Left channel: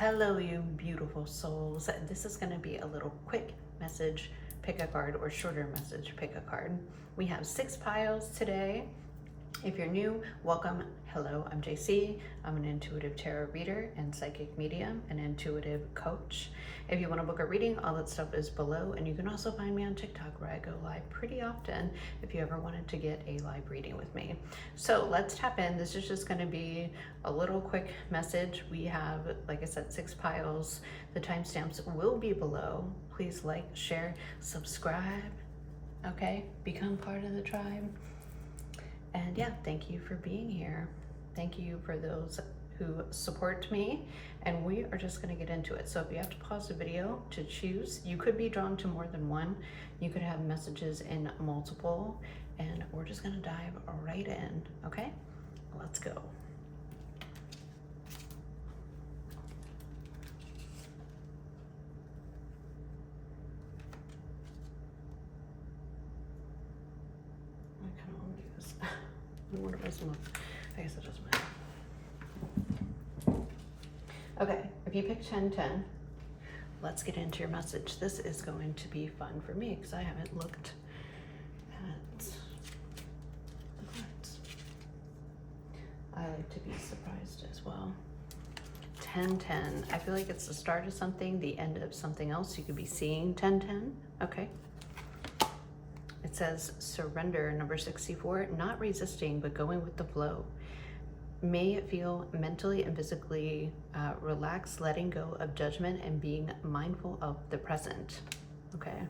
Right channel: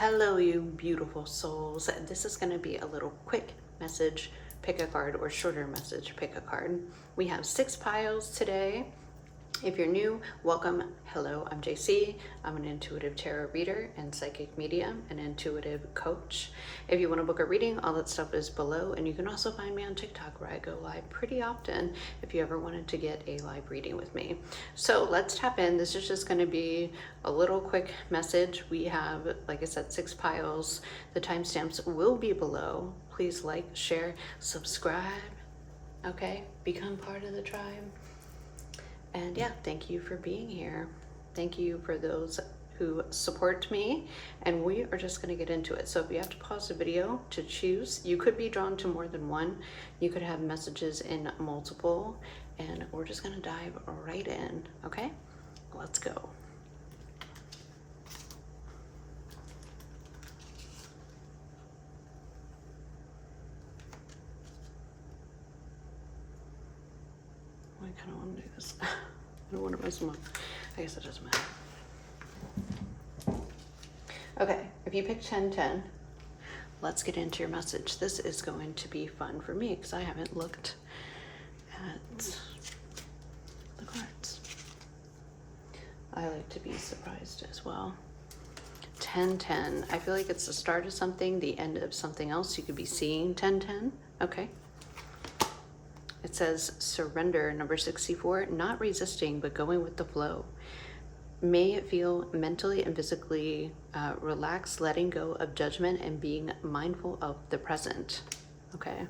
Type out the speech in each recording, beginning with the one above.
Hello, you beautiful souls. This is going to be a little quick message, pick a card, or shorter message, pick a card. We have 6 piles today. If you're new, welcome. Hello, I'm JC. I'm an intuitive tarot reader and psychic medium, an intuitive coach. If you want to book a reading, all that stuff is below, and you can also find me on TikTok where I go live pretty often if you ever wanted to get a live reading with me. So let's tap in. This is just going to be a little quick message. We have, like I said, 6 piles. The timestamps will be below. Please like, share, subscribe. Okay, become part of the tribe. And yeah, thank you for being here. Thank you for those who support me, and we are just going to get into it. So if you have to pause the video to choose, you could be drawn to more than one. You could have messages in multiple, and we're just going to dive right in. Okay, let's go. I kind of want to do this. I don't want to miss one. I guess it doesn't matter. Okay, if you pick 1010, let's get into your message. This is going to be fun for me because I haven't looked at the cards. I like to be surprised as well. 1010, I feel like it's the start of something, the end of something else. You could be seeing 1010. Okay. It says surrender, number 64, not resisting, but going with the flow. May it feel mentally and physically relaxed, letting go of judgment and being mindful of the present. Okay.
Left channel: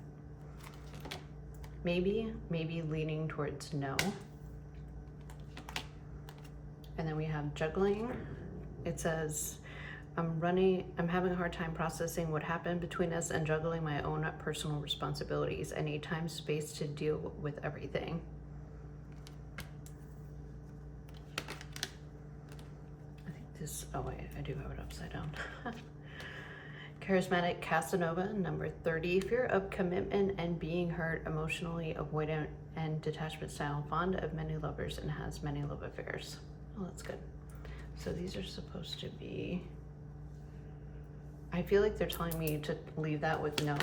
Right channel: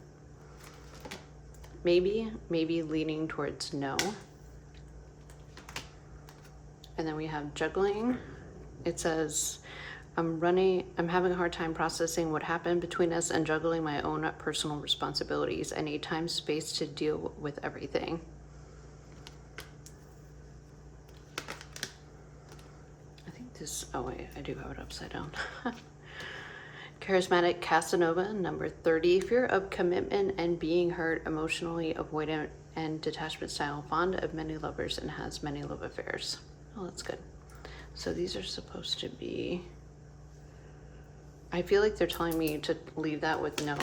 Maybe leaning towards no. And then we have juggling. It says, I'm having a hard time processing what happened between us and juggling my own personal responsibilities. I need time, space to deal with everything. I think this, oh wait, I do have it upside down. Charismatic Casanova, number 30. Fear of commitment and being hurt, emotionally avoidant and detachment style, fond of many lovers and has many love affairs. Oh, that's good. So these are supposed to be, I feel like they're telling me to leave that with no.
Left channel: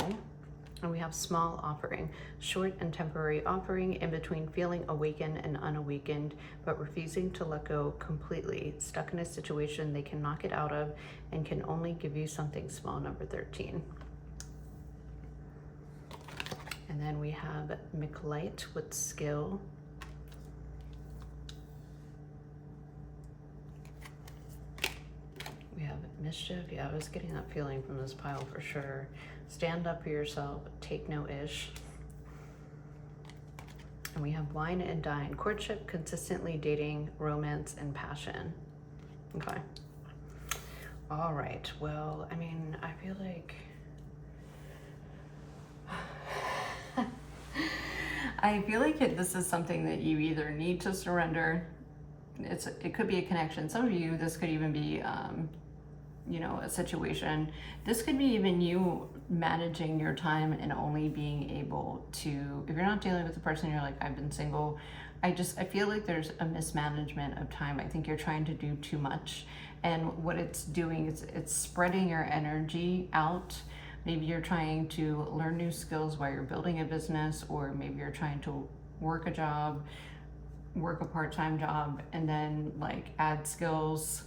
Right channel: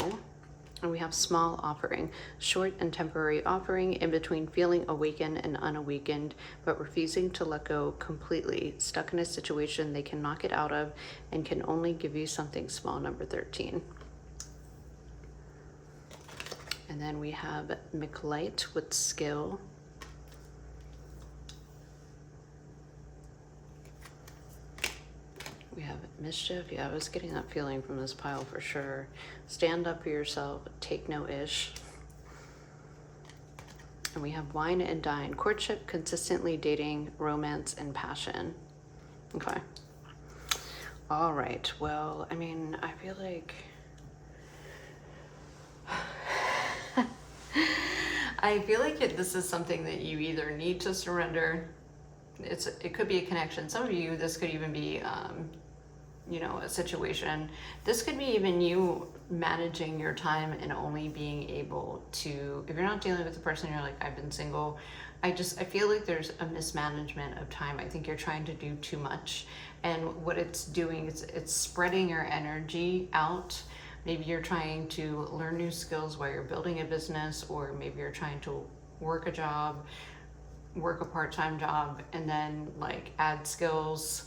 And we have small offering, short and temporary offering, in between feeling awakened and unawakened, but refusing to let go completely, stuck in a situation they cannot get out of and can only give you something small, number 13. And then we have McLight with skill. We have mischief. Yeah, I was getting that feeling from this pile for sure. Stand up for yourself. Take no ish. And we have wine and dine. Courtship, consistently dating, romance, and passion. Okay. All right. Well, I mean, I feel like this is something that you either need to surrender. It could be a connection. Some of you, this could even be you know, a situation. This could be even you managing your time and only being able to, if you're not dealing with the person, you're like, I've been single. I feel like there's a mismanagement of time. I think you're trying to do too much. And what it's doing is it's spreading your energy out. Maybe you're trying to learn new skills while you're building a business, or maybe you're trying to work a job, work a part-time job, and then like add skills.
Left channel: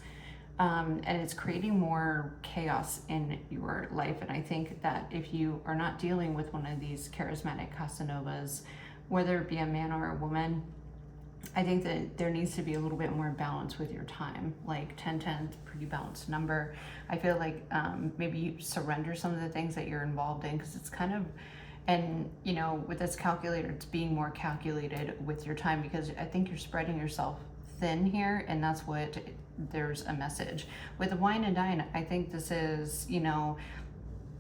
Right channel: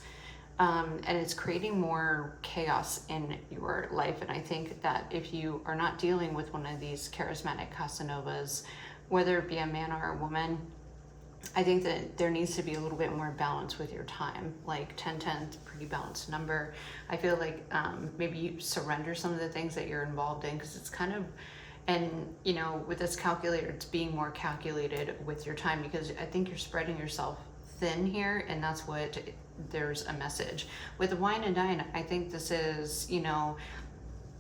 And it's creating more chaos in your life. And I think that if you are not dealing with one of these charismatic Casanovas, whether it be a man or a woman, I think that there needs to be a little bit more balance with your time. Like 1010 is a pretty balanced number. I feel like maybe you surrender some of the things that you're involved in, because it's kind of, and you know, with this calculator, it's being more calculated with your time, because I think you're spreading yourself thin here, and that's what there's a message with the wine and dine. I think this is, you know,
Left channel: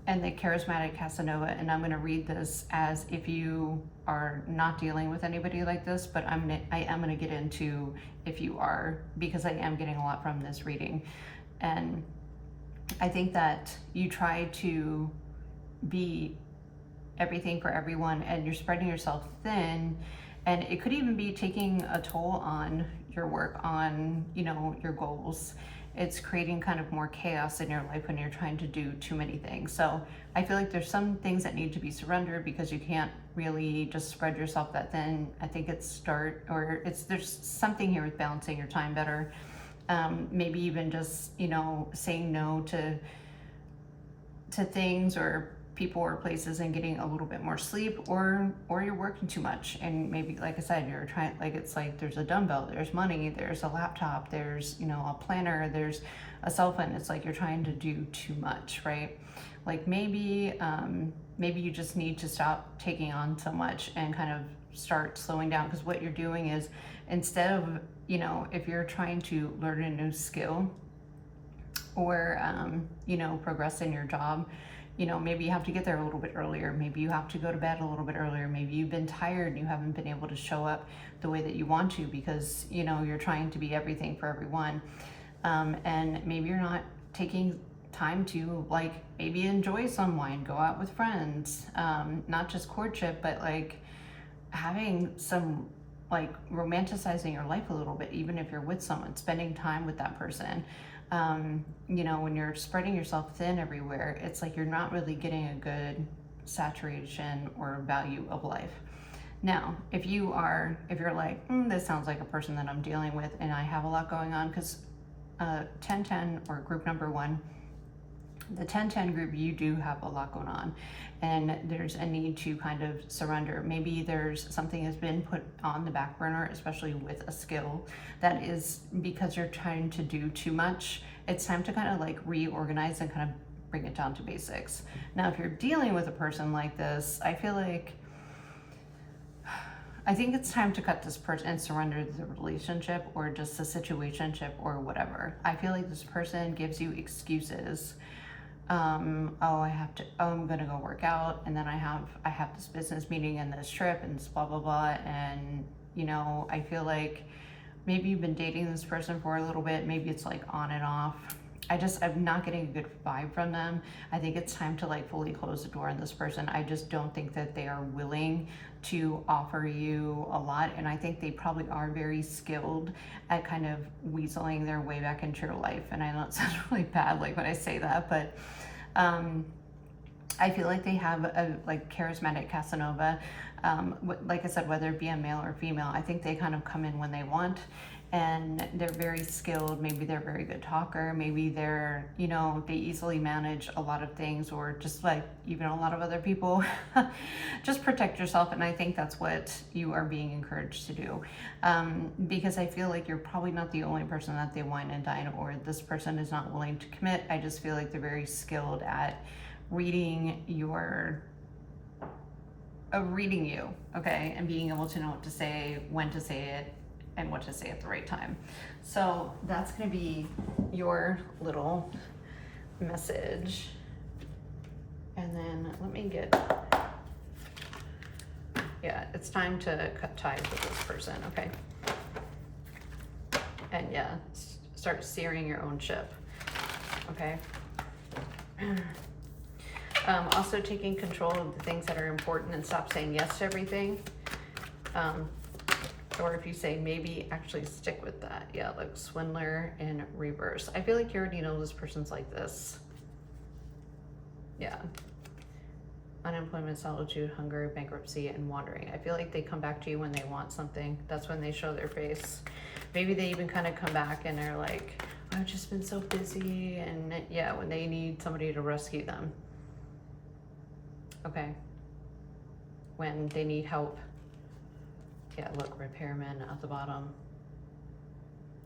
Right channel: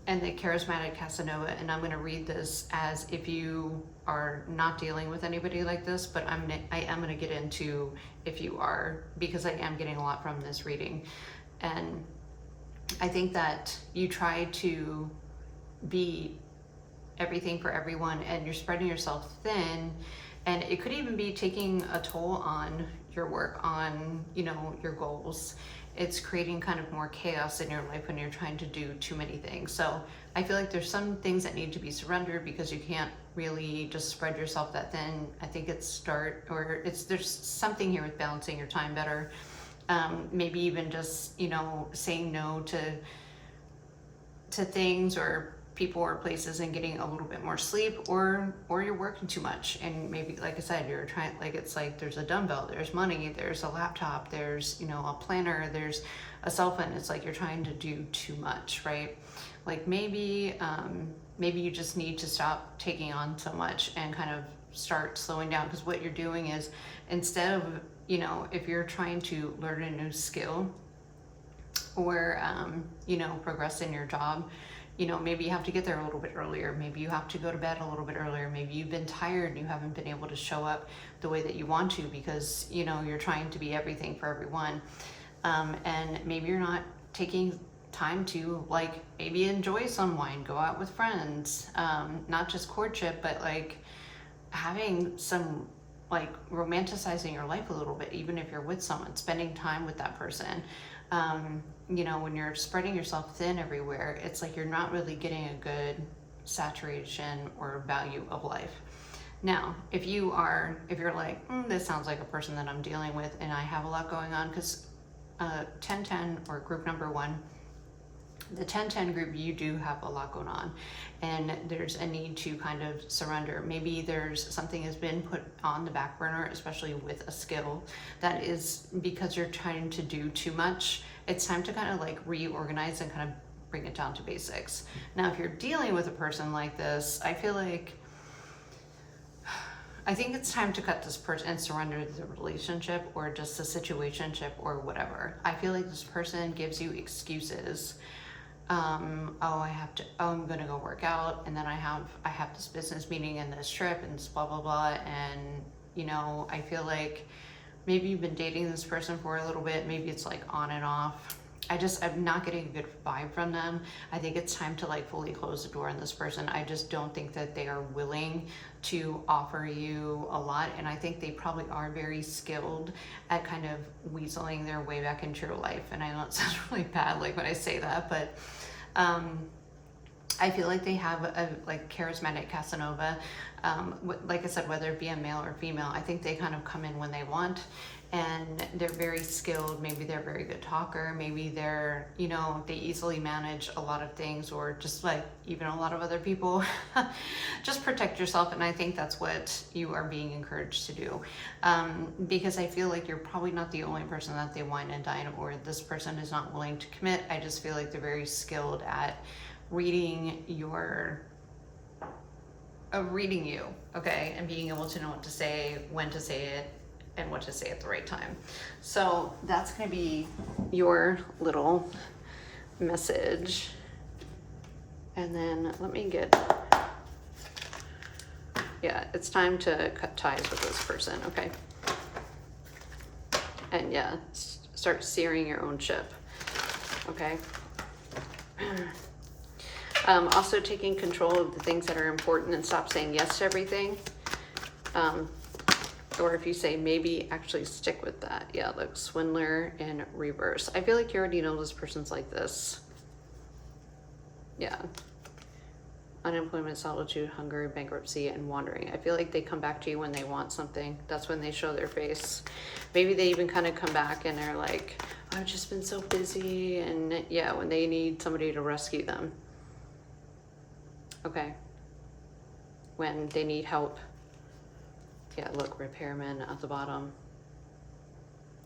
and the charismatic Casanova, and I'm going to read this as if you are not dealing with anybody like this, but I am going to get into if you are, because I am getting a lot from this reading. And I think that you try to be everything for everyone, and you're spreading yourself thin, and it could even be taking a toll on your work, on, you know, your goals. it's creating kind of more chaos in your life when you're trying to do too many things. So I feel like there's some things that need to be surrendered because you can't really just spread yourself that thin. I think there's something here with balancing your time better. Maybe even just, you know, saying no to things or people or places and getting a little bit more sleep, or you're working too much, and maybe, like I said, you're trying, like, it's like there's a dumbbell, there's money, there's a laptop, there's, you know, a planner, there's a cell phone. It's like you're trying to do too much, right? Like maybe you just need to stop taking on so much and kind of start slowing down, because what you're doing is, instead of, you know, if you're trying to learn a new skill or you know, progress in your job, you know, maybe you have to get there a little bit earlier. Maybe you have to go to bed a little bit earlier. Maybe you've been tired and you haven't been able to show up the way that you want to because, you know, you're trying to be everything for everyone. And maybe you're not taking time to, like, maybe enjoy some wine, go out with friends, not just courtship, but like having some, like, romanticizing your life a little bit, even if you're with someone, spending time with that person. You know, when you're spreading yourself thin everywhere, it's like you're not really getting a good saturation or value of life. Now, if you're like, this sounds like a person that I'm dealing with and I have a lot going on, because 1010 or group number 1, the 1010 group, you do have a lot going on and there's a need to kind of surrender. Maybe there's something has been put on the back burner, especially with a skill, that is because you're trying to do too much. It's time to kind of like reorganize and kind of bring it down to basics. Now, if you're dealing with a person like this, I think it's time to cut this person and surrender the relationship or just the situationship or whatever. I feel like this person gives you excuses. I'm gonna go work out, and then I have this business meeting and this trip and this blah blah blah, and you know, I feel like maybe you've been dating this person for a little bit, maybe it's like on and off. I'm not getting a good vibe from them. I think it's time to like fully close the door on this person. I just don't think that they are willing to offer you a lot, and I think they probably are very skilled at kind of weaseling their way back into your life. And I know it sounds really bad like when I say that, but I feel like they have a like charismatic Casanova. Like I said, whether it be a male or female, I think they kind of come in when they want, and they're very skilled. Maybe they're a very good talker. Maybe they're, you know, they easily manage a lot of things, or just like even a lot of other people. Just protect yourself, and I think that's what you are being encouraged to do. Because I feel like you're probably not the only person that they wine and dine, or this person is not willing to commit. I just feel like they're very skilled at reading you, okay, and being able to know what to say, when to say it, and what to say at the right time. So that's going to be your little message. And then let me it's time to cut ties with this person, okay? And yeah, start steering your own ship, okay? Also taking control of the things that are important and stop saying yes to everything. Or if you say maybe, actually stick with that. Yeah, look, swindler in reverse. I feel like you already know this person's like this. Yeah. Unemployment, solitude, hunger, bankruptcy, and wandering. I feel like they come back to you when they want something. That's when they show their face. Maybe they even kind of come back and they're like, I've just been so busy. And yeah, when they need somebody to rescue them. Okay. When they need help. Yeah, look, repairman at the bottom.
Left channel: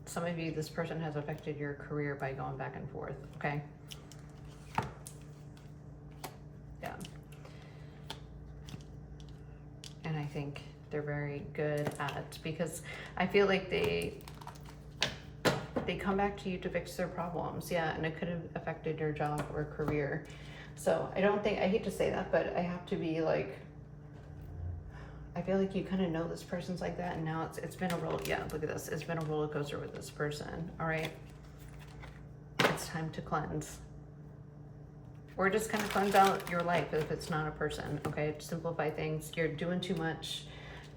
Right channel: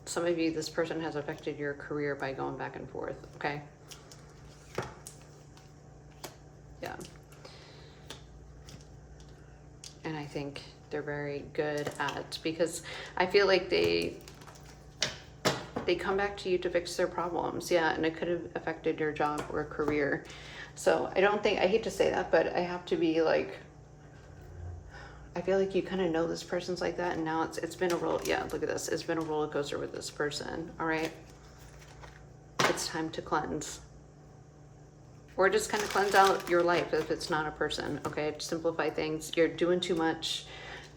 Some of you, this person has affected your career by going back and forth, okay? Yeah. And I think they're very good at, because I feel like they come back to you to fix their problems. Yeah, and it could have affected your job or career. So I hate to say that, but I have to be like, I feel like you kind of know this person's like that, and now it's been a roller. Yeah, look at this. It's been a roller coaster with this person. All right, it's time to cleanse, or just kind of cleanse out your life if it's not a person. Okay, simplify things. You're doing too much,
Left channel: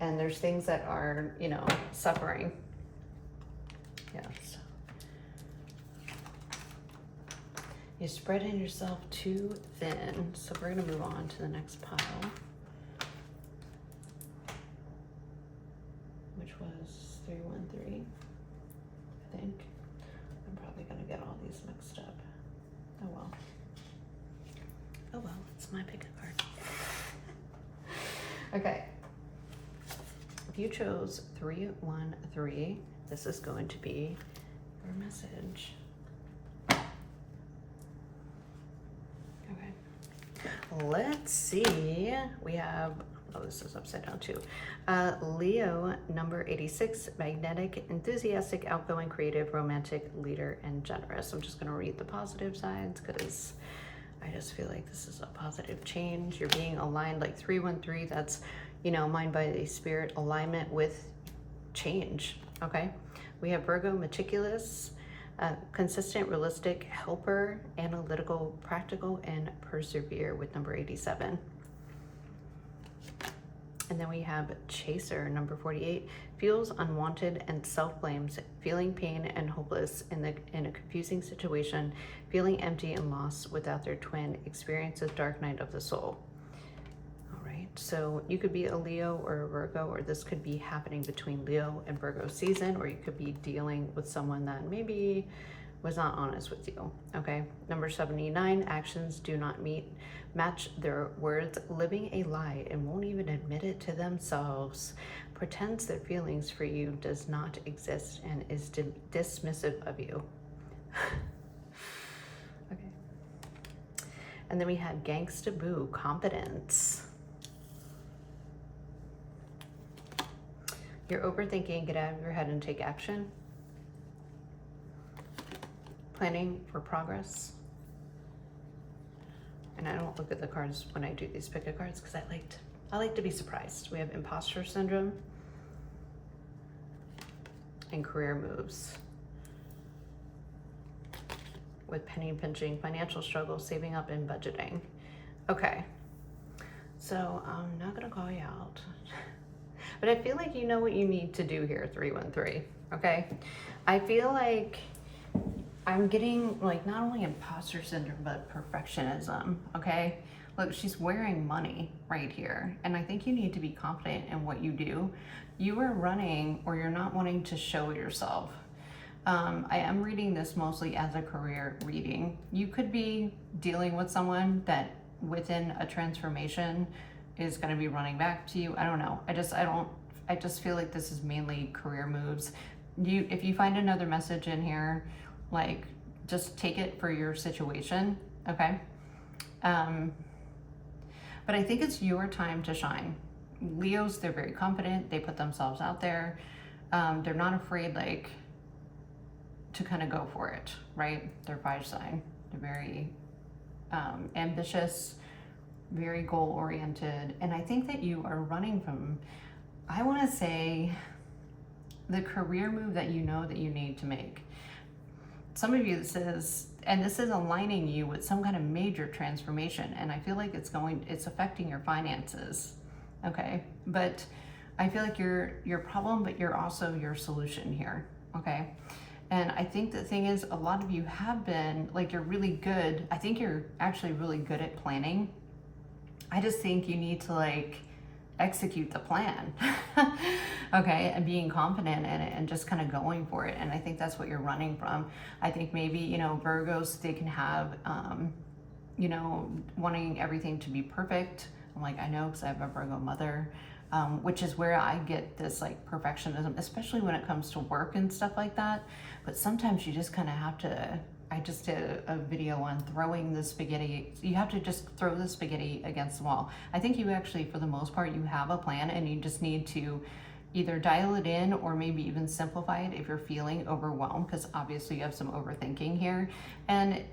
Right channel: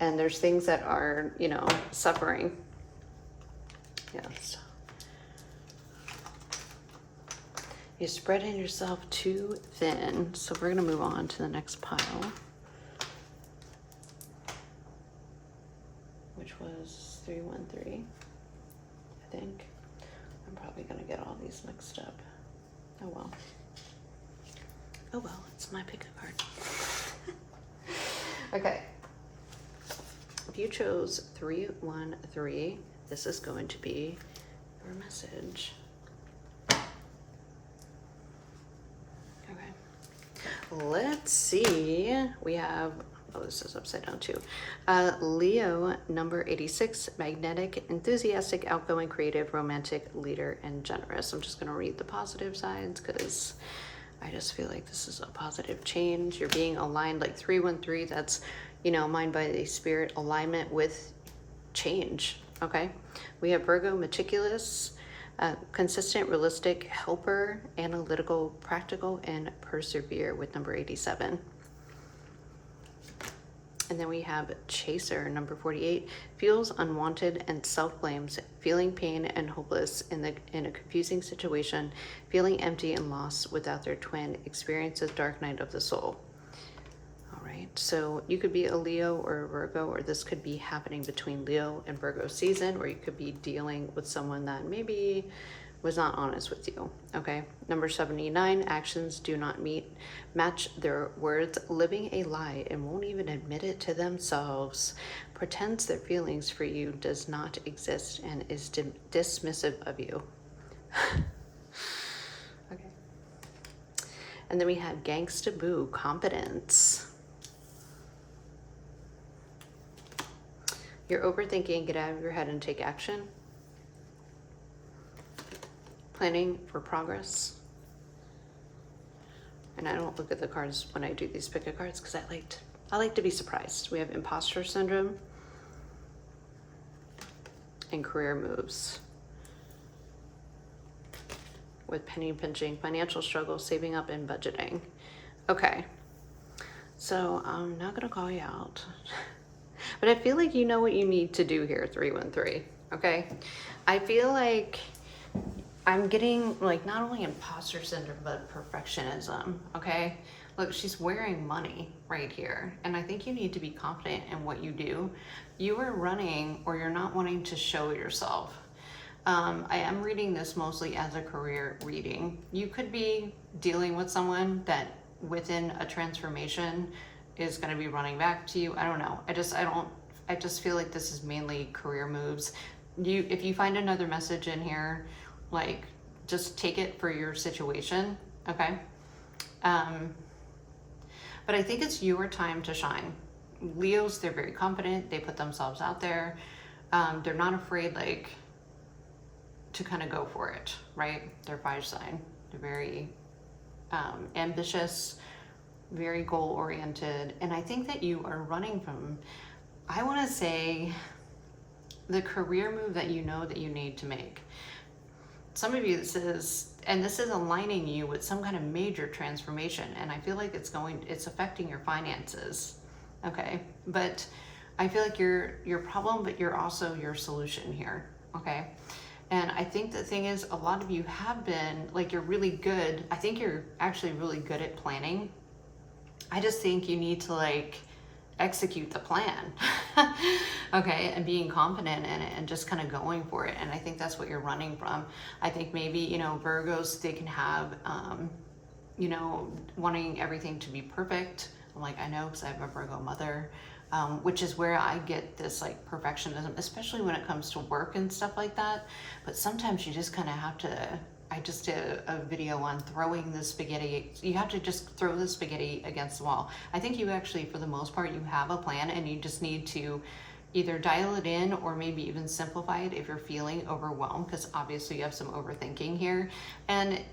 and there's things that are, you know, suffering. Yes. You're spreading yourself too thin. So we're going to move on to the next pile, which was 313, I think. I'm probably going to get all these mixed up. Oh well. Oh well, it's my pick a card. Okay. If you chose 313, this is going to be your message. Let's see. We have, oh, this is upside down too. Leo, number 86, magnetic, enthusiastic, outgoing, creative, romantic, leader, and generous. I'm just going to read the positive sides because I just feel like this is a positive change. You're being aligned like 313. That's, you know, mind, body, spirit, alignment with change. Okay. We have Virgo, meticulous, consistent, realistic, helper, analytical, practical, and persevere with number 87. And then we have Chaser, number 48, feels unwanted and self-blames, feeling pain and hopeless in a confusing situation, feeling empty and lost without their twin, experiences dark night of the soul. All right, so you could be a Leo or a Virgo, or this could be happening between Leo and Virgo season, or you could be dealing with someone that maybe was not honest with you. Okay, number 79, actions do not match their words, living a lie and won't even admit it to themselves, pretends their feelings for you does not exist and is dismissive of you. Okay, and then we had Gangsta Boo, confidence. You're overthinking, get out of your head and take action. Planning for progress. And I don't look at the cards when I do these pick a cards because I like to be surprised. We have imposter syndrome and career moves. With penny pinching, financial struggle, saving up, and budgeting. Okay, so I'm not gonna call you out. But I feel like you know what you need to do here, 313, okay? I feel like I'm getting like not only imposter syndrome, but perfectionism, okay? Look, she's wearing money right here. And I think you need to be confident in what you do. You are running or you're not wanting to show yourself. I am reading this mostly as a career reading. You could be dealing with someone that within a transformation is going to be running back to you. I don't know. I just feel like this is mainly career moves. If you find another message in here, like just take it for your situation, okay? But I think it's your time to shine. Leos, they're very confident. They put themselves out there. They're not afraid like to kind of go for it, right? They're fire sign. They're very ambitious, very goal-oriented. And I think that you are running from, I want to say, the career move that you know that you need to make. Some of you, this is aligning you with some kind of major transformation. And I feel like it's affecting your finances, okay? But I feel like you're your problem, but you're also your solution here, okay? And I think the thing is, a lot of you have been, like, you're really good. I think you're actually really good at planning. I just think you need to like execute the plan, okay, and being confident in it and just kind of going for it. And I think that's what you're running from. I think maybe, you know, Virgos, they can have, you know, wanting everything to be perfect. I'm like, I know, because I have a Virgo mother, which is where I get this like perfectionism, especially when it comes to work and stuff like that. But sometimes you just kind of have to, I just did a video on throwing the spaghetti. You have to just throw the spaghetti against the wall. I think you actually, for the most part, you have a plan and you just need to either dial it in or maybe even simplify it if you're feeling overwhelmed, because obviously you have some overthinking here. And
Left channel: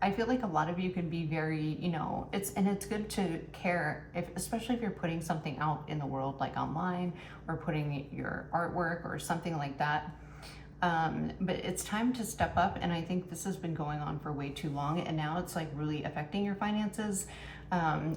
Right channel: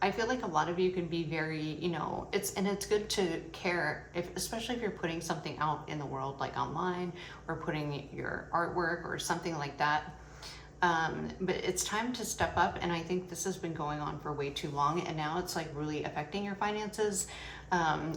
I feel like a lot of you can be very, you know, it's good to care, especially if you're putting something out in the world, like online, or putting your artwork or something like that. But it's time to step up, and I think this has been going on for way too long, and now it's like really affecting your finances,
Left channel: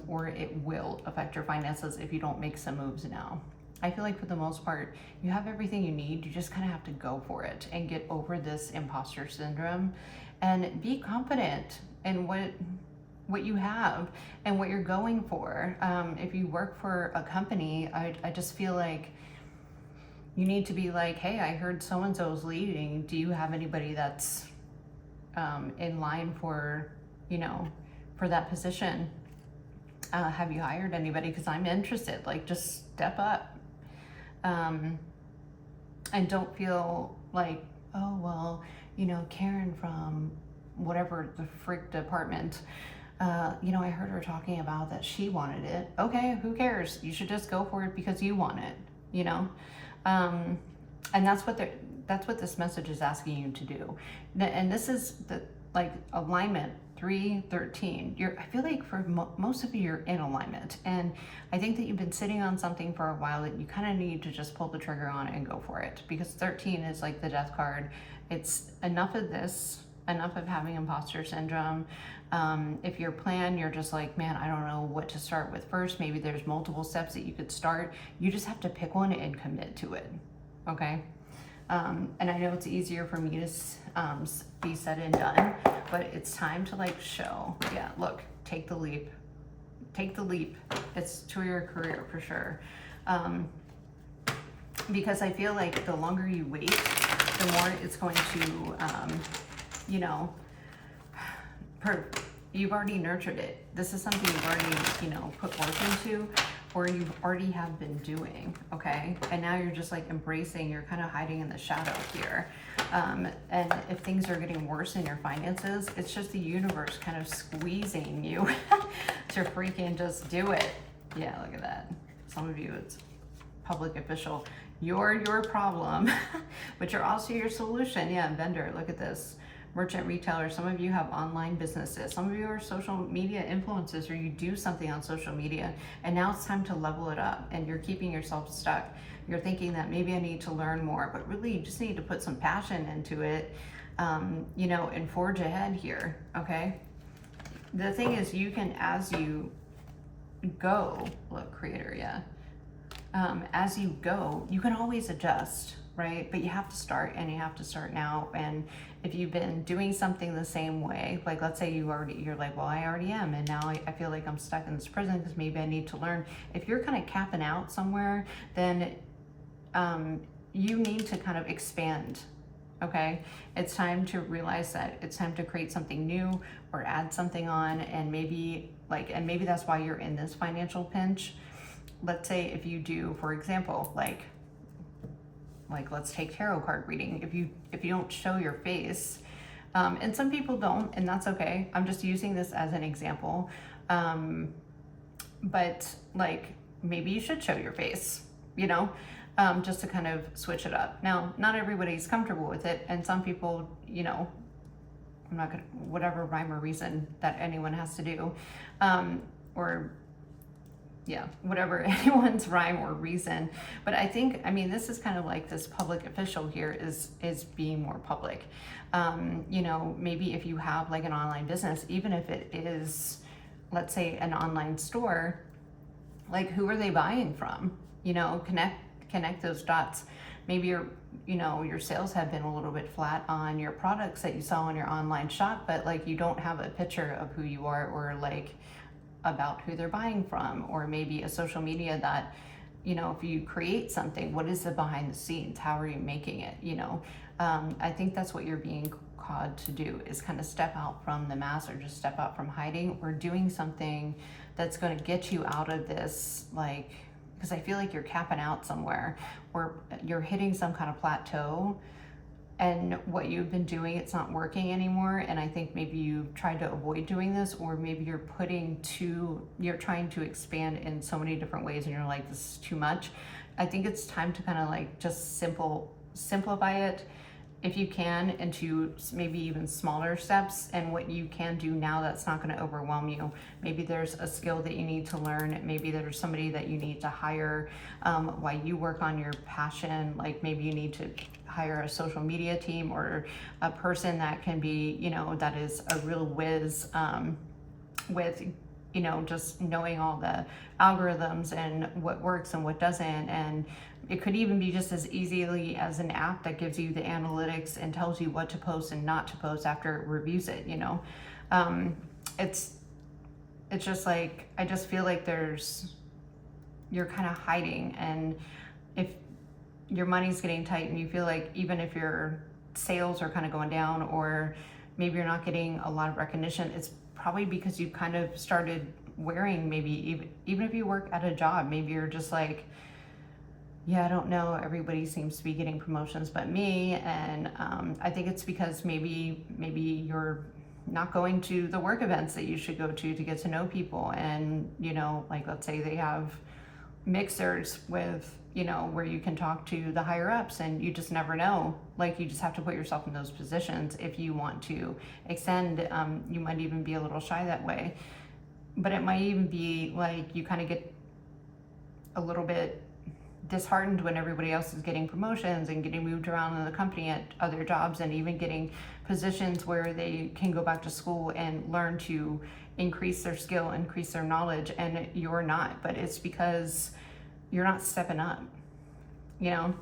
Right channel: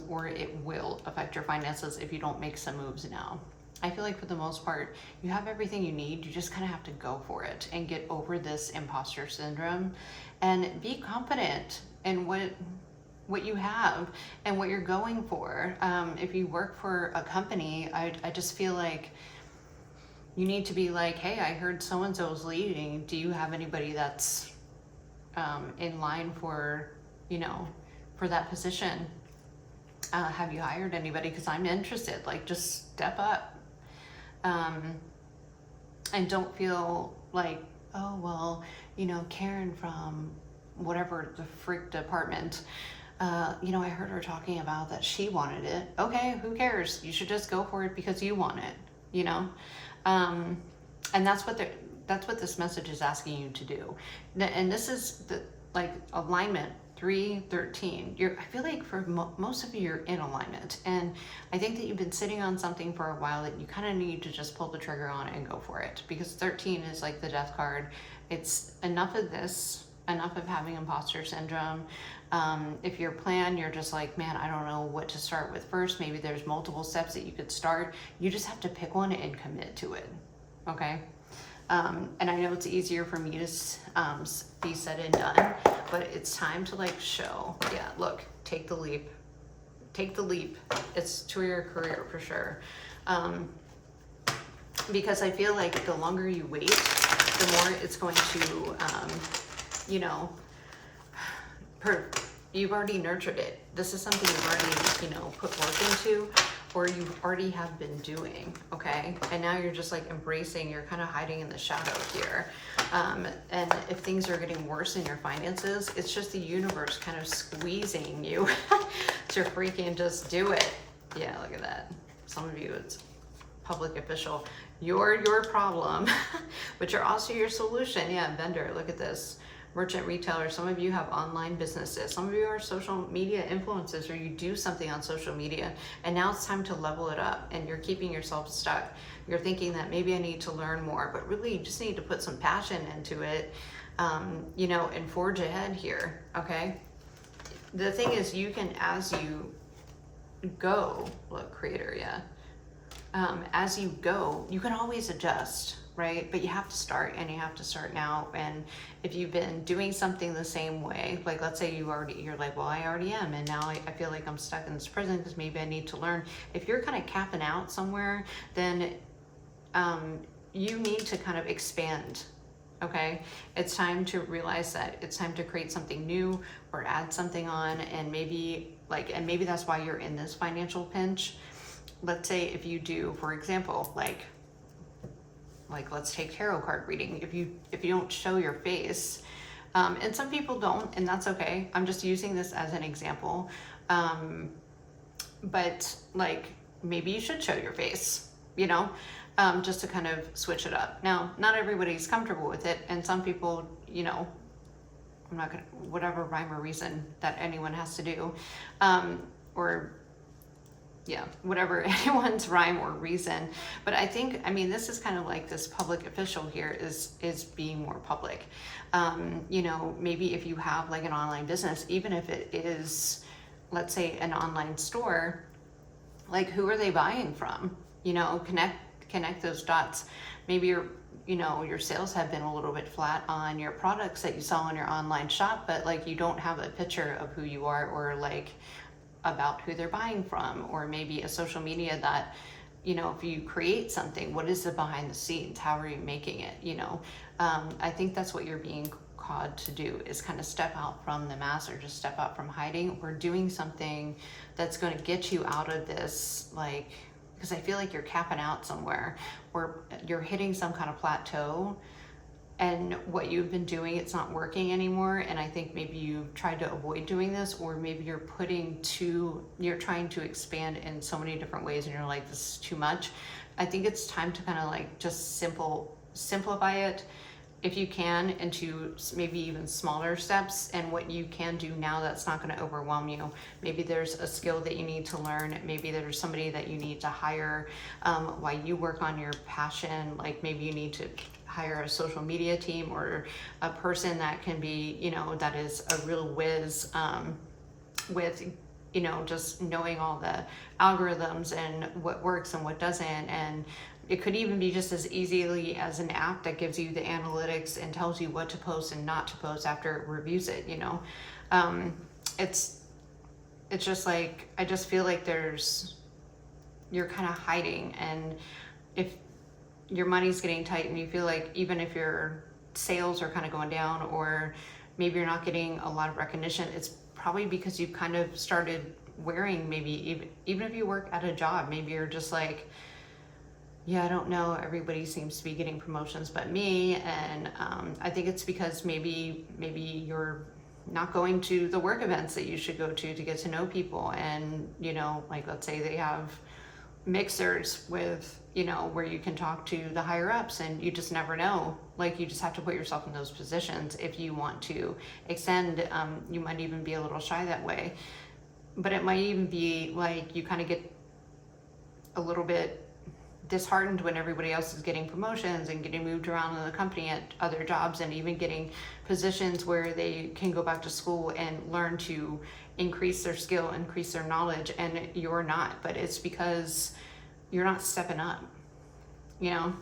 or it will affect your finances if you don't make some moves now. I feel like for the most part, you have everything you need. You just kind of have to go for it and get over this imposter syndrome and be confident in what you have and what you're going for. If you work for a company, I just feel like you need to be like, hey, I heard so-and-so's leaving. Do you have anybody that's in line for, for that position? Have you hired anybody? Because I'm interested. Like, just step up. And don't feel like, oh, well, Karen from whatever the freak department, I heard her talking about that she wanted it. Okay, who cares? You should just go for it because you want it, and that's what this message is asking you to do. And this is the alignment 313. I feel like for most of you, you're in alignment, and I think that you've been sitting on something for a while that you kind of need to just pull the trigger on it and go for it, because 13 is like the death card. It's enough of this, enough of having imposter syndrome. If your plan, you're just like, man, I don't know what to start with first. Maybe there's multiple steps that you could start. You just have to pick one and commit to it. Okay. And I know it's easier for me to be said and done, but it's time to show. Yeah, look, take the leap. Take the leap. It's to your career for sure. Because I feel like the longer you wait, the more it's going to, you've already nurtured it. This is something you've already, put work into, or you already have been doing, okay? And now you're just embracing, you're kind of hiding in the shadow here. And if things are getting worse in your finances, it's just the universe kind of squeezing you to freaking just do it. Yeah, look at that. Some of you, it's public official. You're your problem, but you're also your solution. Yeah, vendor, look at this. Merchant, retailer, some of you have online businesses. Some of you are social media influencers, or you do something on social media, and now it's time to level it up, and you're keeping yourself stuck. You're thinking that maybe I need to learn more, but really you just need to put some passion into it, and forge ahead here, okay? The thing is, you can, as you go, look, creator, yeah. As you go, you can always adjust, right? But you have to start, and you have to start now. And if you've been doing something the same way, like let's say you're like, well, I already am, and now I feel like I'm stuck in this prison because maybe I need to learn. If you're kind of capping out somewhere, then you need to kind of expand, okay? It's time to realize that it's time to create something new or add something on, and maybe that's why you're in this financial pinch. Let's say if you do, for example, like let's take tarot card reading. If you don't show your face, and some people don't, and that's okay. I'm just using this as an example. But maybe you should show your face, just to kind of switch it up. Now, not everybody's comfortable with it, and some people, I'm not gonna, whatever rhyme or reason that anyone has to do, whatever anyone's rhyme or reason. But I think, this is kind of like this public official here is being more public. Maybe if you have an online business, even if it is, let's say, an online store, who are they buying from? Connect those dots. Maybe your sales have been a little bit flat on your products that you sell on your online shop, but you don't have a picture of who you are, or about who they're buying from, or maybe a social media that, if you create something, what is the behind the scenes? How are you making it? I think that's what you're being called to do, is kind of step out from the mass, or just step out from hiding, or doing something that's going to get you out of this, because I feel like you're capping out somewhere, or you're hitting some kind of plateau, and what you've been doing, it's not working anymore. And I think maybe you've tried to avoid doing this, or maybe you're trying to expand in so many different ways, and you're like, this is too much. I think it's time to kind of just simplify it, if you can, into maybe even smaller steps, and what you can do now that's not going to overwhelm you. Maybe there's a skill that you need to learn. Maybe there's somebody that you need to hire while you work on your passion. Maybe you need to hire a social media team, or a person that can be, that is a real whiz with, just knowing all the algorithms and what works and what doesn't, and It could even be just as easily as an app that gives you the analytics and tells you what to post and not to post after it reviews it, you know. It's just like, I just feel like you're kind of hiding, and if your money's getting tight and you feel like even if your sales are kind of going down, or maybe you're not getting a lot of recognition, it's probably because you kind of started wearing, maybe even if you work at a job, maybe you're just like, yeah, I don't know, everybody seems to be getting promotions but me. And I think it's because maybe you're not going to the work events that you should go to get to know people. And, you know, like, let's say they have mixers with, you know, where you can talk to the higher ups, and you just never know. Like, you just have to put yourself in those positions if you want to extend. You might even be a little shy that way, but it might even be like you kind of get a little bit disheartened when everybody else is getting promotions and getting moved around in the company at other jobs, and even getting positions where they can go back to school and learn to increase their skill, increase their knowledge, and you're not. But it's because you're not stepping up, you know.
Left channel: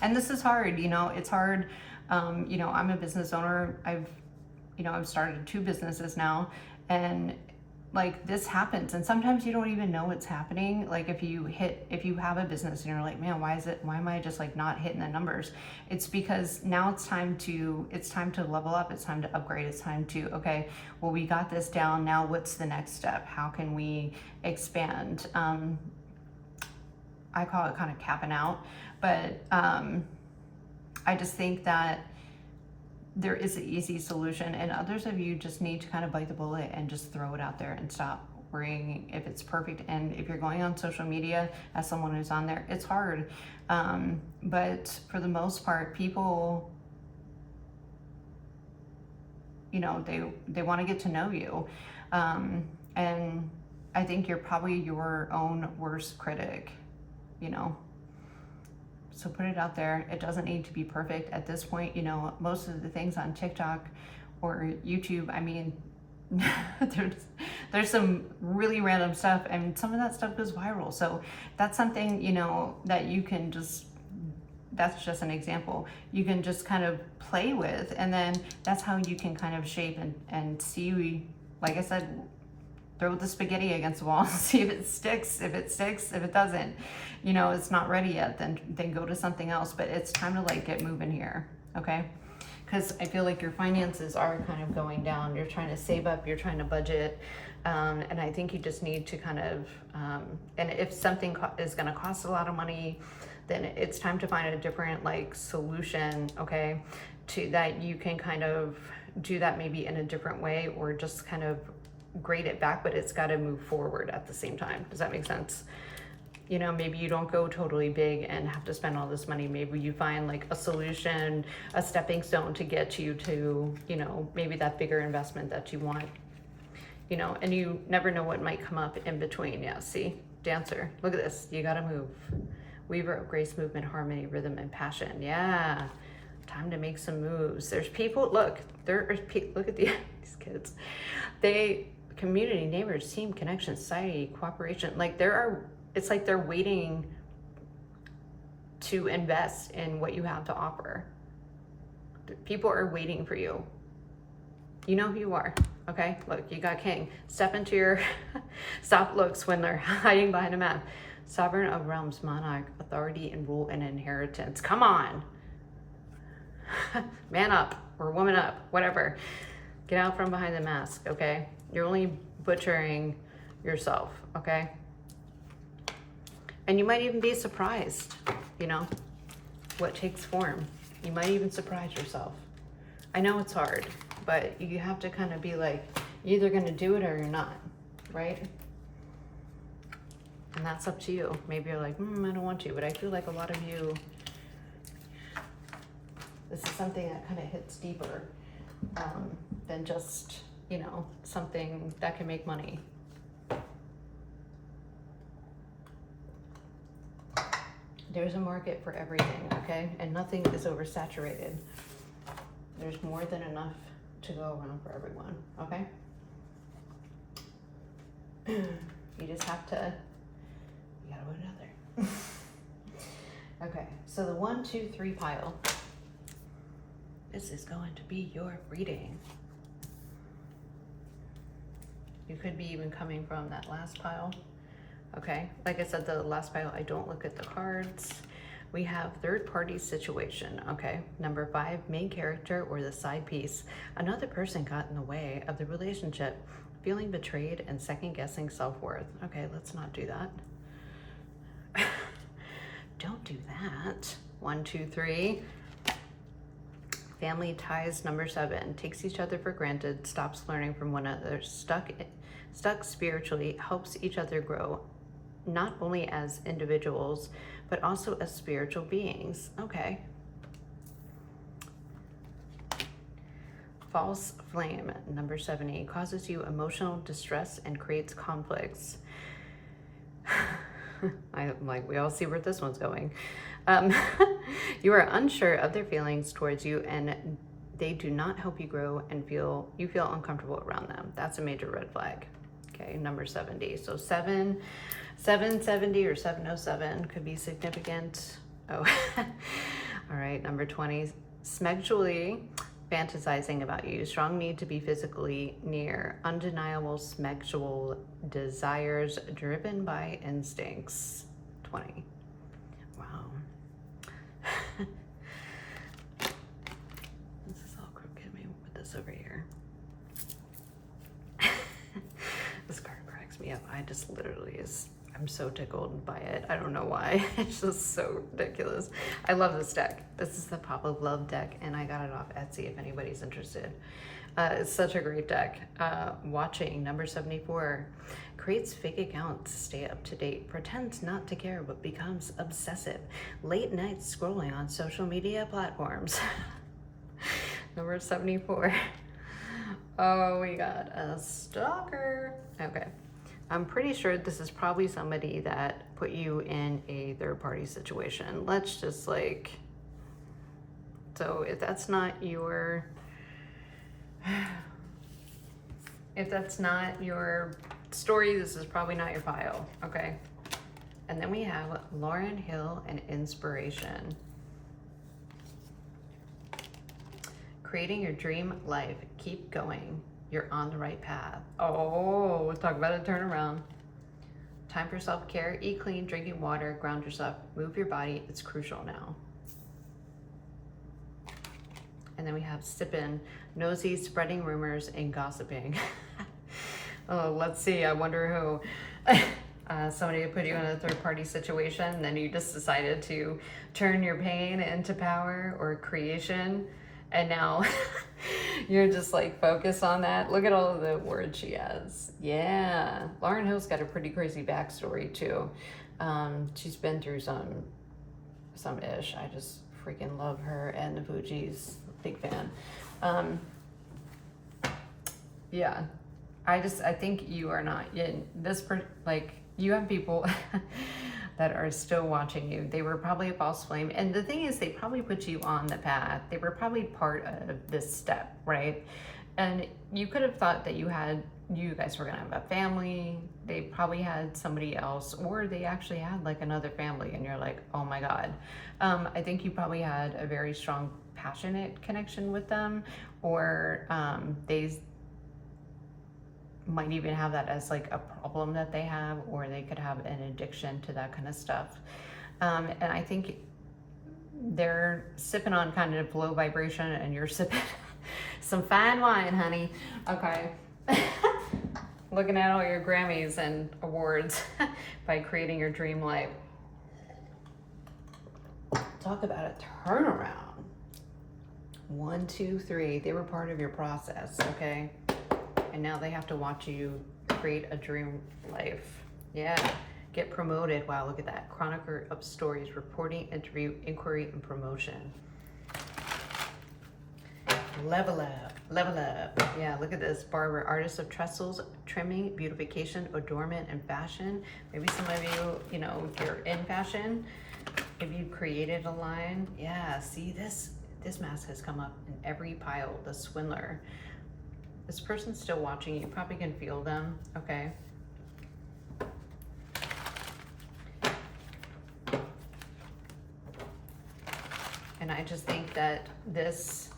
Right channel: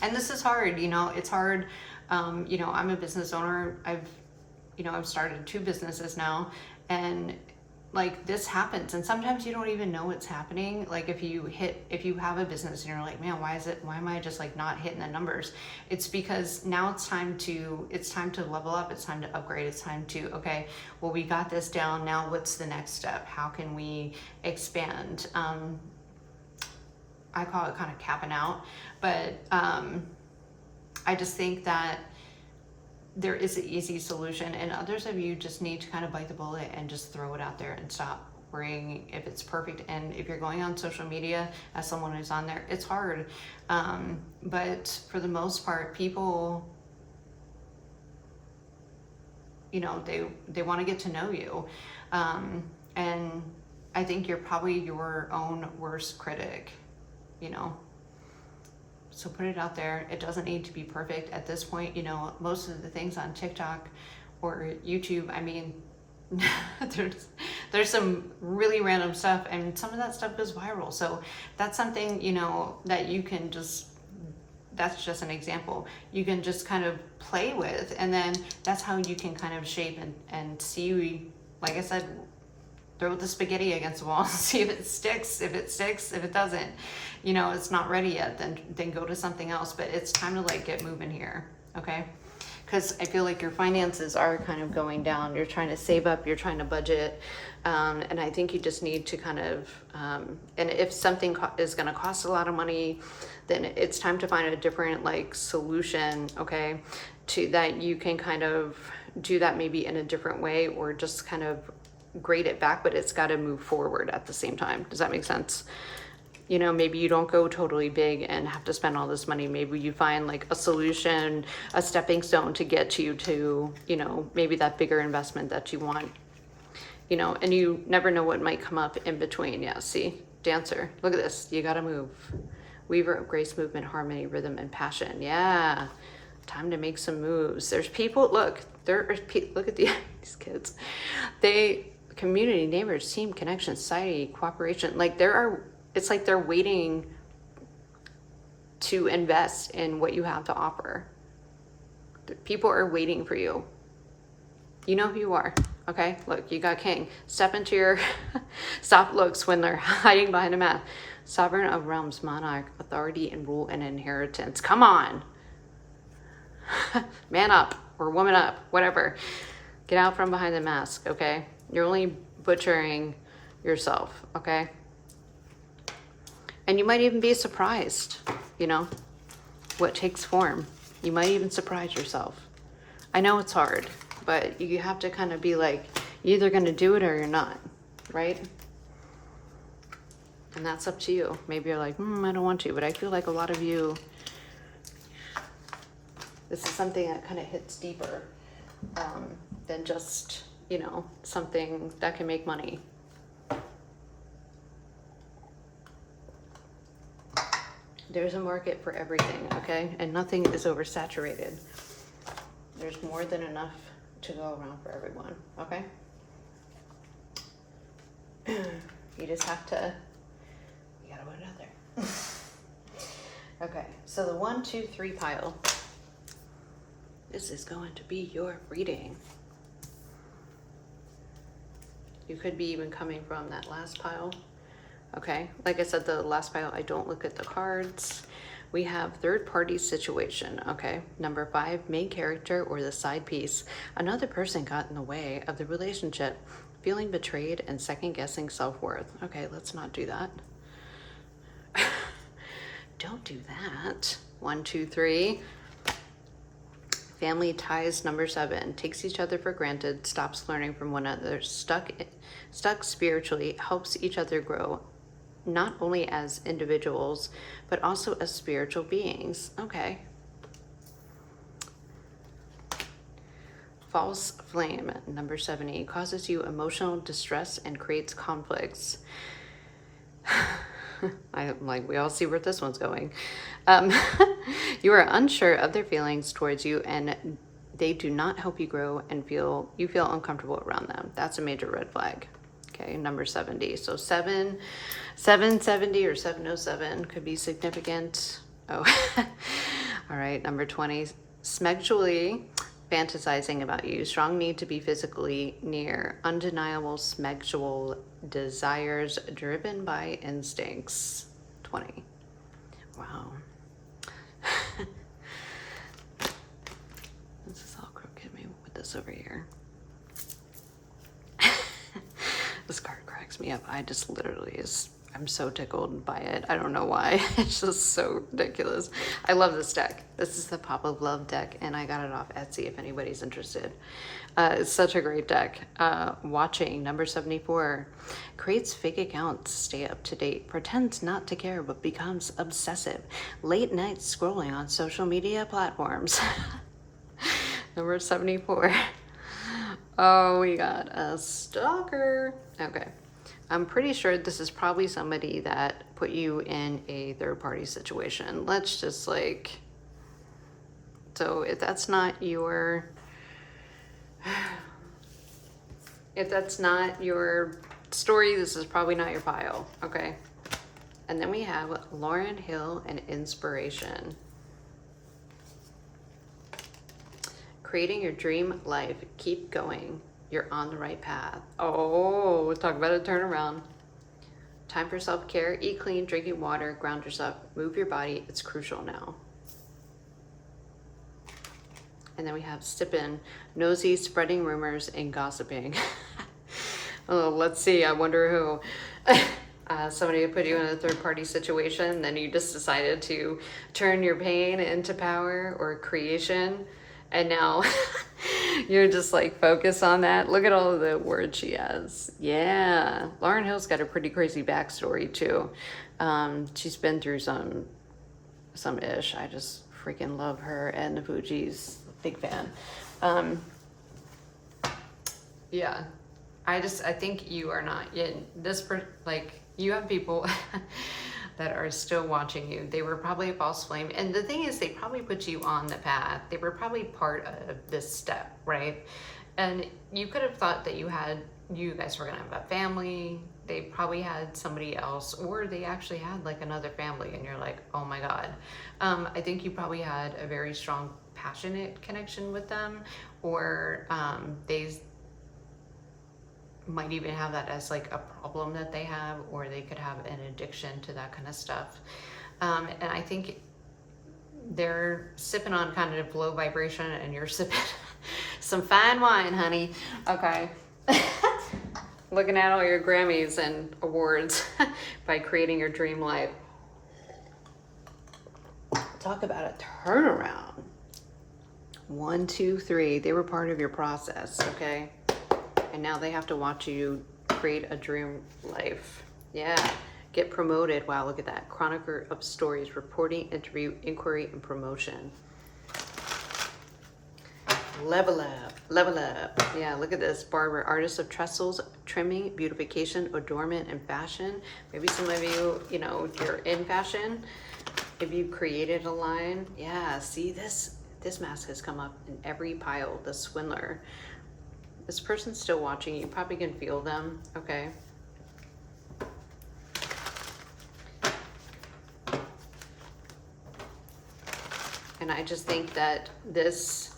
And this is hard, you know. It's hard. You know, I'm a business owner. I've started 2 businesses now, and like, this happens, and sometimes you don't even know it's happening. Like, if you have a business and you're like, man, why am I just like not hitting the numbers? It's because now it's time to level up. It's time to upgrade. It's time to, okay, well, we got this down. Now what's the next step? How can we expand? I call it kind of capping out, but I just think that there is an easy solution, and others of you just need to kind of bite the bullet and just throw it out there and stop worrying if it's perfect. And if you're going on social media as someone who's on there, it's hard. But for the most part, people, you know, they want to get to know you. And I think you're probably your own worst critic, you know. So put it out there. It doesn't need to be perfect at this point. You know, most of the things on TikTok or YouTube, I mean, there's some really random stuff, and some of that stuff goes viral. So that's something, you know, that you can that's just an example. You can just kind of play with, and then that's how you can kind of shape and see, like I said, throw the spaghetti against the wall, see if it sticks. If it doesn't, you know, it's not ready yet, then go to something else. But it's time to like get moving here, okay? Because I feel like your finances are kind of going down. You're trying to save up, you're trying to budget, and I think you just need to kind of, and if something is gonna cost a lot of money, then it's time to find a different like solution, okay? To that you can kind of do that maybe in a different way, or just kind of grade it back, but it's got to move forward at the same time. Does that make sense? You know, maybe you don't go totally big and have to spend all this money. Maybe you find like a solution, a stepping stone to get you to, you know, maybe that bigger investment that you want, you know. And you never know what might come up in between. Yeah, see, dancer, look at this. You got to move. Weaver of grace, movement, harmony, rhythm, and passion. Yeah, time to make some moves. There's people, look at these kids. Community, neighbors, team, connection, society, cooperation. Like, it's like they're waiting to invest in what you have to offer. People are waiting for you. You know who you are, okay? Look, you got king. Step into your soft looks when they're hiding behind a mask. Sovereign of realms, monarch, authority and rule and inheritance. Come on. Man up or woman up, whatever. Get out from behind the mask, okay? You're only butchering yourself, okay? And you might even be surprised, you know, what takes form. You might even surprise yourself. I know it's hard, but you have to kind of be like, you're either going to do it or you're not, right? And that's up to you. Maybe you're like, I don't want to, but I feel like a lot of you, this is something that kind of hits deeper than just, you know, something that can make money. There's a market for everything, okay? And nothing is oversaturated. There's more than enough to go around for everyone, okay? You just have to, you gotta put it out there. So the 1, 2, 3 pile. This is going to be your reading. You could be even coming from that last pile. Okay, like I said, the last pile, I don't look at the cards. We have third party situation, okay? Number 5, main character or the side piece. Another person got in the way of the relationship, feeling betrayed and second guessing self-worth. Okay, let's not do that. Don't do that. 1, 2, 3. Family ties, number 7. Takes each other for granted, stops learning from one another, stuck spiritually, helps each other grow, not only as individuals, but also as spiritual beings. Okay. False flame, number 70. Causes you emotional distress and creates conflicts. I'm like, we all see where this one's going. You are unsure of their feelings towards you, and they do not help you grow, and you feel uncomfortable around them. That's a major red flag. Okay, number 70. So 770 or 707 could be significant. Oh, all right. Number 20, smexually fantasizing about you. Strong need to be physically near. Undeniable smexual desires driven by instincts. 20. Wow. This is all crooked. Maybe we'll put this over here. This card cracks me up. I just literally I'm so tickled by it. I don't know why. It's just so ridiculous. I love this deck. This is the Pop of Love deck, and I got it off Etsy if anybody's interested. It's such a great deck. Watching, number 74. Creates fake accounts, stay up to date, pretends not to care, but becomes obsessive. Late night scrolling on social media platforms. Number 74. Oh, we got a stalker. Okay. I'm pretty sure this is probably somebody that put you in a third party situation. Let's just so if that's not your story, this is probably not your pile, okay? And then we have Lauryn Hill and inspiration. Creating your dream life. Keep going. You're on the right path. Oh, we'll talk about a turnaround. Time for self-care. Eat clean, drinking water, ground yourself, move your body. It's crucial now. And then we have sipping, nosy, spreading rumors, and gossiping. Oh, let's see. I wonder who. Somebody put you in a third-party situation, and then you just decided to turn your pain into power or creation. And now you're just focus on that. Look at all of the words she has. Yeah. Lauryn Hill's got a pretty crazy backstory too. She's been through some ish. I just freaking love her and the Fugees. Big fan. Yeah. I think you are not in this, you have people that are still watching you. They were probably a false flame. And the thing is, they probably put you on the path. They were probably part of this step, right? And you could have thought that you guys were gonna have a family. They probably had somebody else, or they actually had another family, and you're like, oh my God. I think you probably had a very strong, passionate connection with them, or they might even have that as a problem that they have, or they could have an addiction to that kind of stuff. And I think they're sipping on kind of low vibration, and you're sipping some fine wine, honey. Okay. Looking at all your Grammys and awards by creating your dream life. Talk about a turnaround. 1, 2, 3. They were part of your process, okay? And now they have to watch you create a dream life. Yeah. Get promoted. Wow, look at that. Chronicler of stories, reporting, interview, inquiry, and promotion. Level up. Level up. Yeah, look at this. Barber, artist of trestles, trimming, beautification, adornment, and fashion. Maybe some of you, if you're in fashion, if you created a line. Yeah, see this mask has come up in every pile. The swindler. This person's still watching. You probably can feel them, okay? And I just think that this,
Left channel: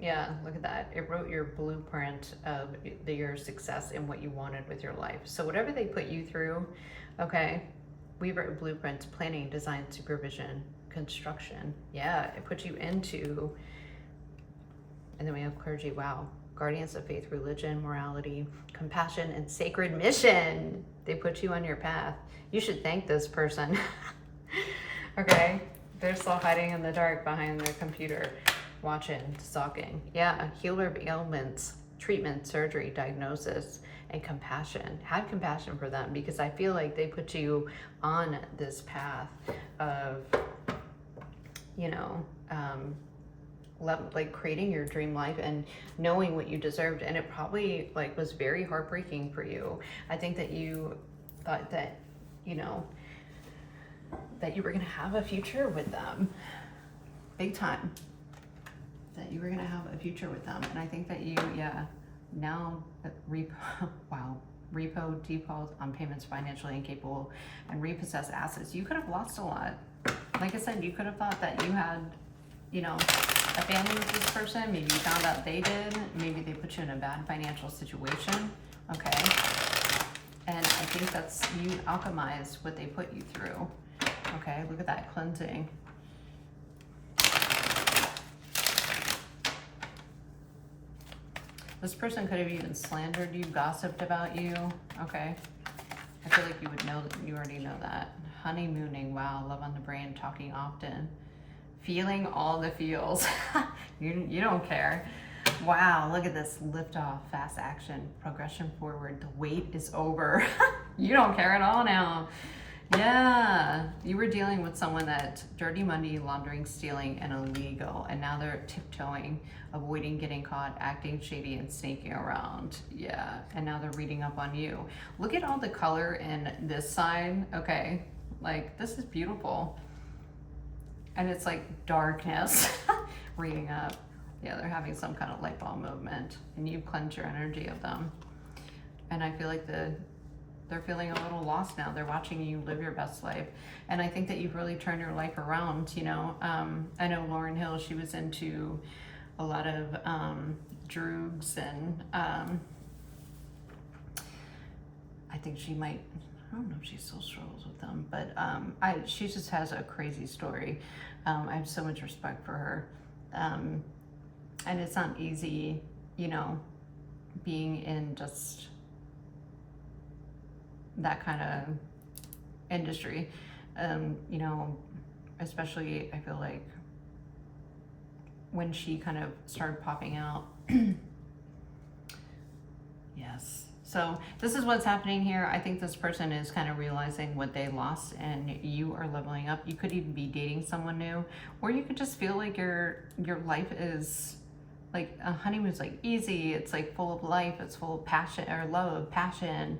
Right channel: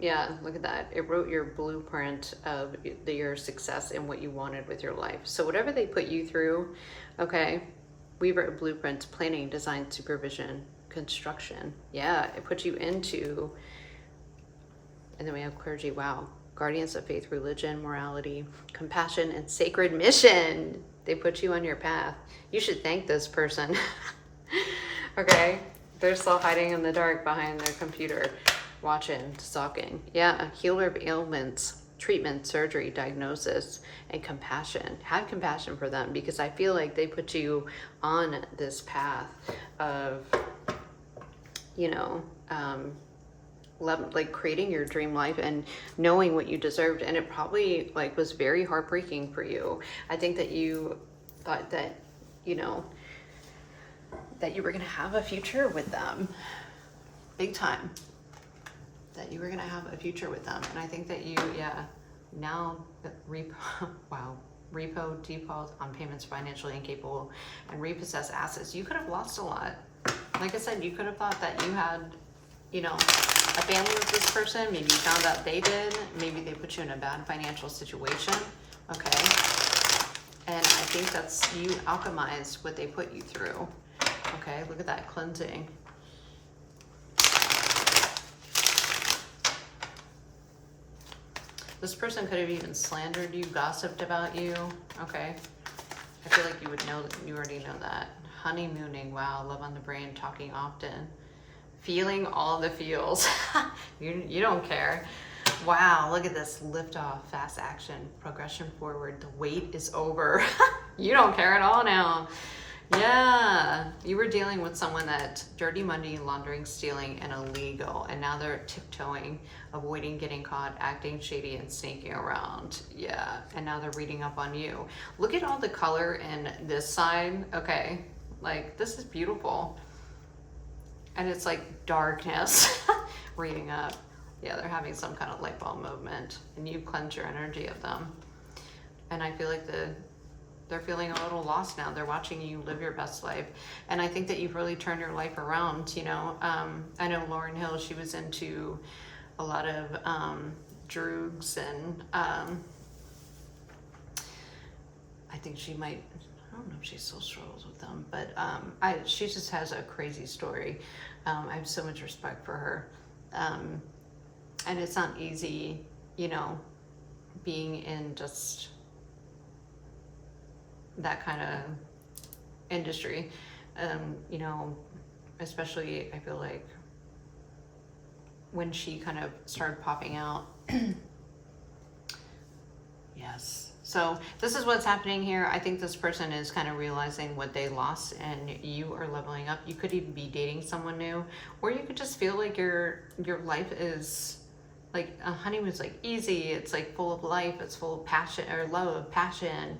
yeah, look at that. It wrote your blueprint of your success and what you wanted with your life. So whatever they put you through, okay, we wrote blueprints, planning, design, supervision, construction. Yeah, it puts you into, and then we have clergy, wow. Guardians of faith, religion, morality, compassion, and sacred mission. They put you on your path. You should thank this person. Okay, they're still hiding in the dark behind their computer, watching, stalking. Yeah, healer of ailments, treatment, surgery, diagnosis, and compassion. Have compassion for them, because I feel like they put you on this path of, you know, like creating your dream life and knowing what you deserved. And it probably like was very heartbreaking for you. I think that you thought that, you know, that you were going to have a future with them, big time, that you were going to have a future with them. And I think that you, yeah, now wow, repo, default on payments, financially incapable, and repossess assets. You could have lost a lot. Like I said, you could have thought that you had, you know, a family with this person. Maybe you found out they did. Maybe they put you in a bad financial situation. Okay. And I think that's, you alchemized what they put you through. Okay, look at that cleansing. This person could have even slandered you, gossiped about you. Okay. I feel like you would know, you already know that. Honeymooning, wow, love on the brain, talking often. Feeling all the feels. You don't care. Wow, look at this. Lift off, fast action, progression forward. The wait is over. You don't care at all now. Yeah, you were dealing with someone that dirty money, laundering, stealing, and illegal, and now they're tiptoeing, avoiding getting caught, acting shady, and sneaking around. Yeah, and now they're reading up on you. Look at all the color in this side. Okay, like this is beautiful. And it's like darkness, reading up. Yeah, they're having some kind of light bulb movement, and you cleanse your energy of them. And I feel like they're feeling a little lost now. They're watching you live your best life. And I think that you've really turned your life around, you know. I know Lauryn Hill, she was into a lot of drugs, and I think she might, I don't know if she still struggles with them, but she just has a crazy story. I have so much respect for her. And it's not easy, you know, being in just that kind of industry. You know, especially I feel like when she kind of started popping out. Yes. So this is what's happening here. I think this person is kind of realizing what they lost, and you are leveling up. You could even be dating someone new, or you could just feel like your life is like a honeymoon's like easy. It's like full of life. It's full of passion or love, passion,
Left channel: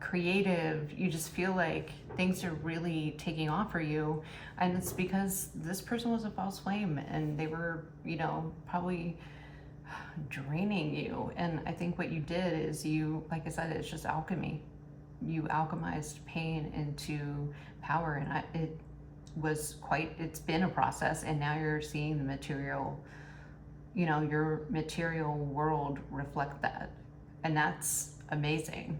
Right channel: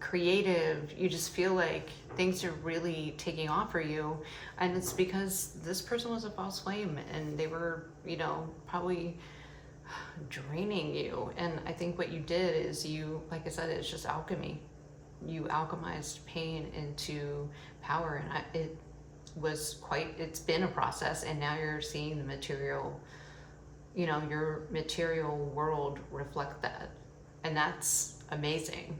creative. You just feel like things are really taking off for you, and it's because this person was a false flame, and they were, you know, probably draining you. And I think what you did is you, like I said, it's just alchemy. You alchemized pain into power, and it's been a process, and now you're seeing the material, you know, your material world reflect that, and that's amazing.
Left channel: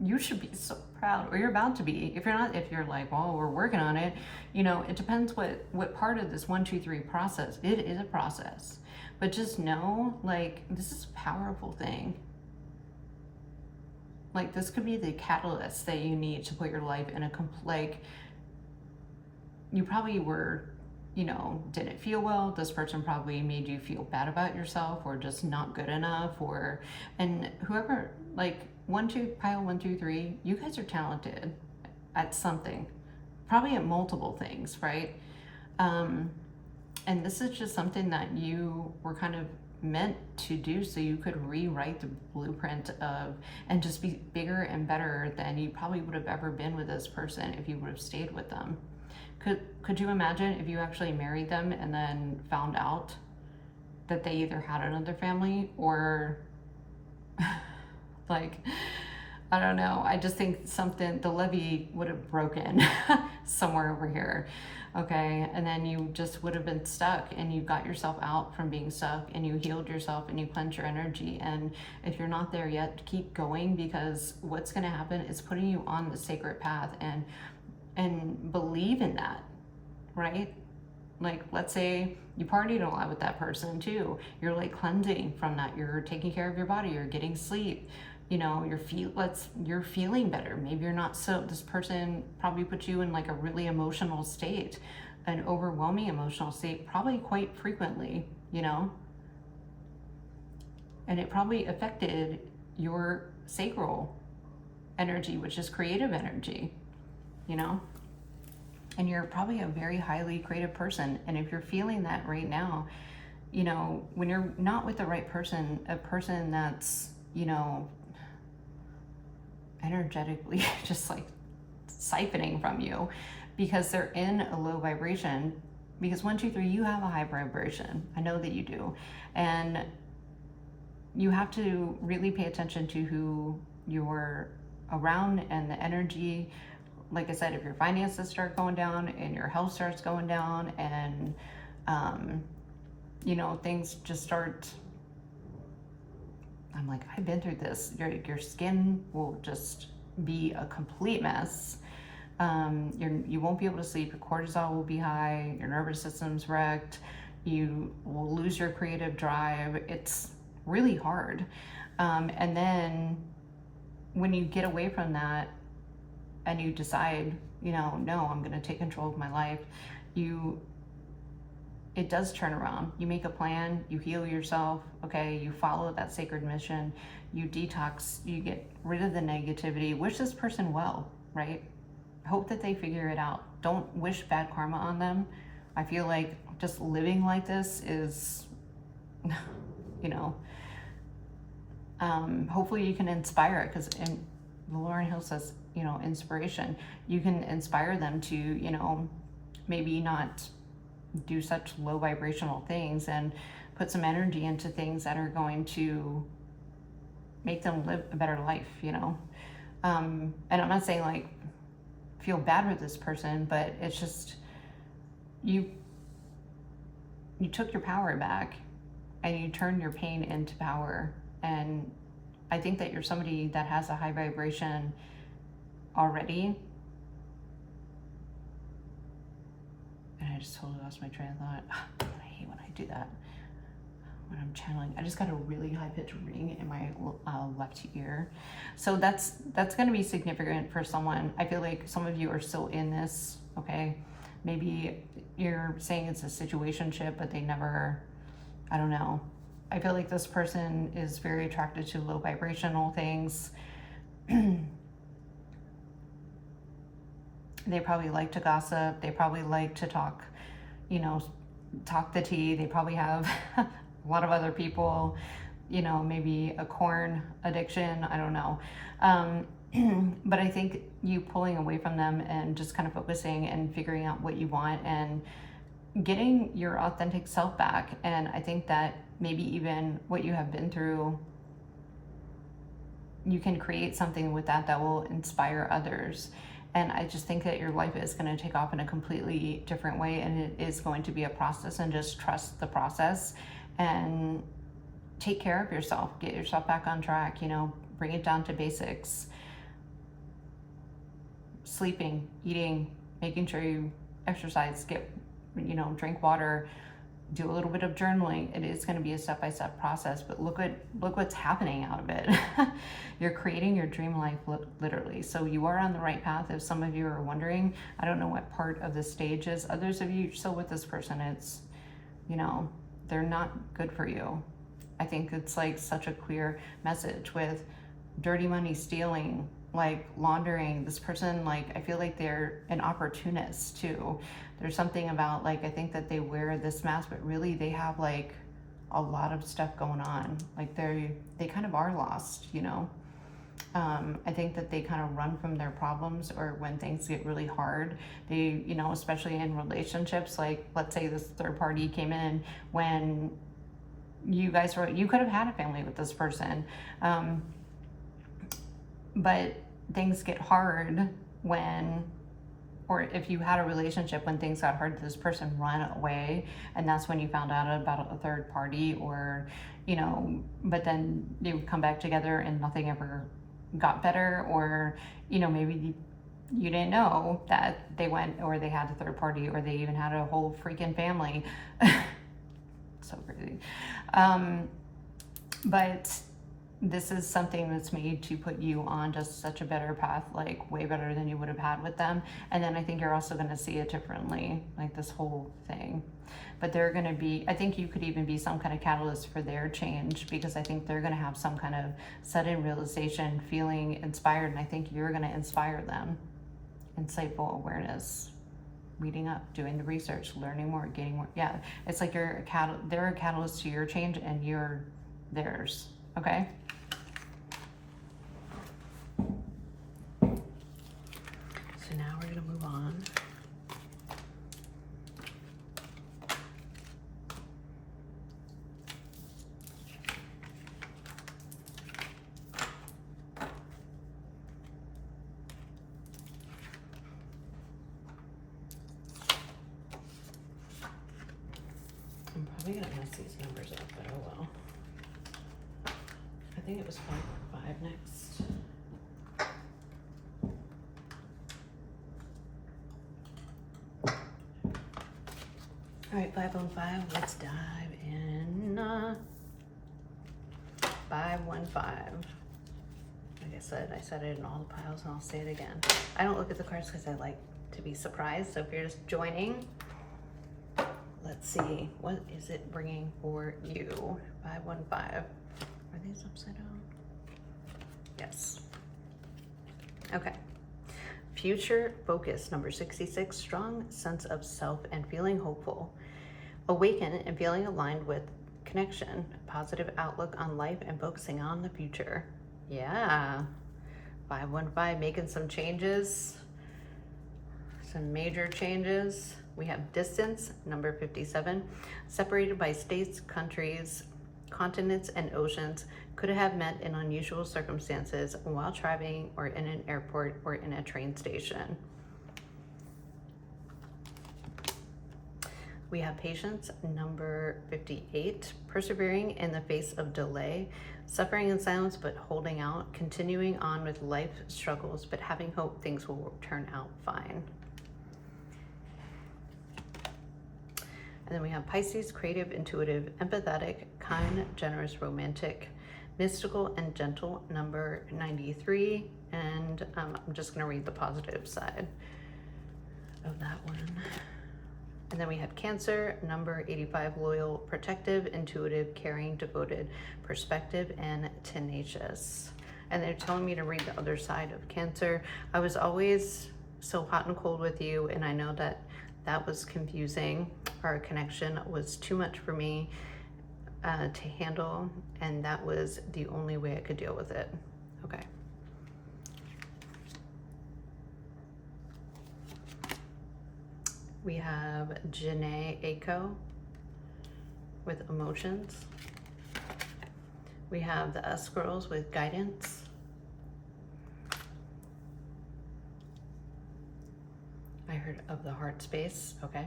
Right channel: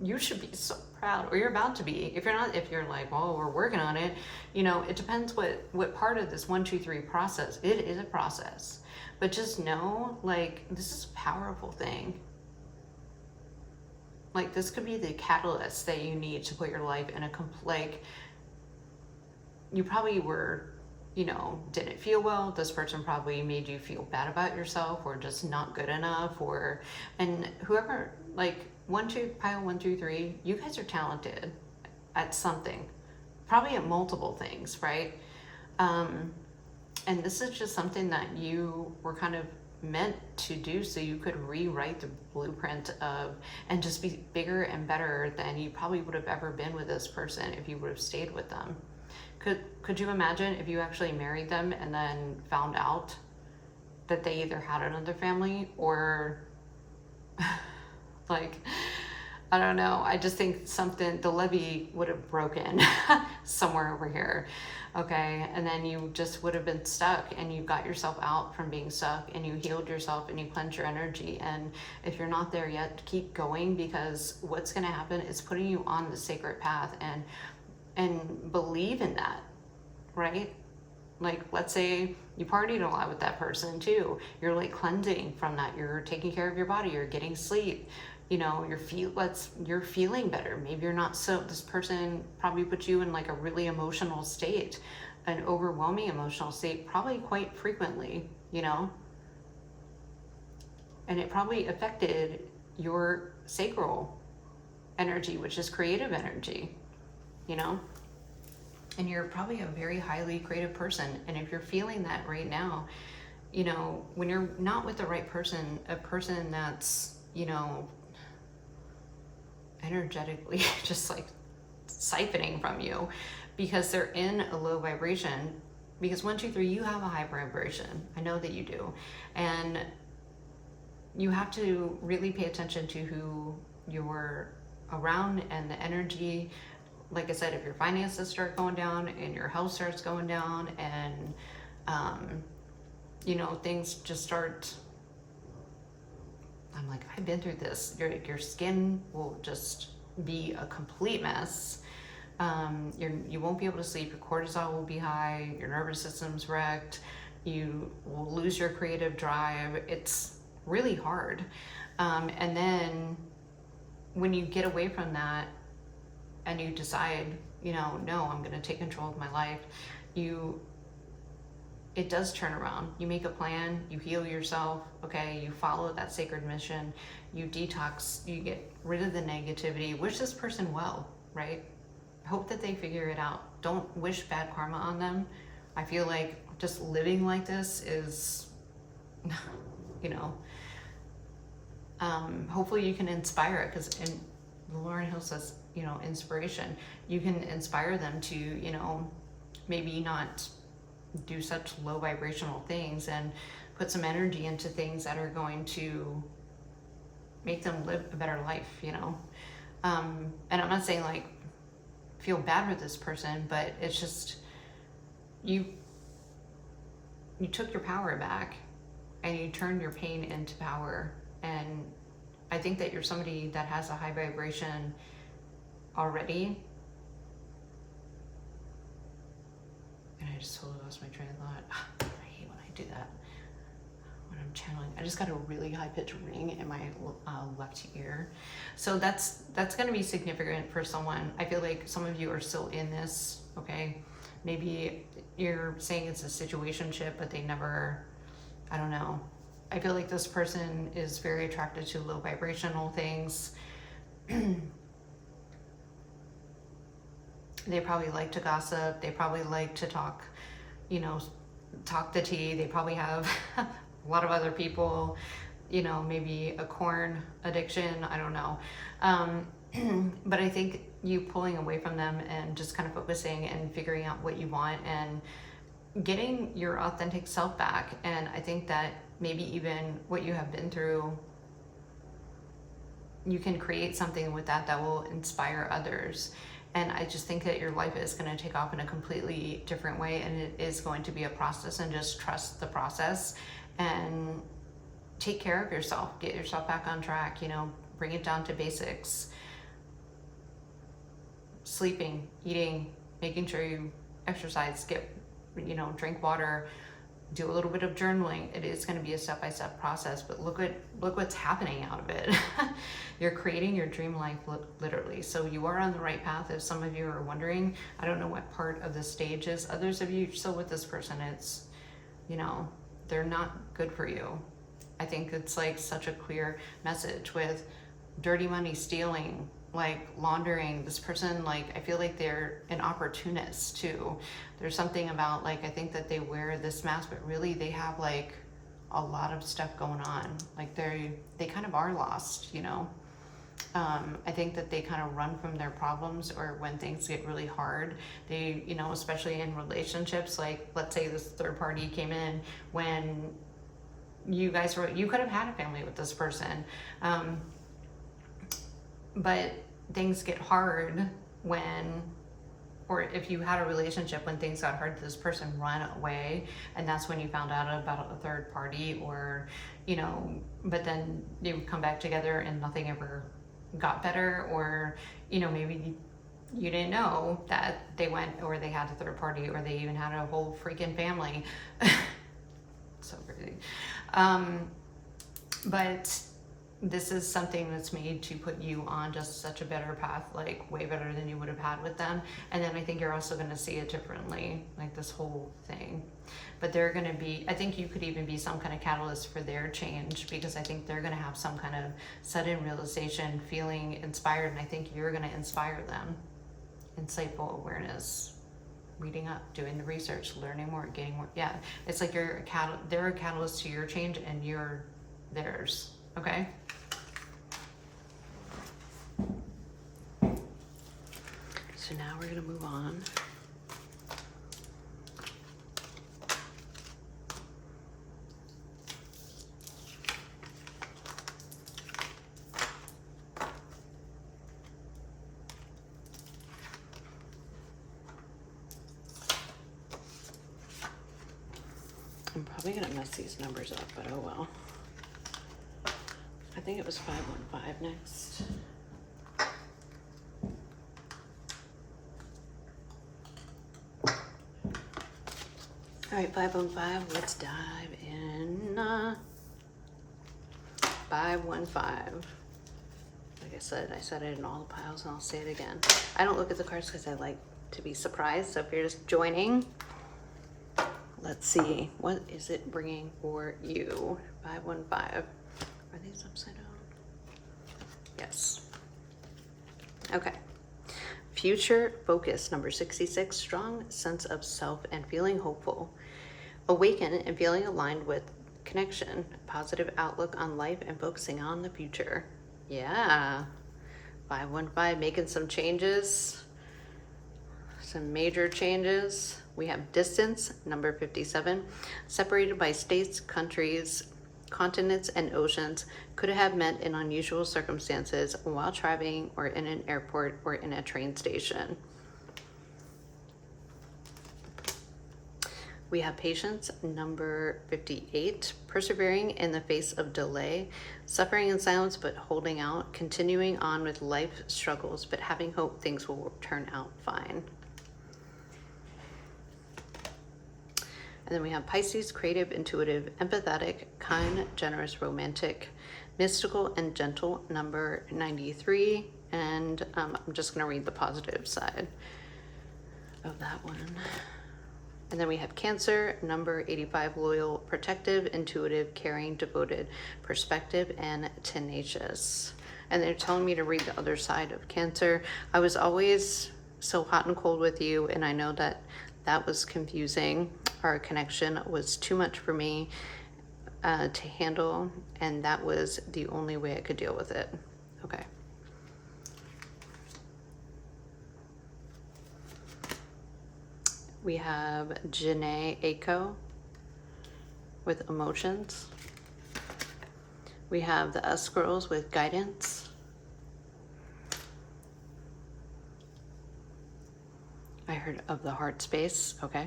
You should be so proud, or you're about to be. If you're not, if you're like, well, we're working on it, you know, it depends what part of this 1, 2, 3 process. It is a process, but just know, like, this is a powerful thing. Like, this could be the catalyst that you need to put your life in a like, you probably were, you know, didn't feel well. This person probably made you feel bad about yourself, or just not good enough, and whoever, like, 1, 2, pile 1, 2, 3, you guys are talented at something, probably at multiple things, right? And this is just something that you were kind of meant to do, so you could rewrite the blueprint of, and just be bigger and better than you probably would have ever been with this person if you would have stayed with them. Could you imagine if you actually married them and then found out that they either had another family, or like, I don't know. I just think the levee would have broken somewhere over here. Okay. And then you just would have been stuck, and you got yourself out from being stuck, and you healed yourself, and you cleansed your energy. And if you're not there yet, keep going, because what's going to happen is putting you on the sacred path, and believe in that, right? Like, let's say you partied a lot with that person too. You're like cleansing from that. You're taking care of your body. You're getting sleep. You know, you're feeling better. Maybe you're not this person probably put you in like a really emotional state, an overwhelming emotional state, probably quite frequently, you know, and it probably affected your sacral energy, which is creative energy, you know. And you're probably a very highly creative person. And if you're feeling that right now, you know, when you're not with the right person, a person that's, you know, energetically just like siphoning from you because they're in a low vibration, because 1, 2, 3, you have a high vibration. I know that you do. And you have to really pay attention to who you're around and the energy. Like I said, if your finances start going down and your health starts going down, and you know, things just start, I'm like, I've been through this. Your skin will just be a complete mess. You won't be able to sleep. Your cortisol will be high. Your nervous system's wrecked. You will lose your creative drive. It's really hard. And then when you get away from that, and you decide, you know, no, I'm going to take control of my life, it does turn around. You make a plan, you heal yourself, okay? You follow that sacred mission, you detox, you get rid of the negativity. Wish this person well, right? Hope that they figure it out. Don't wish bad karma on them. I feel like just living like this is, you know, hopefully you can inspire it, because Lauren Hill says, you know, inspiration. You can inspire them to, you know, maybe not do such low vibrational things, and put some energy into things that are going to make them live a better life, you know. And I'm not saying like feel bad for this person, but it's just you took your power back, and you turned your pain into power. And I think that you're somebody that has a high vibration already. And I just totally lost my train of thought. I hate when I do that when I'm channeling. I just got a really high pitched ring in my left ear. So that's going to be significant for someone. I feel like some of you are still in this, okay? Maybe you're saying it's a situationship, but they never, I don't know. I feel like this person is very attracted to low vibrational things. They probably like to gossip. They probably like to talk, you know, talk the tea. They probably have a lot of other people, you know, maybe a corn addiction. I don't know. But I think you pulling away from them and just kind of focusing and figuring out what you want and getting your authentic self back. And I think that maybe even what you have been through, you can create something with that will inspire others. And I just think that your life is going to take off in a completely different way, and it is going to be a process, and just trust the process and take care of yourself. Get yourself back on track, you know, bring it down to basics. Sleeping, eating, making sure you exercise, drink water, do a little bit of journaling. It is going to be a step-by-step process, but look what's happening out of it. You're creating your dream life, literally. So you are on the right path. If some of you are wondering, I don't know what part of the stage is. Others of you still with this person, it's, you know, they're not good for you. I think it's like such a clear message with dirty money, stealing, like laundering. This person, like, I feel like they're an opportunist too. There's something about, like, I think that they wear this mask, but really they have like a lot of stuff going on. Like they kind of are lost, you know. I think that they kind of run from their problems, or when things get really hard, they, you know, especially in relationships, like let's say this third party came in when you guys you could have had a family with this person. but things get hard when, or if you had a relationship when things got hard, this person run away, and that's when you found out about a third party, or, you know, but then they would come back together and nothing ever got better, or, you know, maybe you didn't know that they went, or they had a third party, or they even had a whole freaking family. So crazy. But this is something that's made to put you on just such a better path, like way better than you would have had with them. And then I think you're also going to see it differently, like this whole thing. But they're going to be, I think you could even be some kind of catalyst for their change, because I think they're going to have some kind of sudden realization, feeling inspired, and I think you're going to inspire them. Insightful awareness, reading up, doing the research, learning more, getting more. Yeah, it's like they're a catalyst to your change, and you're theirs. Okay. So now we're gonna move on. I'm probably gonna mess these numbers up, but oh well. I think it was 515 next. All right, 515, let's dive in. 515. Like I said it in all the piles, and I'll say it again. I don't look at the cards because I like to be surprised. So if you're just joining, let's see, what is it bringing for you? 515. Are these upside down? Yes. Okay. Future focus, number 66, strong sense of self and feeling hopeful. Awaken and feeling aligned with connection, positive outlook on life, and focusing on the future. Yeah. 515, making some changes, some major changes. We have distance, number 57, separated by states, countries, continents, and oceans, could have met in unusual circumstances while traveling, or in an airport, or in a train station. We have patience, number 58, persevering in the face of delay, suffering in silence but holding out, continuing on with life struggles but having hope things will turn out fine. And then we have Pisces, creative, intuitive, empathetic, kind, generous, romantic, mystical, and gentle, number 93. And I'm just going to read the positive side of that one. And then we have Cancer, number 85, loyal, protective, intuitive, caring, devoted, perspective, and tenacious. And they're telling me to read the other side of Cancer. I was always so hot and cold with you, and I know that that was confusing. Our connection was too much for me to handle, and that was the only way I could deal with it. Okay. We have Janae Aiko with emotions. We have the S Girls with guidance. I heard of the heart space. Okay.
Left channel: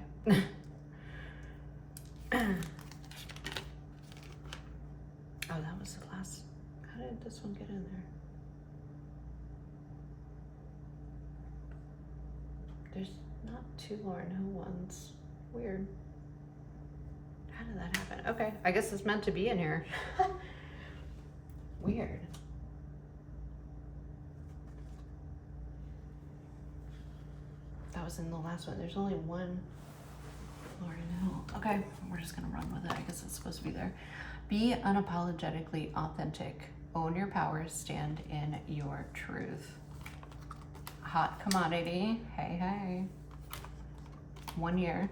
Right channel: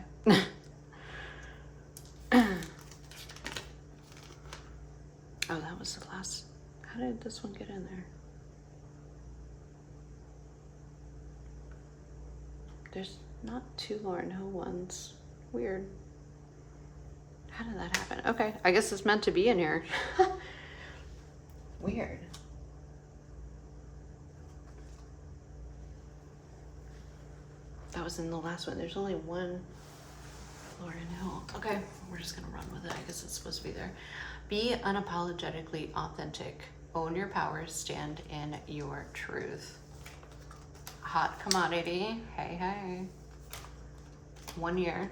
Oh, that was the last. How did this one get in there? There's not two Lauren Hill ones. Weird. How did that happen? Okay, I guess it's meant to be in here. Weird. That was in the last one. There's only one Lauren Hill. Okay, we're just gonna run with it. I guess it's supposed to be there. Be unapologetically authentic. Own your power. Stand in your truth. Hot commodity. Hey, hey. 1 year.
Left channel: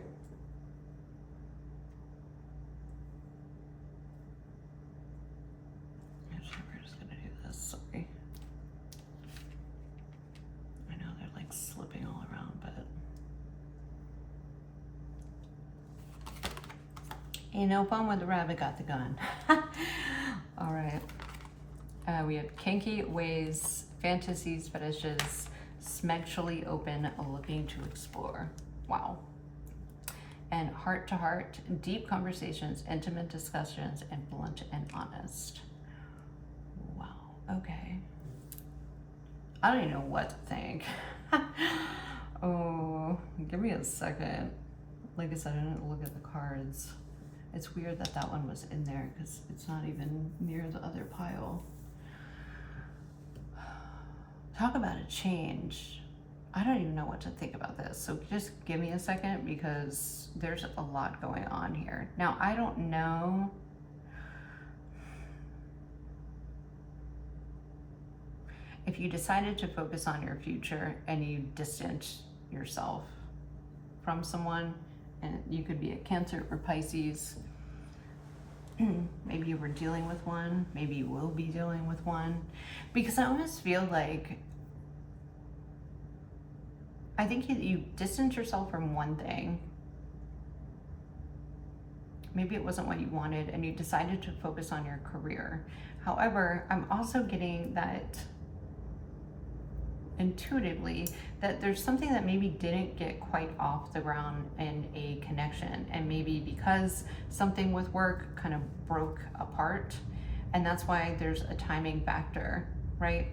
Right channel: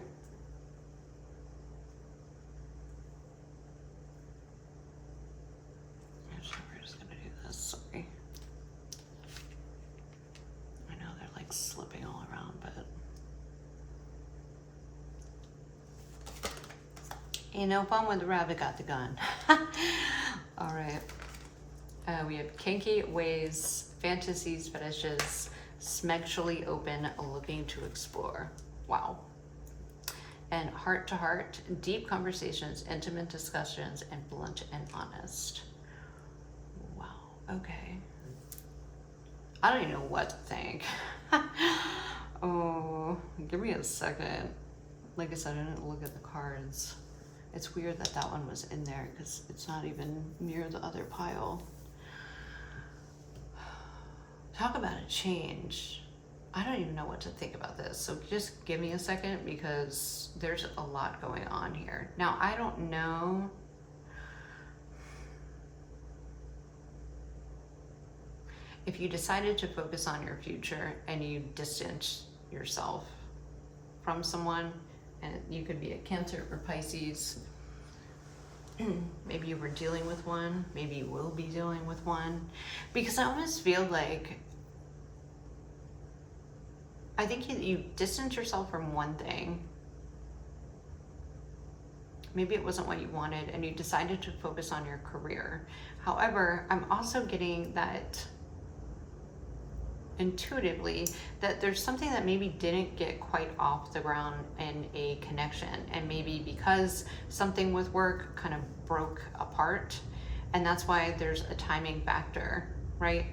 Actually, we're just gonna do this. Sorry. I know they're like slipping all around, but ain't no fun when the rabbit got the gun. All right. We have kinky ways, fantasies, fetishes, sexually open, looking to explore. Wow. And heart to heart, deep conversations, intimate discussions, and blunt and honest. Wow. Okay. I don't even know what to think. Oh, give me a second. Like I said, I didn't look at the cards. It's weird that that one was in there because it's not even near the other pile. Talk about a change. I don't even know what to think about this. So just give me a second because there's a lot going on here. Now, I don't know. If you decided to focus on your future and you distance yourself from someone, and you could be a Cancer or Pisces, maybe you were dealing with one, maybe you will be dealing with one, because I almost feel like, I think you distance yourself from one thing. Maybe it wasn't what you wanted and you decided to focus on your career. However, I'm also getting that intuitively that there's something that maybe didn't get quite off the ground in a connection, and maybe because something with work kind of broke apart, and that's why there's a timing factor, right?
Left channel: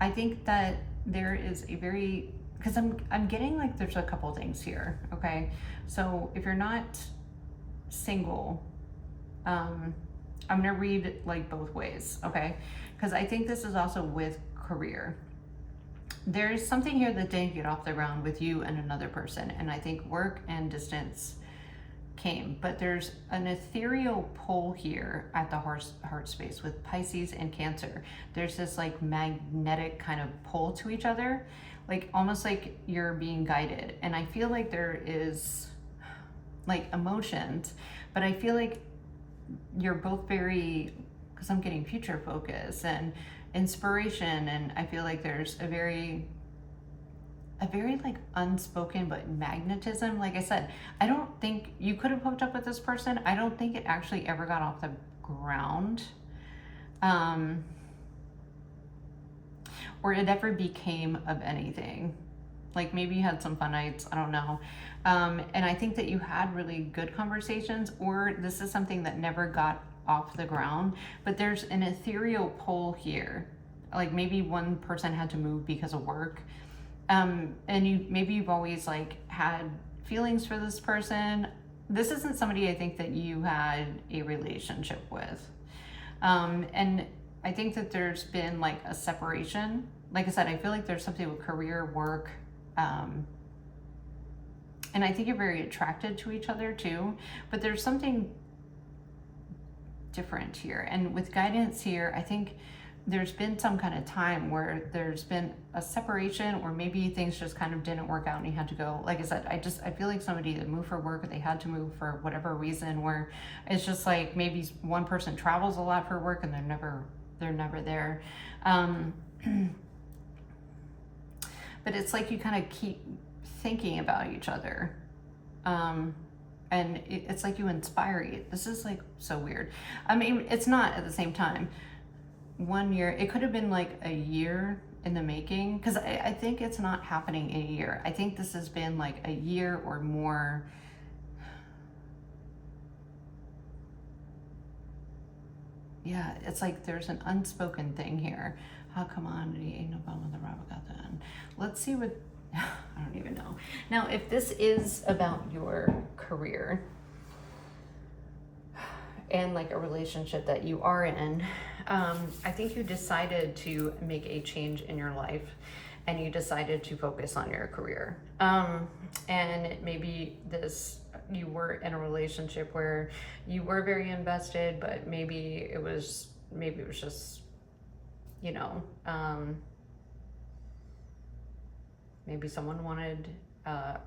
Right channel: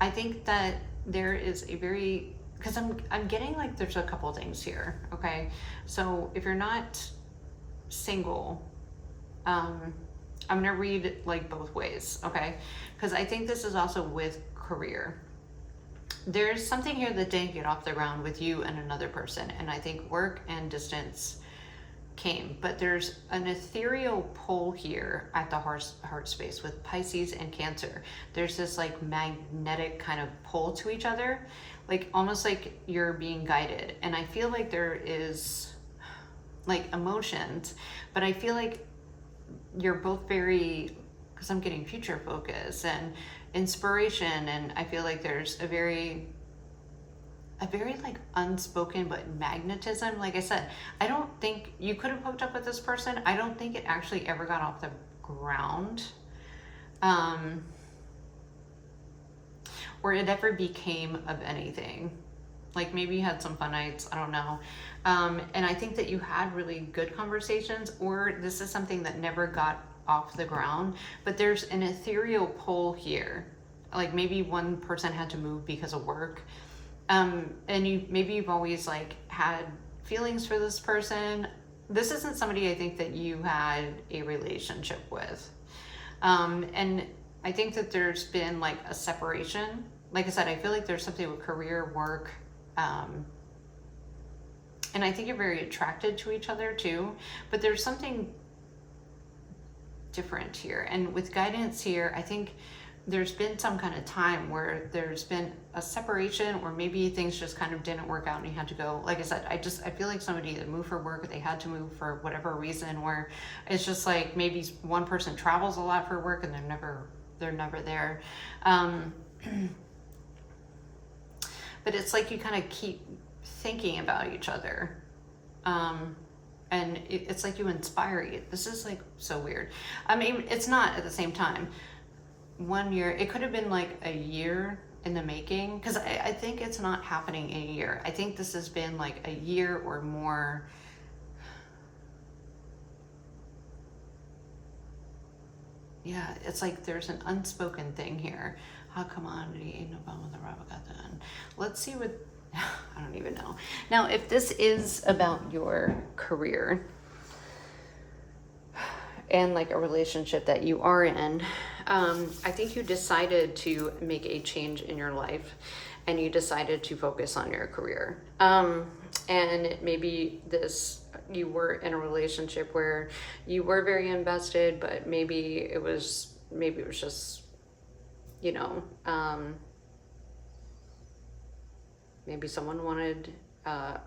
I think that there is a very, because I'm getting like there's a couple things here, okay? So if you're not single, I'm gonna read like both ways, okay? Because I think this is also with career. There's something here that didn't get off the ground with you and another person, and I think work and distance came, but there's an ethereal pull here at the heart space with Pisces and Cancer. There's this like magnetic kind of pull to each other, like almost like you're being guided, and I feel like there is like emotions, but I feel like you're both very, because I'm getting future focus and inspiration, and I feel like there's a very like unspoken but magnetism. Like I said, I don't think you could have hooked up with this person. I don't think it actually ever got off the ground, or it ever became of anything. Like maybe you had some fun nights, I don't know. And I think that you had really good conversations, or this is something that never got off the ground, but there's an ethereal pull here. Like maybe one person had to move because of work. And maybe you've always like had feelings for this person. This isn't somebody I think that you had a relationship with. And I think that there's been like a separation. Like I said, I feel like there's something with career, work, and I think you're very attracted to each other too, but there's something different here. And with guidance here, I think there's been some kind of time where there's been a separation, or maybe things just kind of didn't work out and you had to go. Like I said, I feel like somebody that moved for work, or they had to move for whatever reason, where it's just like maybe one person travels a lot for work and they're never there. But it's like you kind of keep thinking about each other. And it's like you inspire you. This is like so weird. I mean, it's not at the same time. 1 year, it could have been like a year in the making, because I think it's not happening in a year. I think this has been like a year or more. Yeah, it's like there's an unspoken thing here. How commodity ain't no bum with the rubber got done. Let's see what, I don't even know. Now, if this is about your career and like a relationship that you are in, I think you decided to make a change in your life, and you decided to focus on your career. And maybe you were in a relationship where you were very invested, but maybe it was just, you know, maybe someone wanted a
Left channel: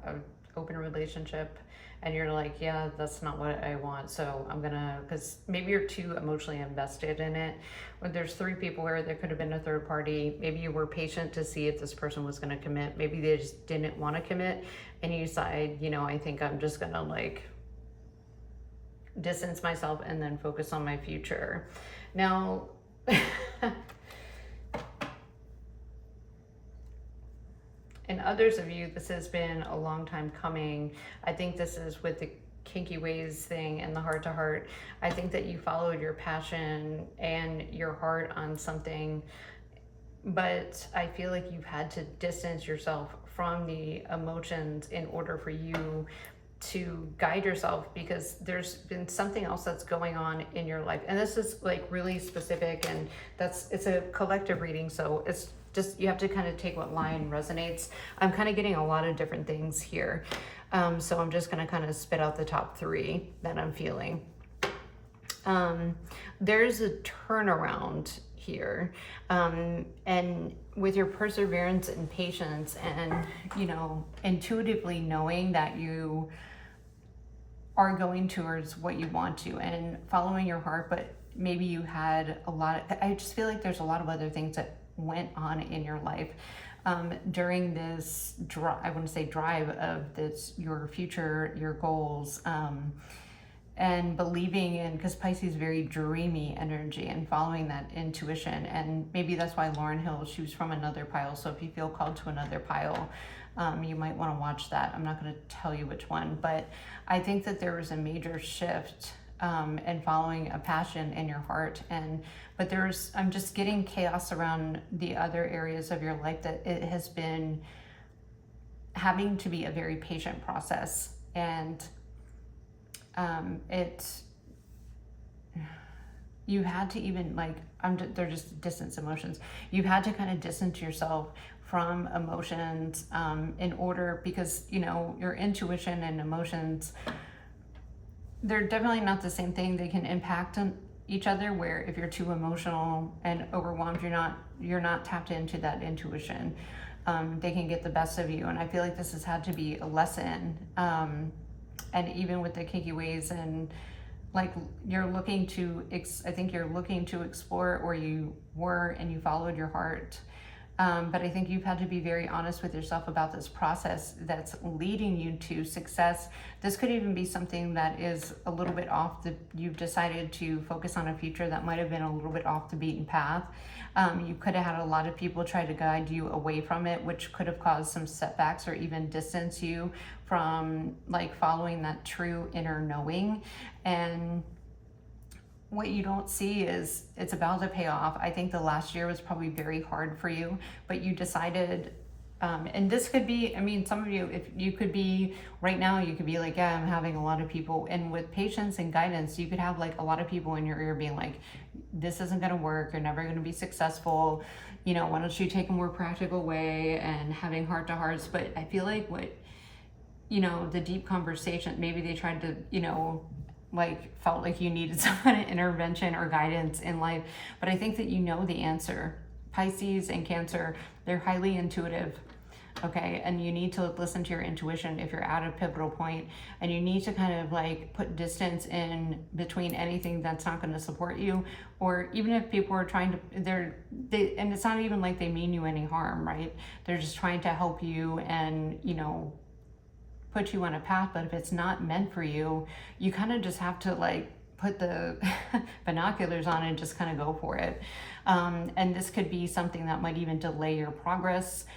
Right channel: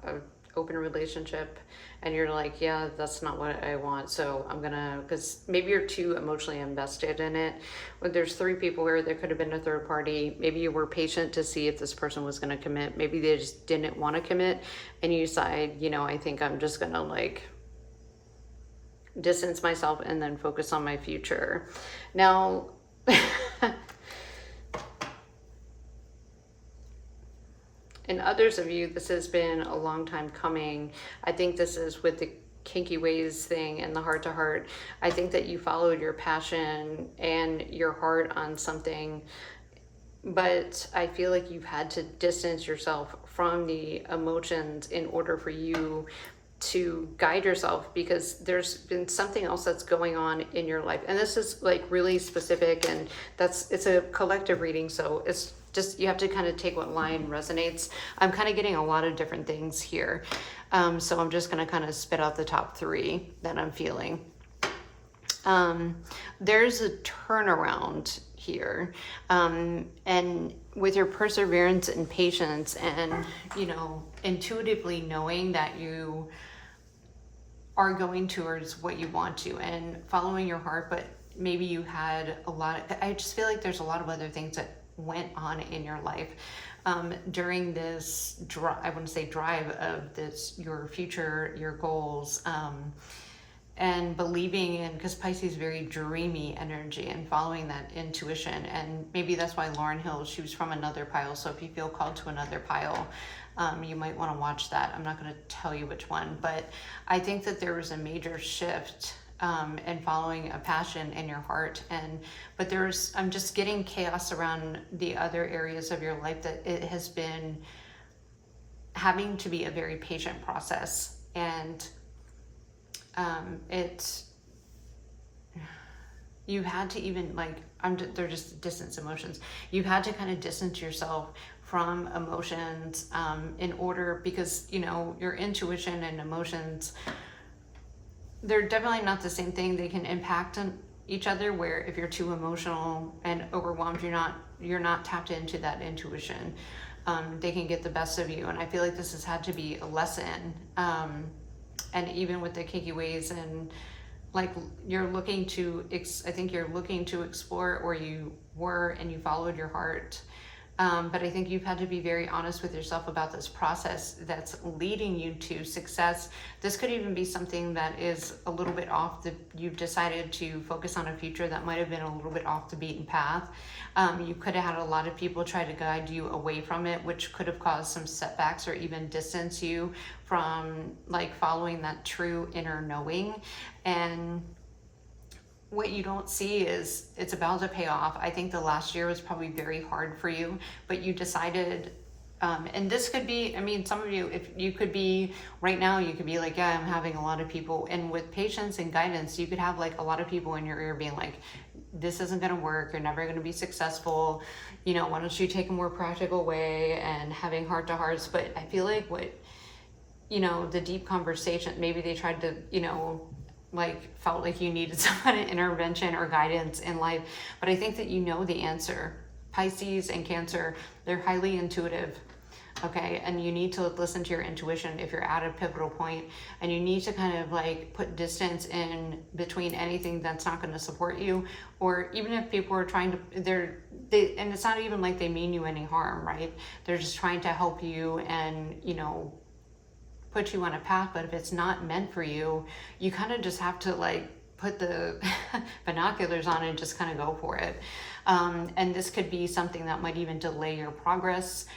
open relationship, and you're like, yeah, that's not what I want, so I'm gonna, because maybe you're too emotionally invested in it. But there's 3 people here. There could have been a third party. Maybe you were patient to see if this person was gonna commit. Maybe they just didn't want to commit, and you decide, you know, I think I'm just gonna like distance myself and then focus on my future. Now, And others of you, this has been a long time coming. I think this is with the kinky ways thing and the heart to heart. I think that you followed your passion and your heart on something, but I feel like you've had to distance yourself from the emotions in order for you to guide yourself, because there's been something else that's going on in your life. And this is like really specific, and it's a collective reading, so it's just, you have to kind of take what line resonates. I'm kind of getting a lot of different things here. So I'm just going to kind of spit out the top 3 that I'm feeling. There's a turnaround here, and with your perseverance and patience, and intuitively knowing that you are going towards what you want to and following your heart, but maybe you had I just feel like there's a lot of other things that went on in your life during this I wouldn't say drive of this, your future, your goals, and believing in, because Pisces is very dreamy energy, and following that intuition. And maybe that's why Lauryn Hill, she was from another pile, so if you feel called to another pile, you might want to watch that. I'm not going to tell you which one, but I think that there was a major shift and following a passion in your heart. But I'm just getting chaos around the other areas of your life, that it has been having to be a very patient process. And you had to even they're just distance emotions. You had to kind of distance yourself from emotions in order, because your intuition and emotions, they're definitely not the same thing. They can impact on each other, where if you're too emotional and overwhelmed, you're not tapped into that intuition. They can get the best of you. And I feel like this has had to be a lesson. And even with the kinky ways, and you're looking to, I think you're looking to explore, or you were, and you followed your heart. But I think you've had to be very honest with yourself about this process that's leading you to success. This could even be something that is a little bit you've decided to focus on a future that might have been a little bit off the beaten path. You could have had a lot of people try to guide you away from it, which could have caused some setbacks, or even distance you from following that true inner knowing. And what you don't see is it's about to pay off. I think the last year was probably very hard for you, but you decided, and this could be, some of you, if you could be right now, you could be like, yeah, I'm having a lot of people, and with patience and guidance, you could have a lot of people in your ear being like, this isn't going to work, you're never going to be successful, why don't you take a more practical way, and having heart to hearts. But I feel like the deep conversation, maybe they tried to, felt like you needed some kind of intervention or guidance in life. But I think that the answer. Pisces and Cancer, they're highly intuitive, okay? And you need to listen to your intuition if you're at a pivotal point, and you need to kind of put distance in between anything that's not going to support you, or even if people are trying to, and it's not even like they mean you any harm, right? They're just trying to help you and, put you on a path. But if it's not meant for you, you kind of just have to put the binoculars on and just kind of go for it. And this could be something that might even delay your progress.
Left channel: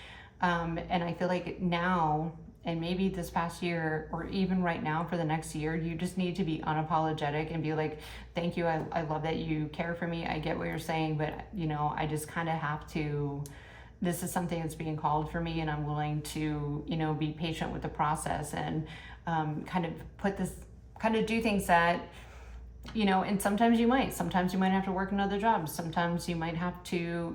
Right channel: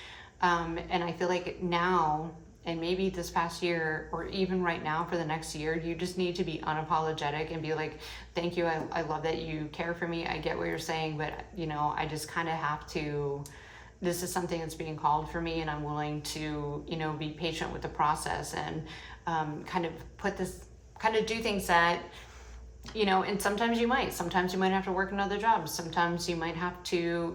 And I feel like now, and maybe this past year, or even right now for the next year, you just need to be unapologetic and be like, thank you, I love that you care for me, I get what you're saying, but I just kind of have to, this is something that's being called for me, and I'm willing to, be patient with the process, and kind of do things that, and sometimes you might have to work another job. Sometimes you might have to,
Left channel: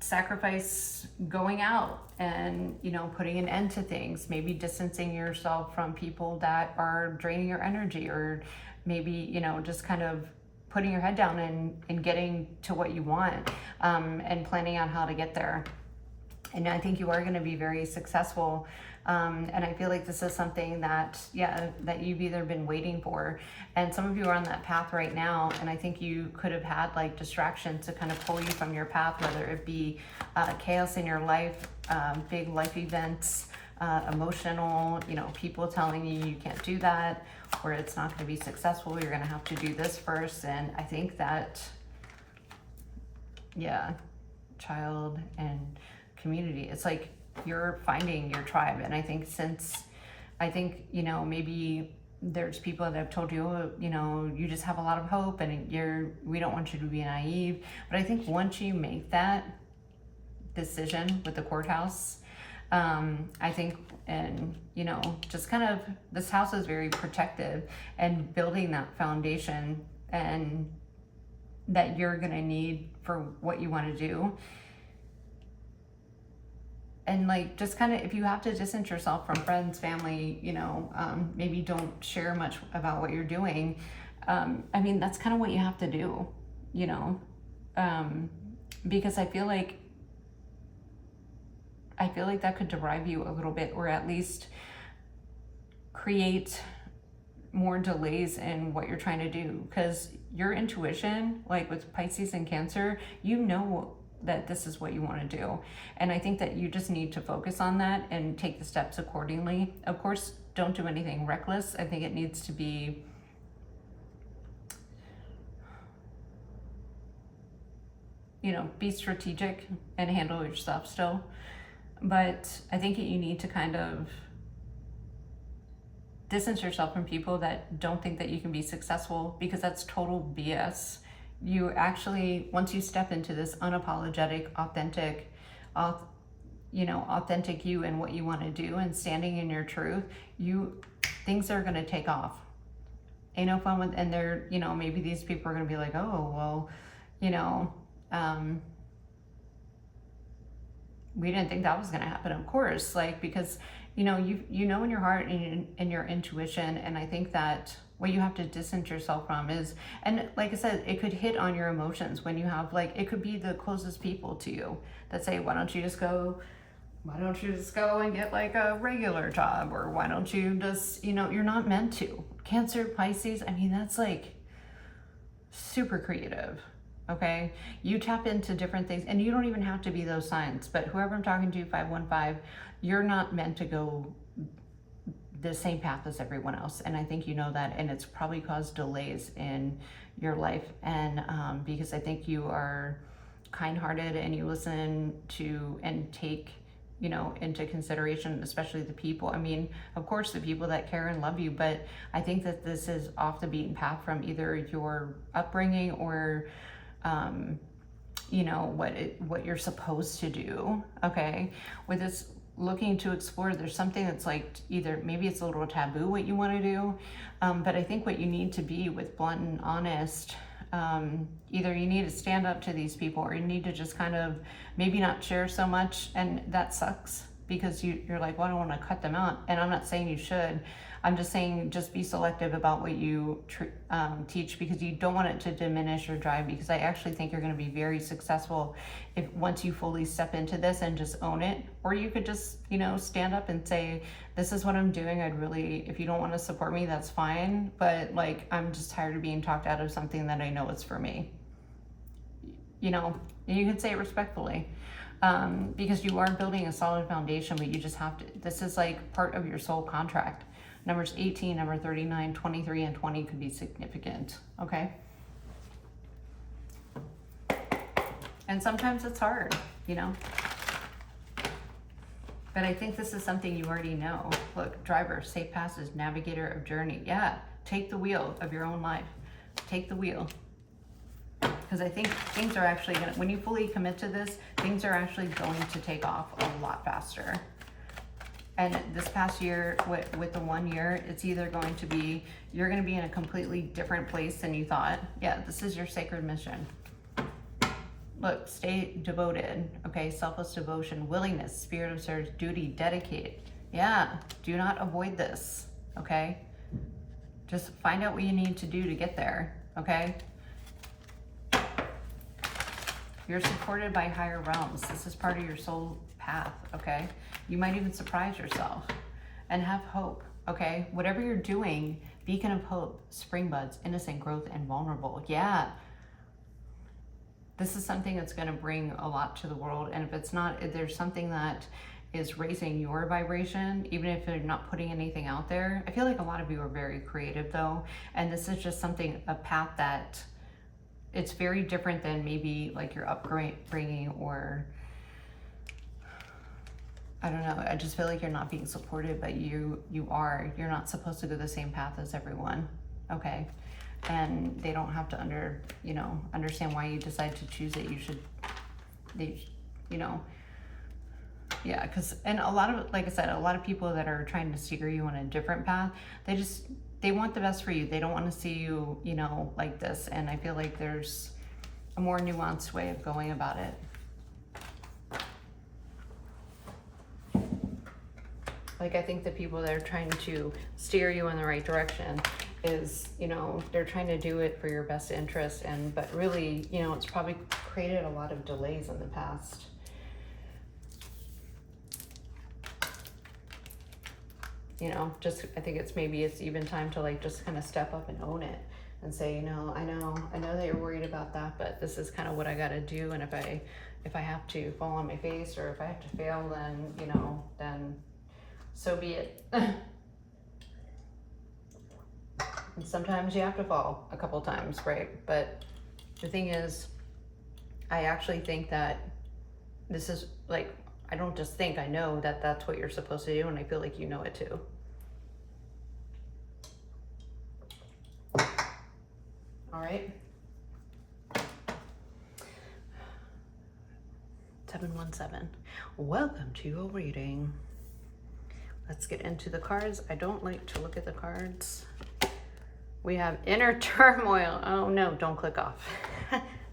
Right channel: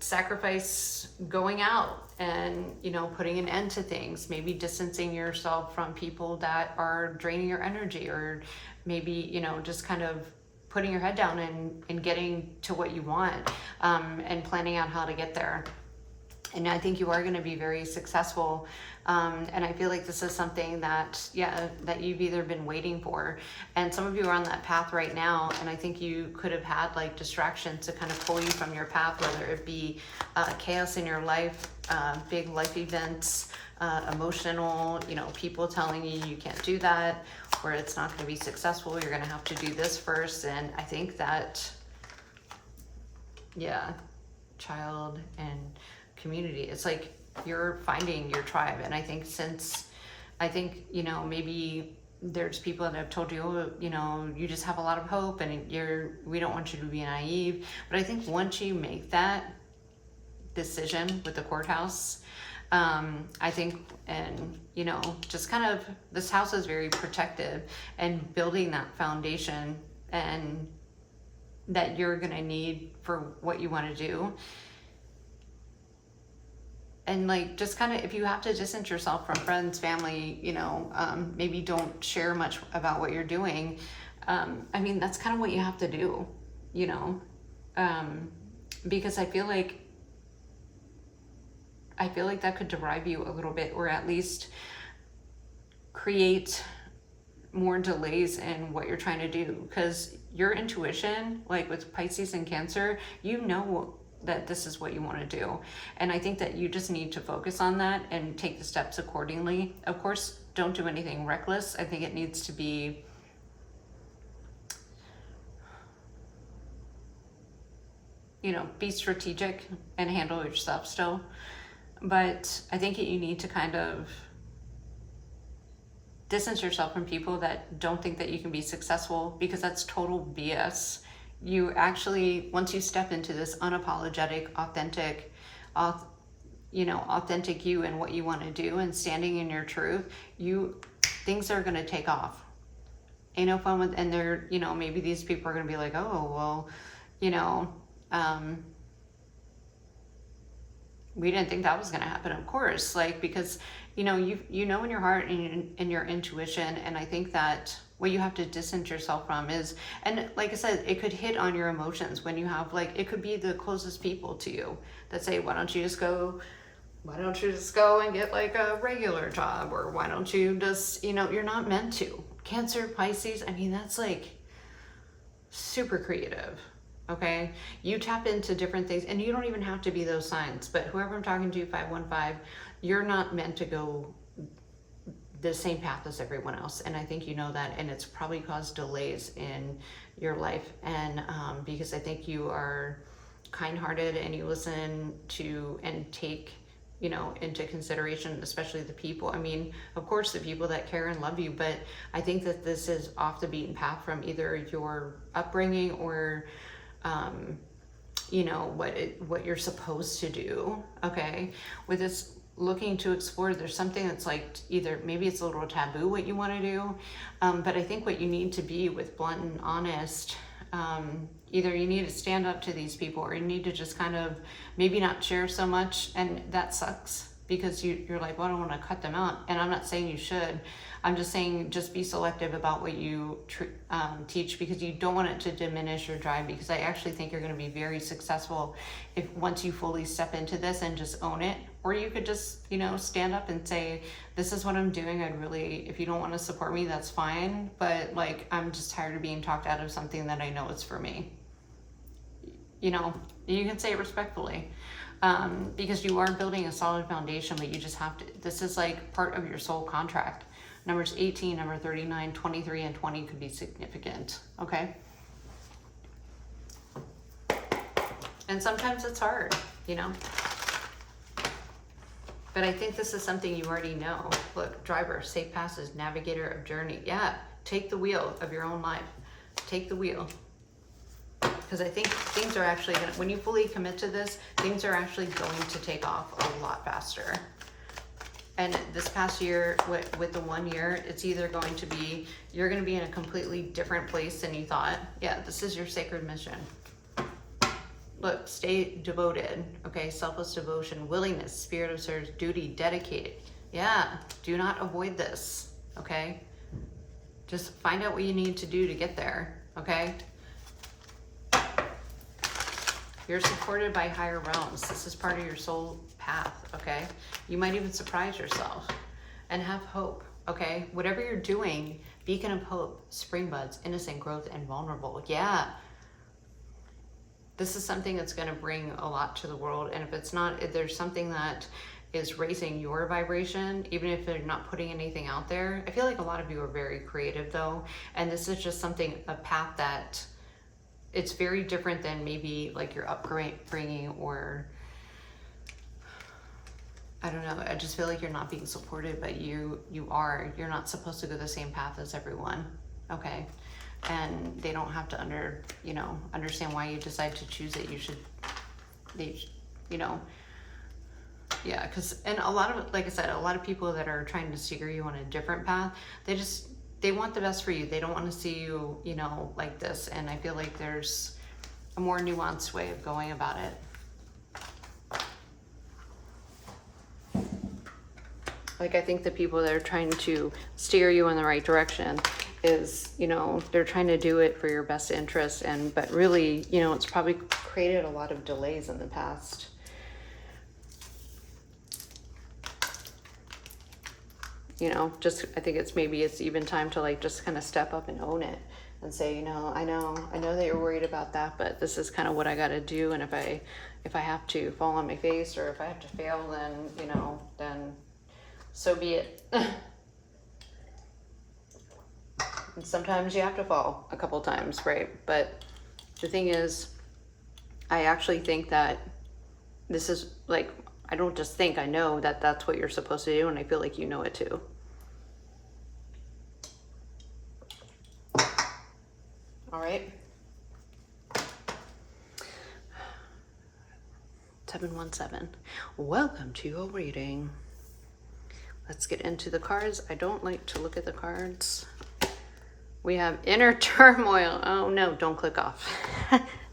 sacrifice going out and, putting an end to things, maybe distancing yourself from people that are draining your energy, or maybe, just kind of putting your head down and getting to what you want, and planning out how to get there. And I think you are going to be very successful. And I feel like this is something that you've either been waiting for, and some of you are on that path right now. And I think you could have had distractions to kind of pull you from your path, whether it be chaos in your life, big life events, emotional, people telling you can't do that, or it's not going to be successful, you're going to have to do this first. And I think that, child and community, it's you're finding your tribe. And I think you know, maybe there's people that have told you, oh, you know, you just have a lot of hope and we don't want you to be naive. But I think once you make that decision with the courthouse, I think, and you know, just kind of, this house is very protective, and building that foundation and that you're gonna need for what you want to do. And like, just kind of, if you have to distance yourself from friends, family, you know, maybe don't share much about what you're doing. I mean, that's kind of what you have to do, you know, because I feel like that could derive you a little bit, or at least create more delays in what you're trying to do. Because your intuition, like with Pisces and Cancer, you know that this is what you want to do. And I think that you just need to focus on that and take the steps accordingly. Of course, don't do anything reckless. I think it needs to be, you know, be strategic and handle your stuff still. But I think you need to kind of distance yourself from people that don't think that you can be successful, because that's total BS. You actually, once you step into this unapologetic, authentic you and what you want to do, and standing in your truth, things are going to take off. Ain't no fun with, and they're, you know, maybe these people are going to be like, oh, well, you know, we didn't think that was going to happen. Of course, like, because, you know, you know in your heart and your intuition. And I think that what you have to distance yourself from is, and like I said, it could hit on your emotions when you have, like, it could be the closest people to you that say, why don't you just go and get like a regular job? Or why don't you just, you know, you're not meant to. Cancer, Pisces, I mean, that's like super creative. Okay, you tap into different things, and you don't even have to be those signs, but whoever I'm talking to, 515, you're not meant to go the same path as everyone else. And I think you know that, and it's probably caused delays in your life. And because I think you are kind-hearted, and you listen to and take, you know, into consideration, especially the people. I mean, of course, the people that care and love you, but I think that this is off the beaten path from either your upbringing or you know, what you're supposed to do. Okay, with this looking to explore, there's something that's like, either maybe it's a little taboo what you want to do, but I think what you need to be with blunt and honest, either you need to stand up to these people, or you need to just kind of maybe not share so much. And that sucks, because you're like, well, I don't want to cut them out. And I'm not saying you should. I'm just saying, just be selective about what you teach, because you don't want it to diminish your drive. Because I actually think you're going to be very successful if once you fully step into this and just own it. Or you could just, you know, stand up and say, this is what I'm doing. If you don't want to support me, that's fine. But like, I'm just tired of being talked out of something that I know is for me. You know, you can say it respectfully. Because you are building a solid foundation, but you just have to, this is like part of your soul contract. Numbers 18, number 39, 23, and 20 could be significant, okay? And sometimes it's hard, you know? But I think this is something you already know. Look, driver, safe passage, navigator of journey. Yeah, take the wheel of your own life. Take the wheel. Because I think things are actually gonna, when you fully commit to this, things are actually going to take off a lot faster. And this past year, with the 1 year, it's either going to be, you're going to be in a completely different place than you thought. Yeah, this is your sacred mission. Look, stay devoted, okay? Selfless devotion, willingness, spirit of service, duty, dedicated. Yeah, do not avoid this, okay? Just find out what you need to do to get there, okay? You're supported by higher realms. This is part of your soul path, okay? You might even surprise yourself and have hope, okay? Whatever you're doing, beacon of hope, spring buds, innocent growth, and vulnerable. Yeah. This is something that's going to bring a lot to the world. And if there's something that is raising your vibration, even if you're not putting anything out there. I feel like a lot of you are very creative though. And this is just a path that it's very different than maybe like your upbringing or I don't know, I just feel like you're not being supported, but you are. You're not supposed to go the same path as everyone, okay? And they don't have to understand why you decide to choose it. Yeah, because, and a lot of, like I said, a lot of people that are trying to steer you on a different path, they want the best for you. They don't want to see you, like this. And I feel like there's a more nuanced way of going about it. Like, I think the people that are trying to steer you in the right direction is, they're trying to do it for your best interest. But really, it's probably created a lot of delays in the past. I think it's even time to just kind of step up and own it and say, I know that you're worried about that, but this is kind of what I got to do. And if I have to fall on my face, or if I have to fail, then so be it. And sometimes you have to fall a couple times, right? But the thing is, I actually think that this is I don't just think, I know that that's what you're supposed to do, and I feel like you know it too. All right. 717. Welcome to your reading. Let's get into the cards. I don't like to look at the cards. We have inner turmoil. Oh no, don't click off.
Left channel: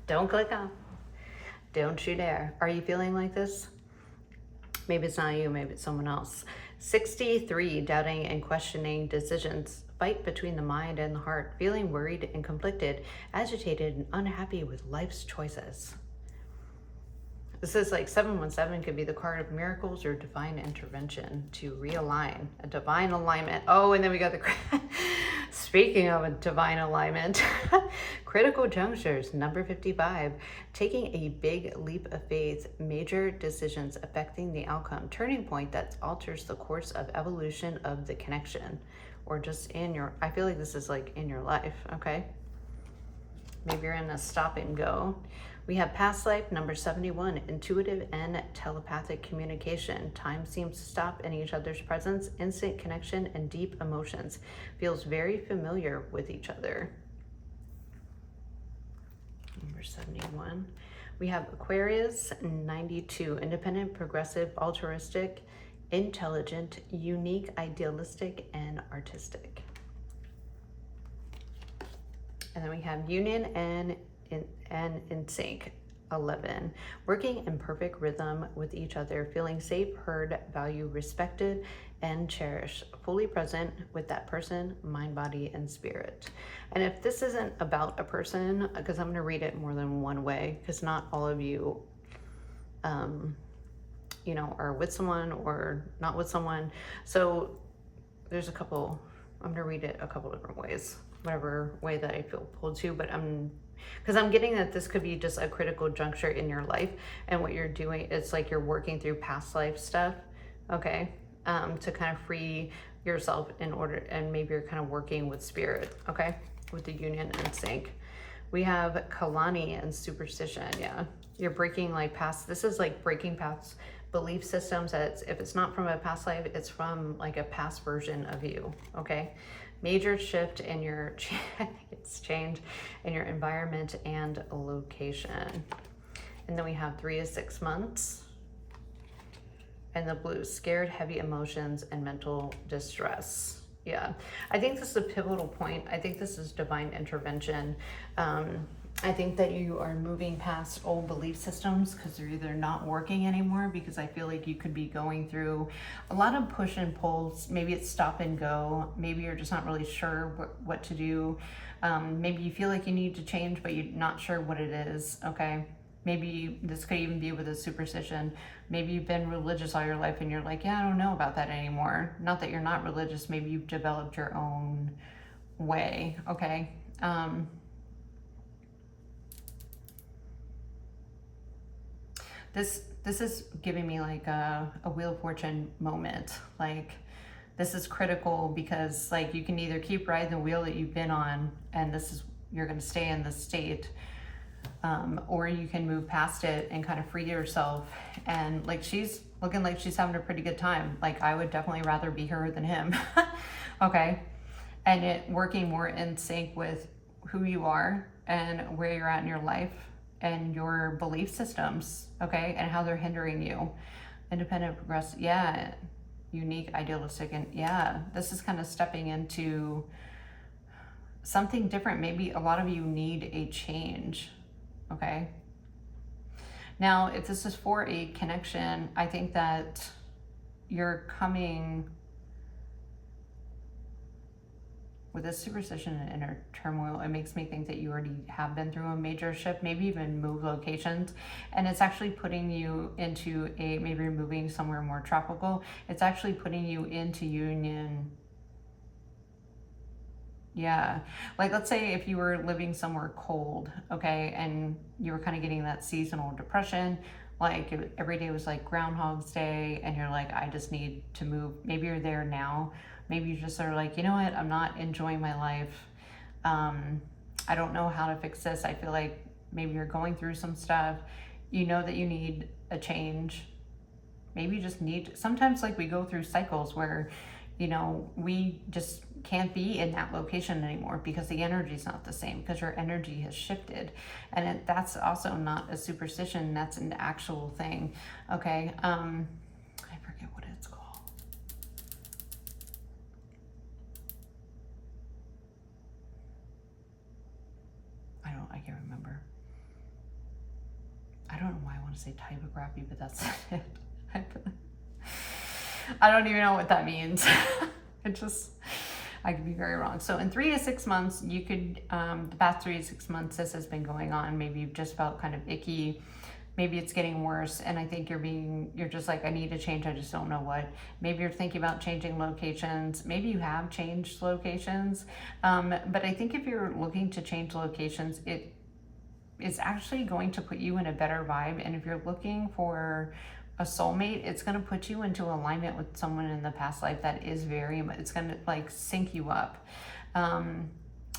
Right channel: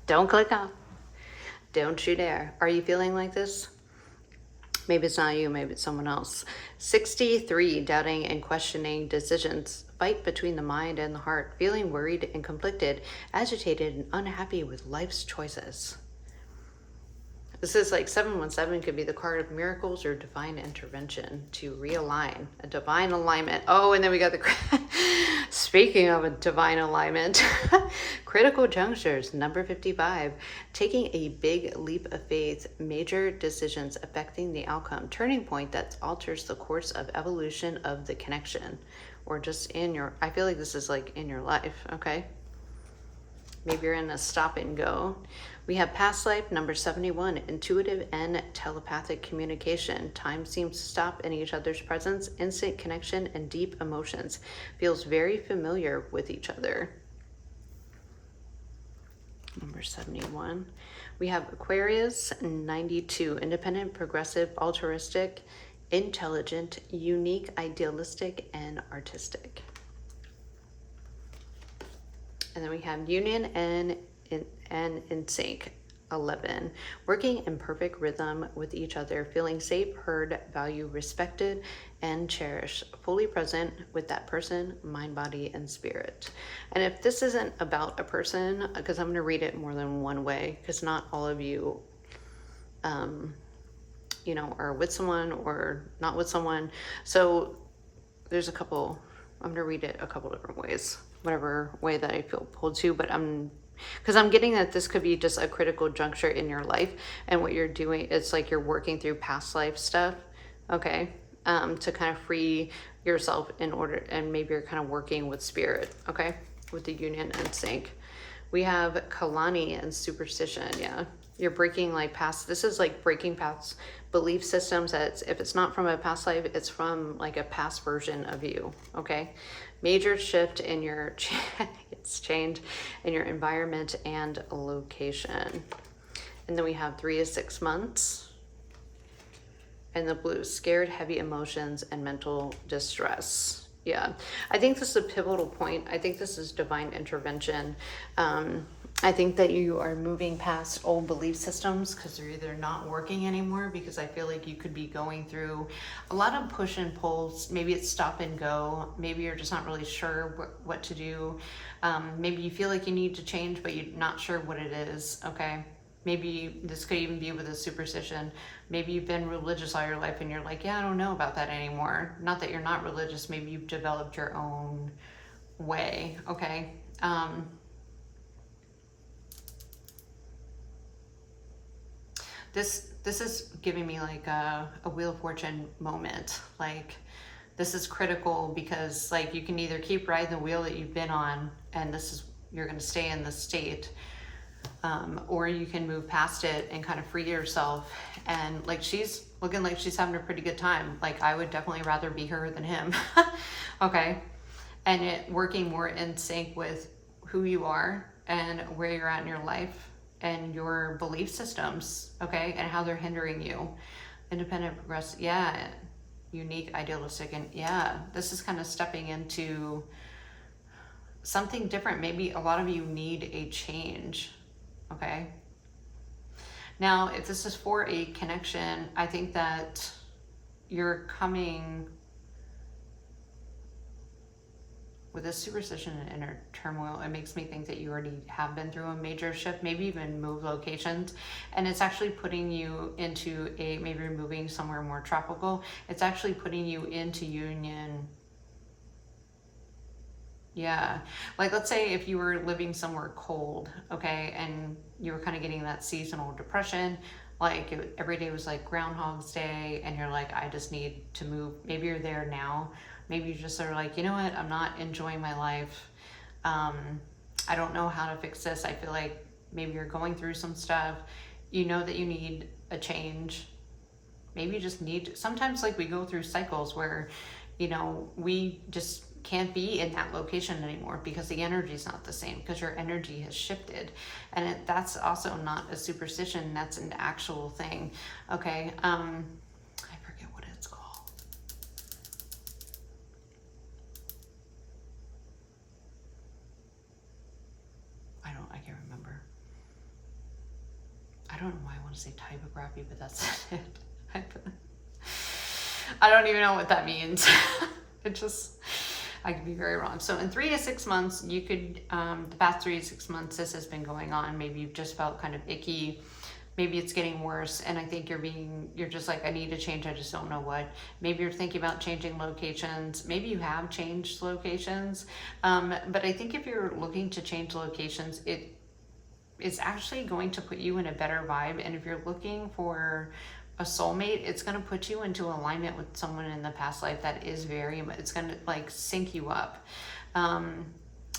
Don't click off. Don't you dare. Are you feeling like this? Maybe it's not you, maybe it's someone else. 63, doubting and questioning decisions. Fight between the mind and the heart. Feeling worried and conflicted, agitated and unhappy with life's choices. This is 717 could be the card of miracles or divine intervention to realign, a divine alignment. Oh, and then we got the, speaking of a divine alignment, critical junctures, number 55, taking a big leap of faith, major decisions affecting the outcome, turning point that alters the course of evolution of the connection, or just I feel like this is in your life, okay? Maybe you're in a stop and go. We have past life, number 71, intuitive and telepathic communication. Time seems to stop in each other's presence, instant connection, and deep emotions. Feels very familiar with each other. Number 71. We have Aquarius, 92, independent, progressive, altruistic, intelligent, unique, idealistic, and artistic. And then we have union and in sync, 11, working in perfect rhythm with each other, feeling safe, heard, valued, respected, and cherished, fully present with that person, mind, body, and spirit. And if this isn't about a person, because I'm going to read it more than one way, because not all of you, are with someone or not with someone. So there's I'm going to read it a couple different ways, whatever way that I feel pulled to, but because I'm getting that this could be just a critical juncture in your life, and what you're doing, it's you're working through past life stuff, okay, to kind of free yourself in order, and maybe you're kind of working with spirit, okay, with the union and sync. We have Kalani and superstition, yeah. You're breaking past, this is breaking past belief systems that if it's not from a past life, it's from a past version of you, okay? Major shift in your change in your environment and location. And then we have 3 to 6 months. And the blue, scared, heavy emotions, and mental distress. Yeah, I think this is a pivotal point. I think this is divine intervention. I think that you are moving past old belief systems because they're either not working anymore, because I feel like you could be going through a lot of push and pulls. Maybe it's stop and go. Maybe you're just not really sure what to do. Maybe you feel like you need to change, but you're not sure what it is, okay? Maybe this could even be with a superstition. Maybe you've been religious all your life and you're like, yeah, I don't know about that anymore. Not that you're not religious. Maybe you've developed your own way, okay? This is giving me a Wheel of Fortune moment. This is critical because you can either keep riding the wheel that you've been on, and you're going to stay in this state, or you can move past it and kind of free yourself. And like, she's looking like she's having a pretty good time. Like, I would definitely rather be her than him. Okay. And it working more in sync with who you are and where you're at in your life and your belief systems, okay, and how they're hindering you. Independent, progressive, yeah, unique, idealistic, and yeah, this is kind of stepping into something different. Maybe a lot of you need a change, okay? Now, if this is for a connection, I think that you're coming with this superstition and inner turmoil. It makes me think that you already have been through a major shift, maybe even move locations, and it's actually putting you into a, maybe you're moving somewhere more tropical. It's actually putting you into union. Yeah, like let's say if you were living somewhere cold, okay, and you were kind of getting that seasonal depression, like every day was like Groundhog's Day, and you're like, I just need to move. Maybe you're there now. Maybe you just are like, you know what, I'm not enjoying my life. I don't know how to fix this. I feel like maybe you're going through some stuff. You know that you need a change. Maybe you just need, sometimes like we go through cycles where, you know, we just can't be in that location anymore because the energy is not the same, because your energy has shifted. And that's also not a superstition, that's an actual thing. Okay, I forget what it's called. I can't remember. I don't know why I want to say typography, but that's not it. I don't even know what that means. It just, I could be very wrong. So in 3 to 6 months, you could, the past 3 to 6 months, this has been going on. Maybe you've just felt kind of icky. Maybe it's getting worse. And I think you're just like, I need to change. I just don't know what. Maybe you're thinking about changing locations. Maybe you have changed locations. But I think if you're looking to change locations, it's actually going to put you in a better vibe. And if you're looking for a soulmate, it's going to put you into alignment with someone in the past life that is it's going to like sync you up.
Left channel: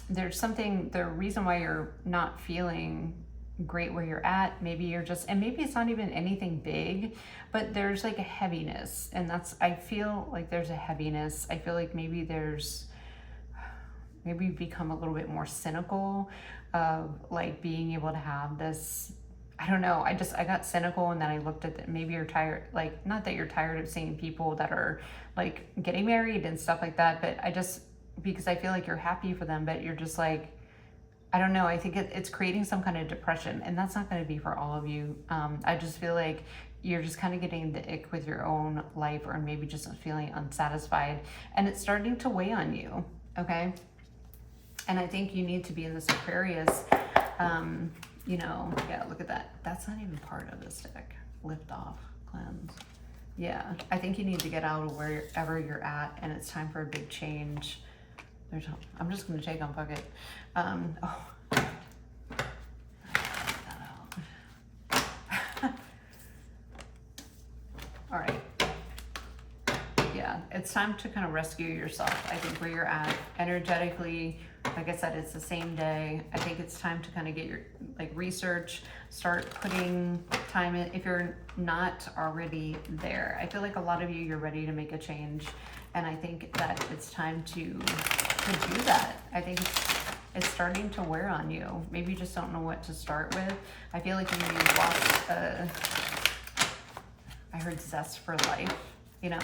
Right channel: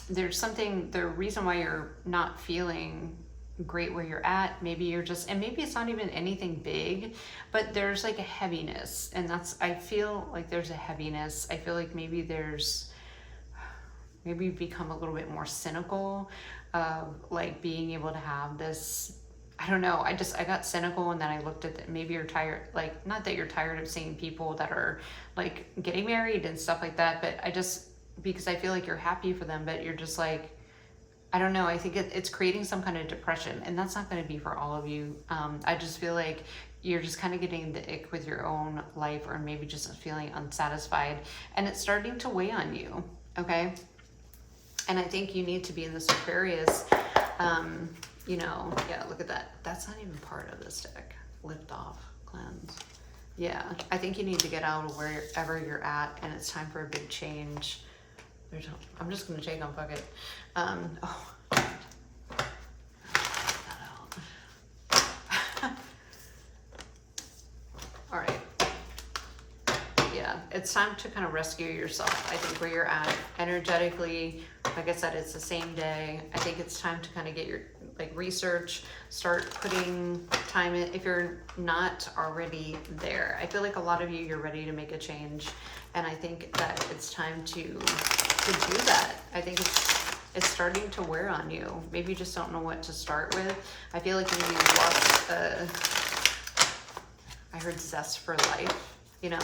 There's something, the reason why you're not feeling great where you're at, maybe you're just, and maybe it's not even anything big, but there's like a heaviness, and I feel like there's a heaviness. I feel like maybe you've become a little bit more cynical of like being able to have this, I don't know, I got cynical, and then I looked at maybe you're tired, like, not that you're tired of seeing people that are like getting married and stuff like that, but because I feel like you're happy for them, but you're just like, I don't know, I think it's creating some kind of depression, and that's not going to be for all of you. I just feel like you're just kind of getting the ick with your own life, or maybe just feeling unsatisfied, and it's starting to weigh on you, okay? And I think you need to be in this Aquarius, you know, yeah, look at that. That's not even part of this deck. Lift off, cleanse. Yeah, I think you need to get out of wherever you're at, and it's time for a big change. I'm just going to take on bucket. All right. Yeah, it's time to kind of rescue yourself. I think where you're at energetically, like I said, it's the same day. I think it's time to kind of get your research, start putting time in if you're not already there. I feel like a lot of you're ready to make a change, and I think that it's time to do that. I think it's starting to wear on you. Maybe you just don't know what to start with. I feel like you've lost I heard zest for life, you know.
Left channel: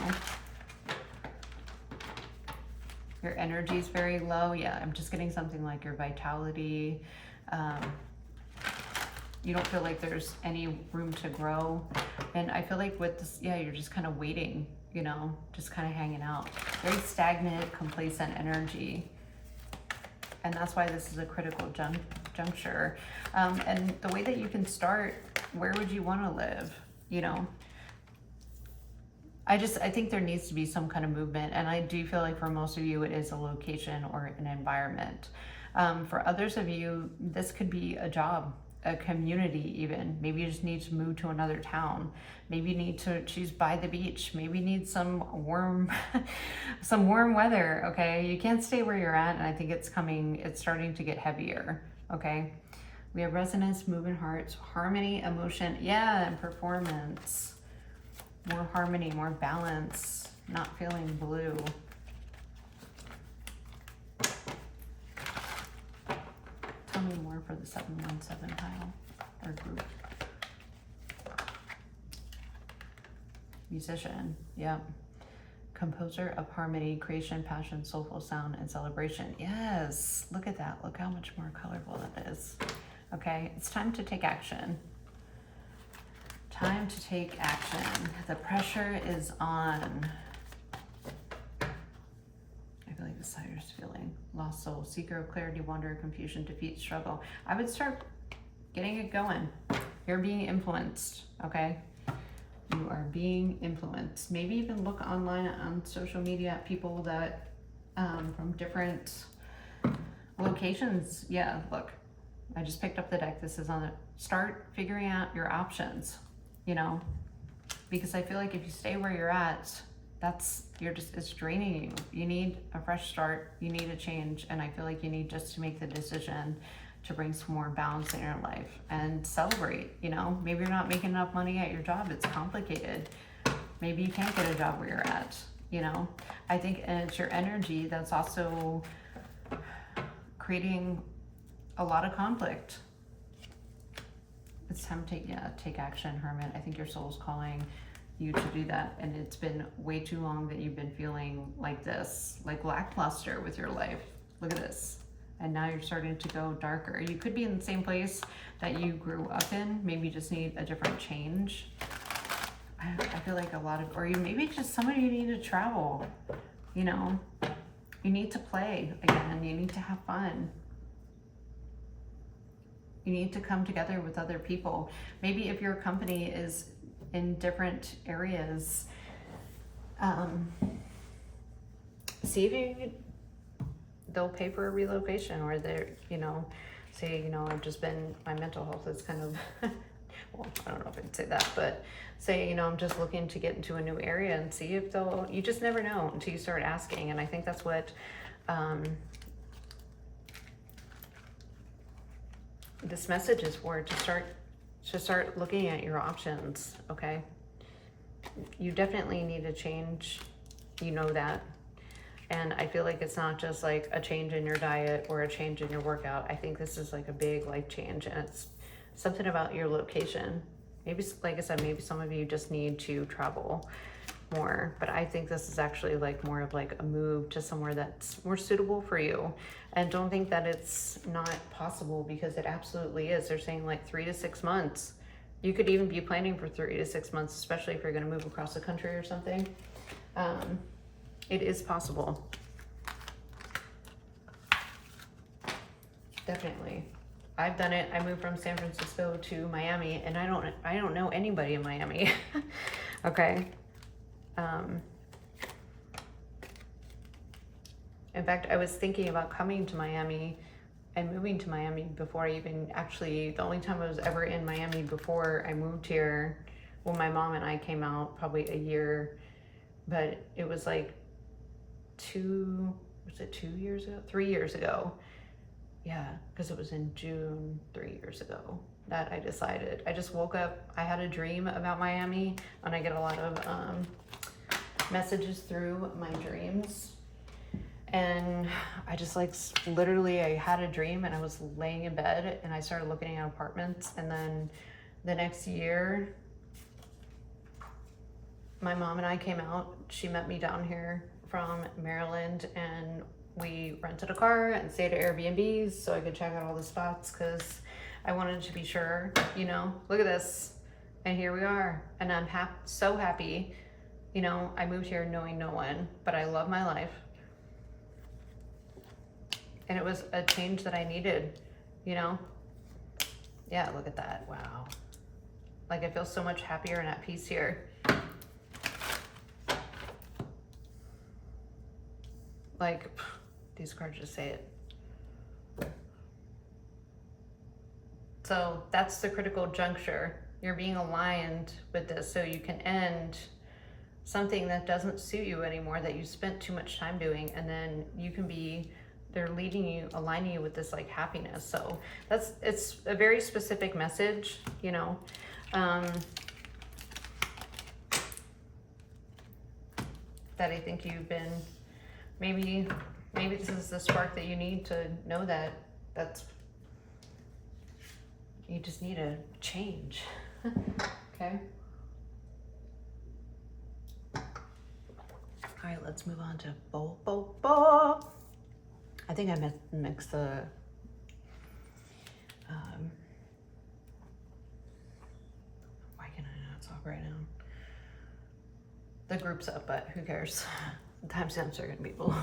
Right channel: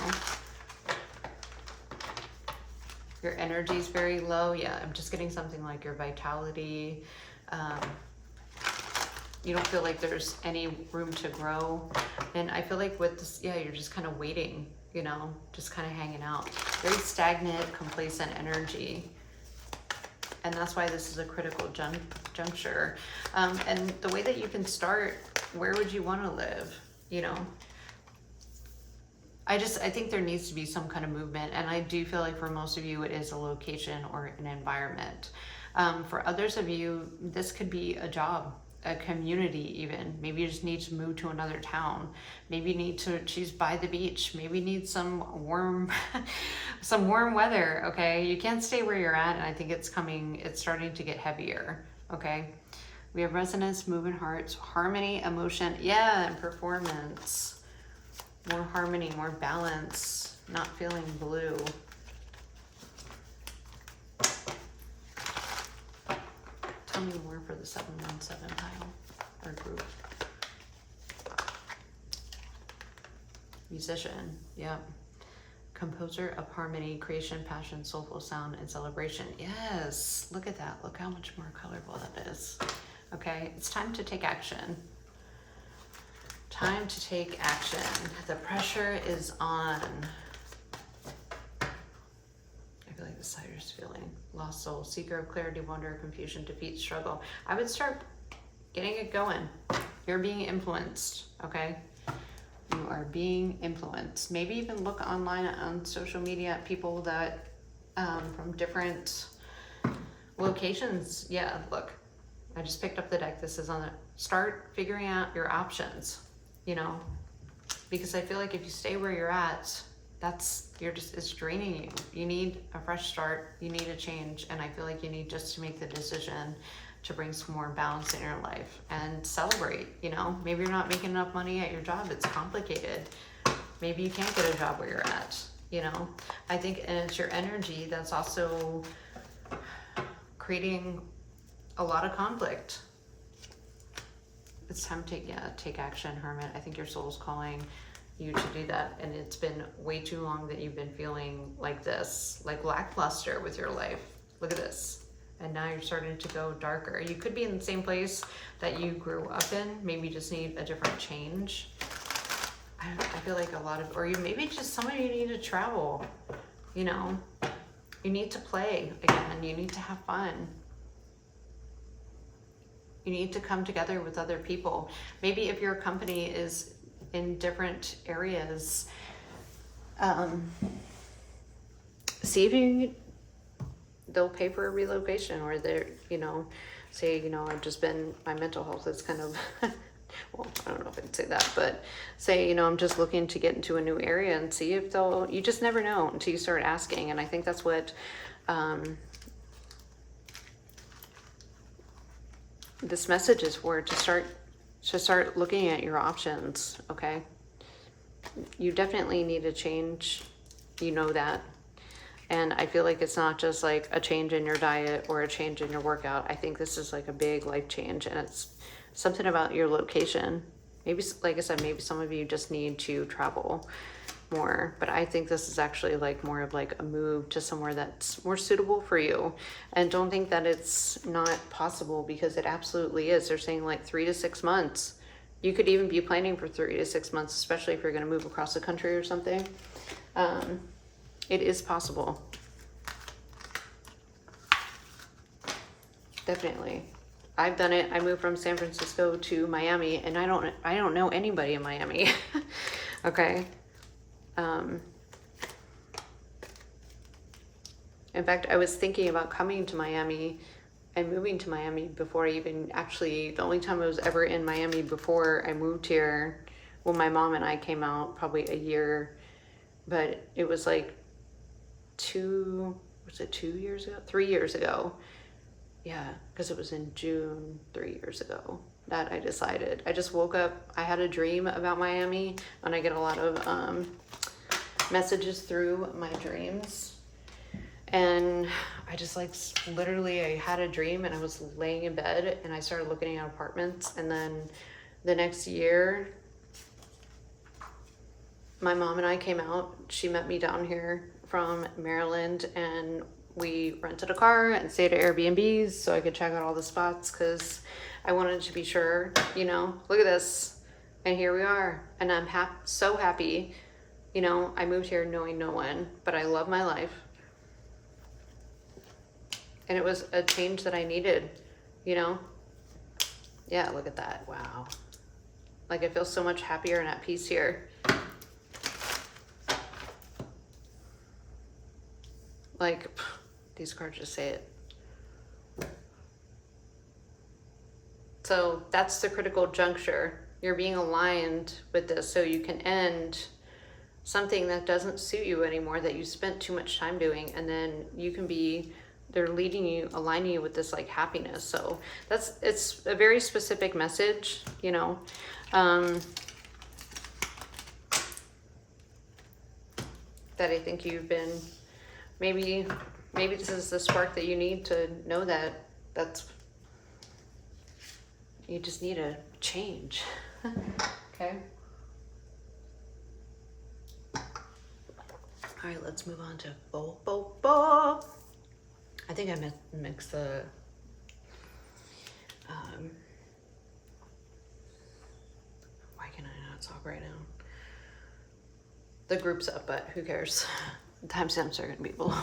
Your energy is very low. Yeah, I'm just getting something like your vitality. You don't feel like there's any room to grow. And I feel like with this, yeah, you're just kind of waiting, you know, just kind of hanging out. Very stagnant, complacent energy. And that's why this is a critical juncture. And the way that you can start, where would you want to live, you know? I think there needs to be some kind of movement, and I do feel like for most of you it is a location or an environment. For others of you, this could be a job, a community even. Maybe you just need to move to another town. Maybe you need to choose by the beach. Maybe you need some warm weather, okay? You can't stay where you're at, and I think it's starting to get heavier, okay? We have resonance, moving hearts, harmony, emotion, yeah, and performance. More harmony, more balance, not feeling blue. Tell me more for the 717 pile or group. Musician, yep. Composer of harmony, creation, passion, soulful sound, and celebration. Yes, look at that. Look how much more colorful that is. Okay, it's time to take action. Time to take action. The pressure is on. I feel like the Sider's feeling. Lost soul, seeker of clarity, wonder, confusion, defeat, struggle. I would start getting it going. You're being influenced, okay? You are being influenced. Maybe even look online on social media at people that from different locations. Yeah, look, I just picked up the deck. This is on it. Start figuring out your options, you know, because I feel like if you stay where you're at, it's draining you. You need a fresh start. You need a change. And I feel like you need just to make the decision to bring some more balance in your life and celebrate, you know. Maybe you're not making enough money at your job. It's complicated. Maybe you can't get a job where you're at, you know. I think it's your energy that's also creating a lot of conflict. It's time to take action, Hermit. I think your soul's calling you to do that, and it's been way too long that you've been feeling like this, like lackluster with your life. Look at this. And now you're starting to go darker. You could be in the same place that you grew up in. Maybe you just need a different change. I feel like or you maybe just some of you need to travel, you know. You need to play again. You need to have fun. You need to come together with other people. Maybe if your company is in different areas, see if they'll pay for a relocation, or they're, you know, say, you know, my mental health is kind of, well, I don't know if I can say that, but say, you know, I'm just looking to get into a new area, and see if you just never know until you start asking. And I think that's what, this message is for, to start looking at your options, okay? You definitely need a change, you know that. And I feel like it's not just like a change in your diet or a change in your workout. I think this is like a big life change, and it's something about your location. Maybe, like I said, maybe some of you just need to travel more, but I think this is actually like more of like a move to somewhere that's more suitable for you. And don't think that it's not possible, because it absolutely is. They're saying like 3 to 6 months. You could even be planning for 3 to 6 months, especially if you're going to move across the country or something. It is possible. Definitely. I've done it. I moved from San Francisco to Miami, and I don't know anybody in Miami. Okay. In fact, I was thinking about coming to Miami and moving to Miami before I even the only time I was ever in Miami before I moved here, well, my mom and I came out probably a year, but it was like 2 years ago? 3 years ago. Yeah, because it was in June 3 years ago that I decided. I just woke up, I had a dream about Miami, and I get a lot of messages through my dreams. And I just literally I had a dream, and I was laying in bed, and I started looking at apartments. And then the next year, my mom and I came out. She met me down here from Maryland, and we rented a car and stayed at Airbnbs so I could check out all the spots, because I wanted to be sure, you know. Look at this. And here we are. And I'm so happy. You know, I moved here knowing no one, but I love my life. And it was a change that I needed, you know. Yeah, look at that. Wow. Like, I feel so much happier and at peace here. Like, these cards just say it. So that's the critical juncture. You're being aligned with this so you can end something that doesn't suit you anymore, that you spent too much time doing, and then you can be they're leading you, aligning you with this like happiness. So it's a very specific message, you know. That I think you've been, maybe this is the spark that you need to know that you just need a change. Okay. All right, let's move on to Bo. I think I mixed the why can I not talk right now? The group's up, but who cares? The timestamps are gonna be below.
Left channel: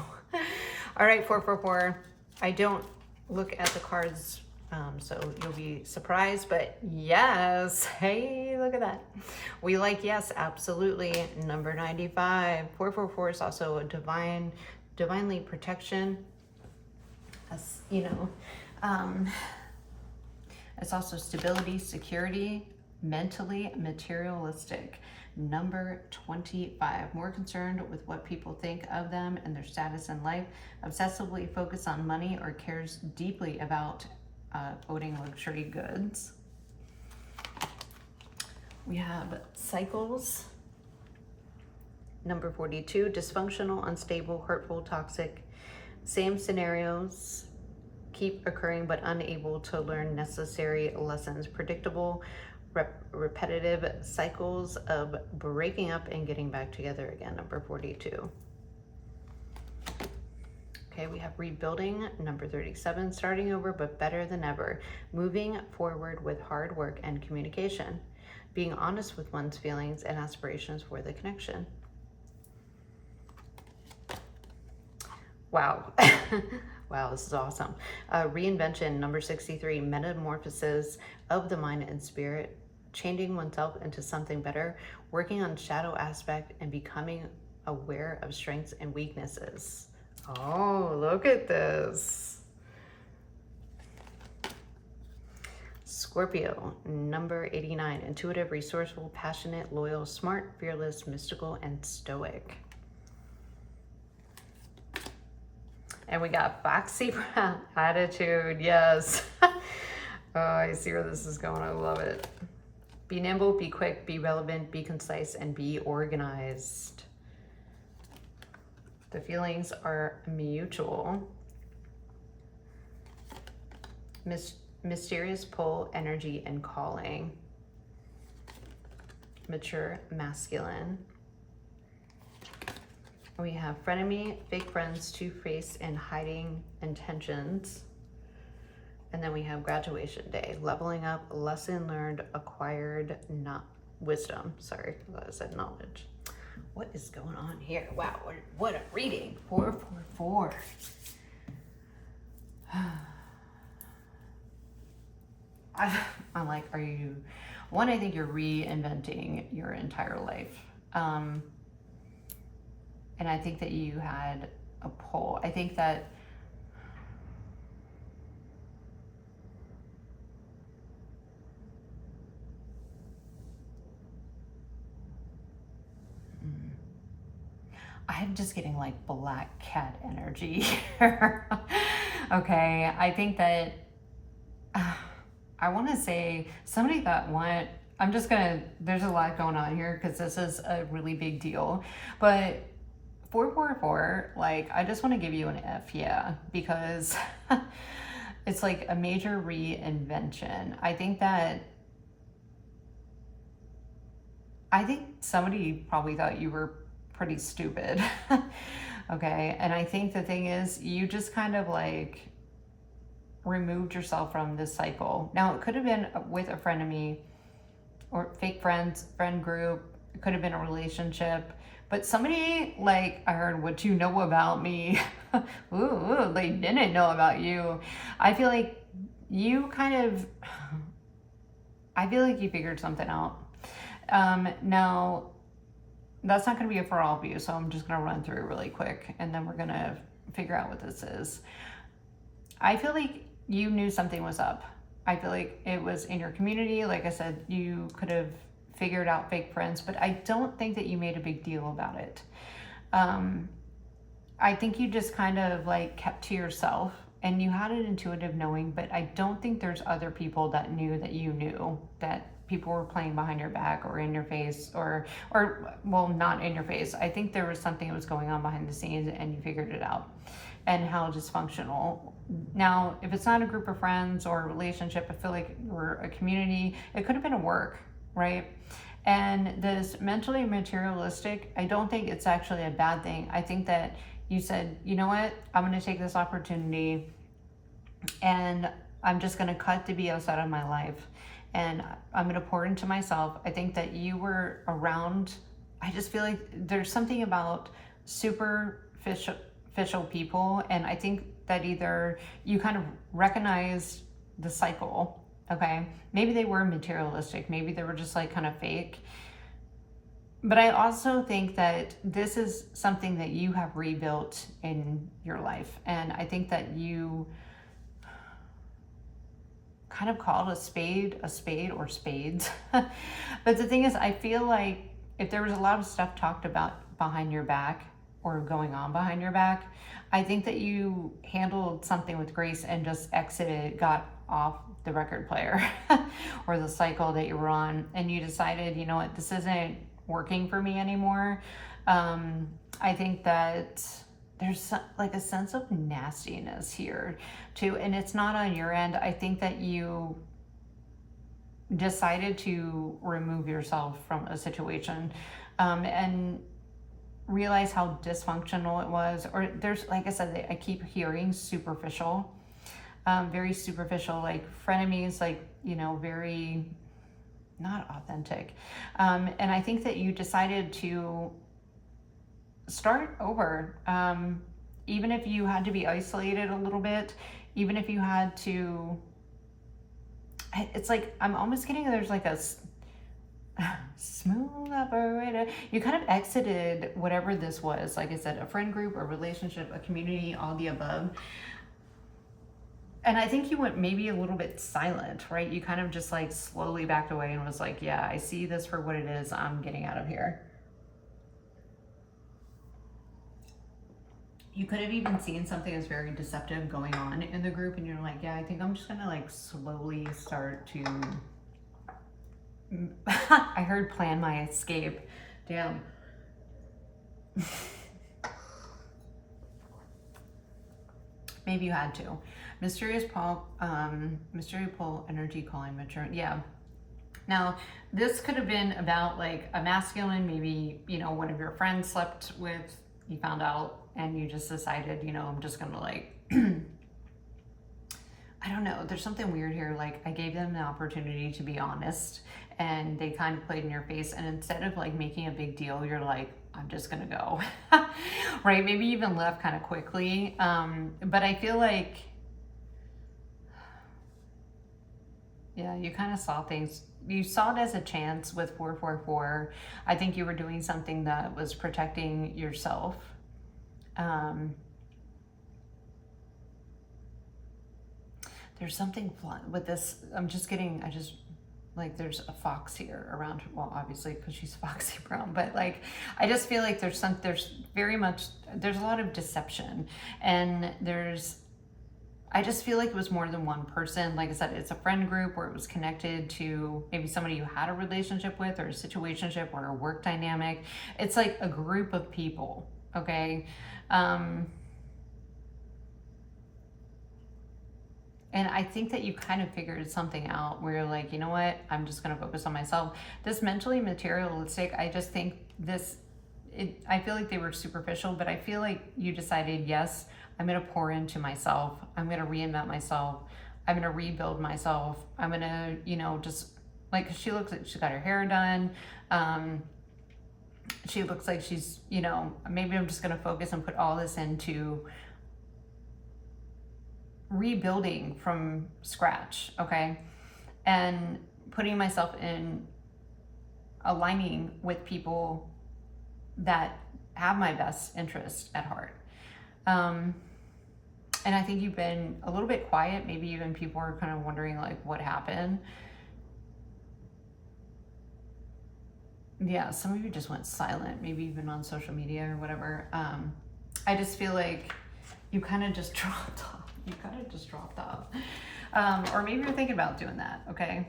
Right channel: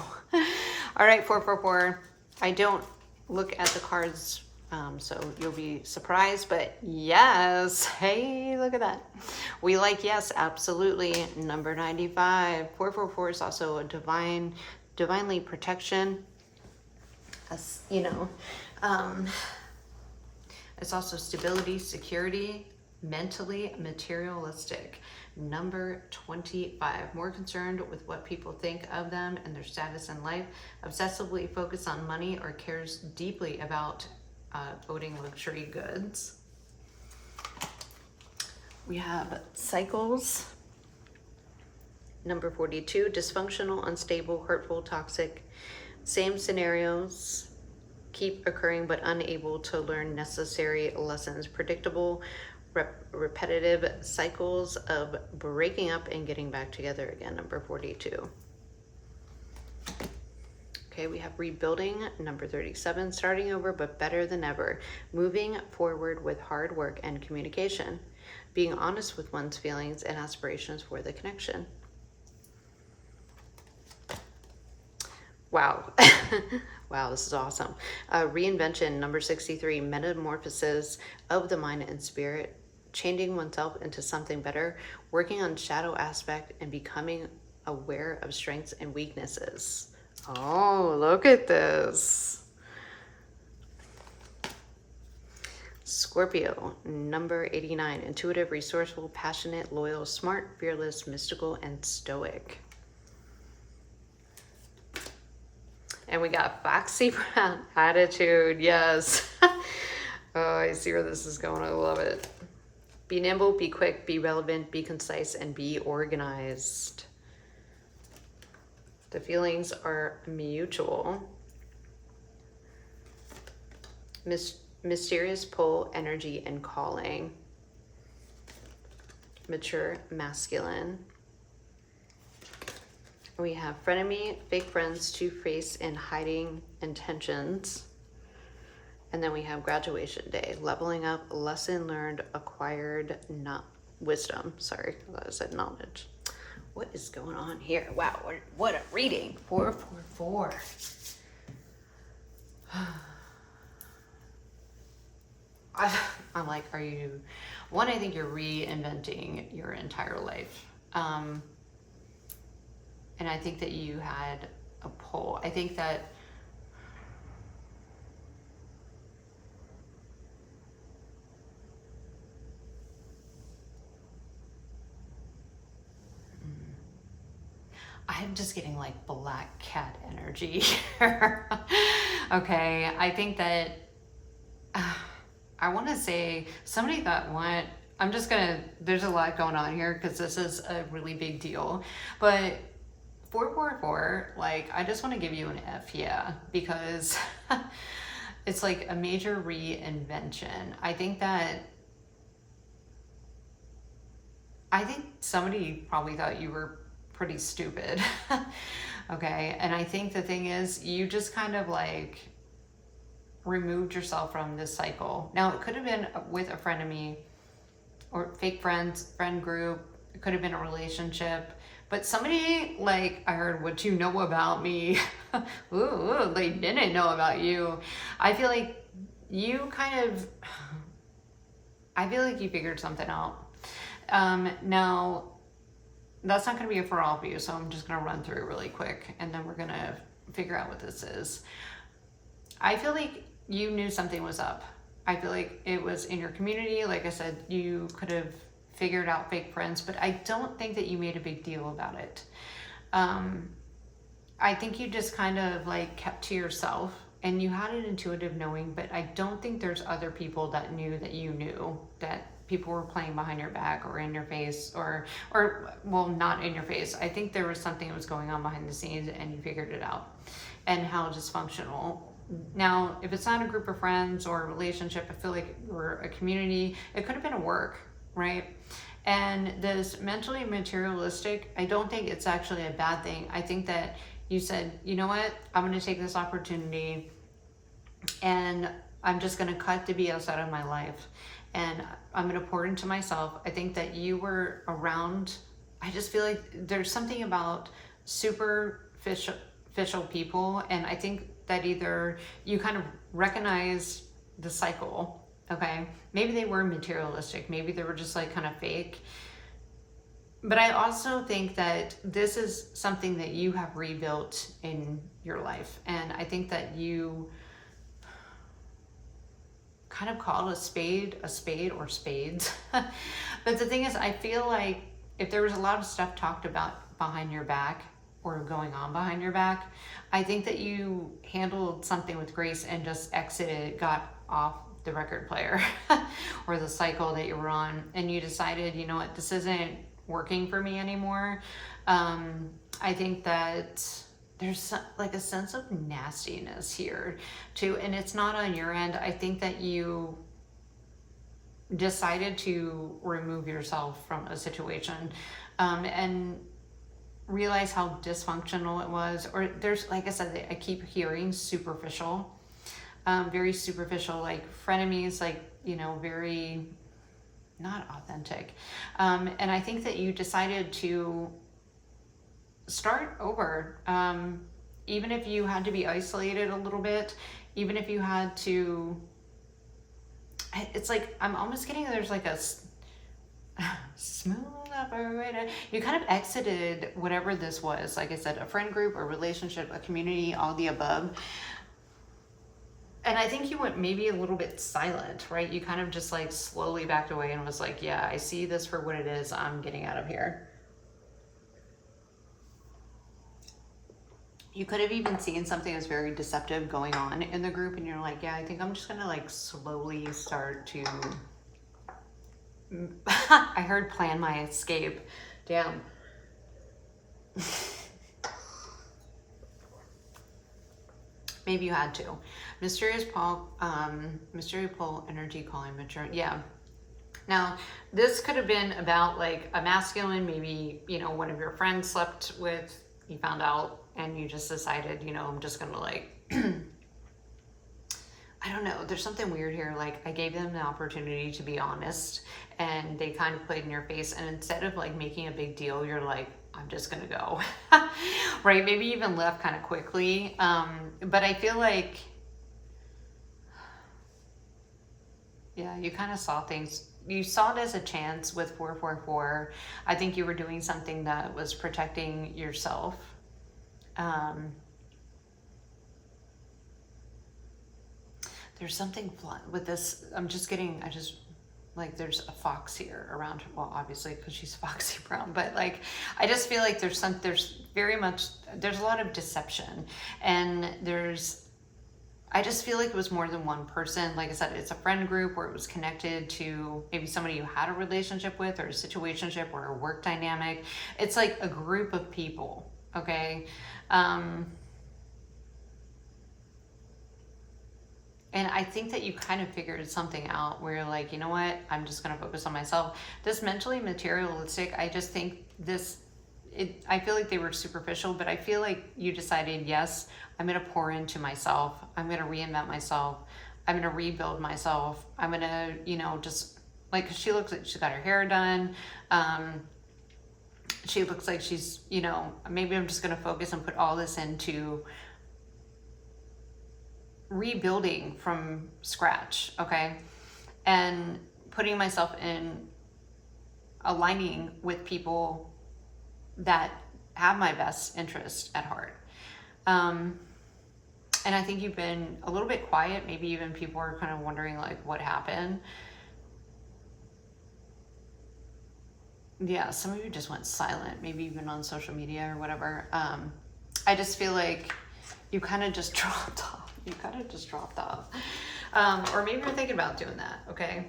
All right, 444. I don't look at the cards, so you'll be surprised, but yes. Hey, look at that. We like yes, absolutely. Number 95. 444 is also a divinely protection. As, you know, it's also stability, security, mentally materialistic. Number 25, more concerned with what people think of them and their status in life, obsessively focused on money or cares deeply about owning luxury goods. We have cycles. Number 42, dysfunctional, unstable, hurtful, toxic. Same scenarios keep occurring but unable to learn necessary lessons. Predictable, repetitive cycles of breaking up and getting back together again. Number 42. Okay, we have rebuilding. Number 37, starting over but better than ever. Moving forward with hard work and communication. Being honest with one's feelings and aspirations for the connection. Wow. Wow, this is awesome. Reinvention, number 63, metamorphosis of the mind and spirit, changing oneself into something better, working on shadow aspect and becoming aware of strengths and weaknesses. Oh, look at this. Scorpio, number 89, intuitive, resourceful, passionate, loyal, smart, fearless, mystical, and stoic. And we got Foxy Brown, attitude, yes. Oh, I see where this is going, I love it. Be nimble, be quick, be relevant, be concise, and be organized. The feelings are mutual. Mysterious pull, energy, and calling. Mature, masculine. We have frenemy, fake friends, two-faced, and hiding intentions. And then we have graduation day, leveling up, lesson learned, acquired, not wisdom. Sorry, I thought I said knowledge. What is going on here? Wow, what a reading. 444. I'm like, are you, one, I think you're reinventing your entire life. And I think that you had a pull. I think that I'm just getting like black cat energy here. Okay, I think that I want to say somebody that I'm just gonna, there's a lot going on here because this is a really big deal, but 444, like, I just want to give you an F, yeah, because it's like a major reinvention. I think somebody probably thought you were pretty stupid. Okay, and I think the thing is, you just kind of like removed yourself from this cycle. Now, it could have been with a frenemy or fake friend group. It could have been a relationship. But somebody, like, I heard, what you know about me. Ooh, they didn't know about you. I feel like you figured something out. Now, that's not going to be for all of you, so I'm just going to run through it really quick, and then we're going to figure out what this is. I feel like you knew something was up. I feel like it was in your community. Like I said, you could have figured out fake friends, but I don't think that you made a big deal about it. I think you just kind of like kept to yourself and you had an intuitive knowing, but I don't think there's other people that knew that you knew that people were playing behind your back or in your face or well, not in your face. I think there was something that was going on behind the scenes and you figured it out, and how dysfunctional. Now, if it's not a group of friends or a relationship, I feel like we're a community. It could have been a work, right? And this mentally materialistic, I don't think it's actually a bad thing. I think that you said, you know what, I'm going to take this opportunity and I'm just going to cut the BS out of my life and I'm going to pour into myself. I think that you were around, I just feel like there's something about superficial people, and I think that either you kind of recognize the cycle, okay? Maybe they were materialistic, maybe they were just like kind of fake. But I also think that this is something that you have rebuilt in your life. And I think that you kind of call a spade or spades. But the thing is, I feel like if there was a lot of stuff talked about behind your back or going on behind your back, I think that you handled something with grace and just exited, got off the record player or the cycle that you were on. And you decided, you know what, this isn't working for me anymore. I think that there's like a sense of nastiness here too, and it's not on your end. I think that you decided to remove yourself from a situation and realize how dysfunctional it was. Or there's, like I said, I keep hearing superficial, very superficial, like frenemies, like, you know, very not authentic. And I think that you decided to start over. Even if you had to be isolated a little bit, even if you had to, it's like, I'm almost getting, there's like a smooth operator. You kind of exited whatever this was. Like I said, a friend group, a relationship, a community, all the above. And I think you went maybe a little bit silent, right? You kind of just like slowly backed away and was like, yeah, I see this for what it is. I'm getting out of here. You could have even seen something that's very deceptive going on in the group and you're like, yeah, I think I'm just gonna like slowly start to, I heard plan my escape. Damn. Maybe you had to. Mysterious pole energy calling mature. Yeah. Now, this could have been about like a masculine, maybe, you know, one of your friends slept with, you found out, and you just decided, you know, I'm just gonna like, I don't know, there's something weird here. Like, I gave them the opportunity to be honest, and they kind of played in your face, and instead of like making a big deal, you're like, I'm just gonna go. Right? Maybe even left kind of quickly. But I feel like, yeah, you kind of saw things. You saw it as a chance with 444. I think you were doing something that was protecting yourself. There's something with this. Like there's a fox here around her. Well, obviously because she's Foxy Brown, but like, I just feel like there's a lot of deception, and I just feel like it was more than one person. Like I said, it's a friend group where it was connected to maybe somebody you had a relationship with, or a situationship, or a work dynamic. It's like a group of people, okay? And I think that you kind of figured something out where you're like, you know what, I'm just going to focus on myself. This mentally materialistic, I just think I feel like they were superficial, but I feel like you decided, yes, I'm going to pour into myself. I'm going to reinvent myself. I'm going to rebuild myself. I'm going to, you know, just like, she looks like she's got her hair done. She looks like she's, you know, maybe I'm just going to focus and put all this into rebuilding from scratch, okay? And putting myself in aligning with people that have my best interest at heart. And I think you've been a little bit quiet. Maybe even people are kind of wondering like what happened. Yeah, some of you just went silent, maybe even on social media or whatever. I just feel like you kind of just dropped off. You kind of just dropped off. Or maybe you're thinking about doing that, okay?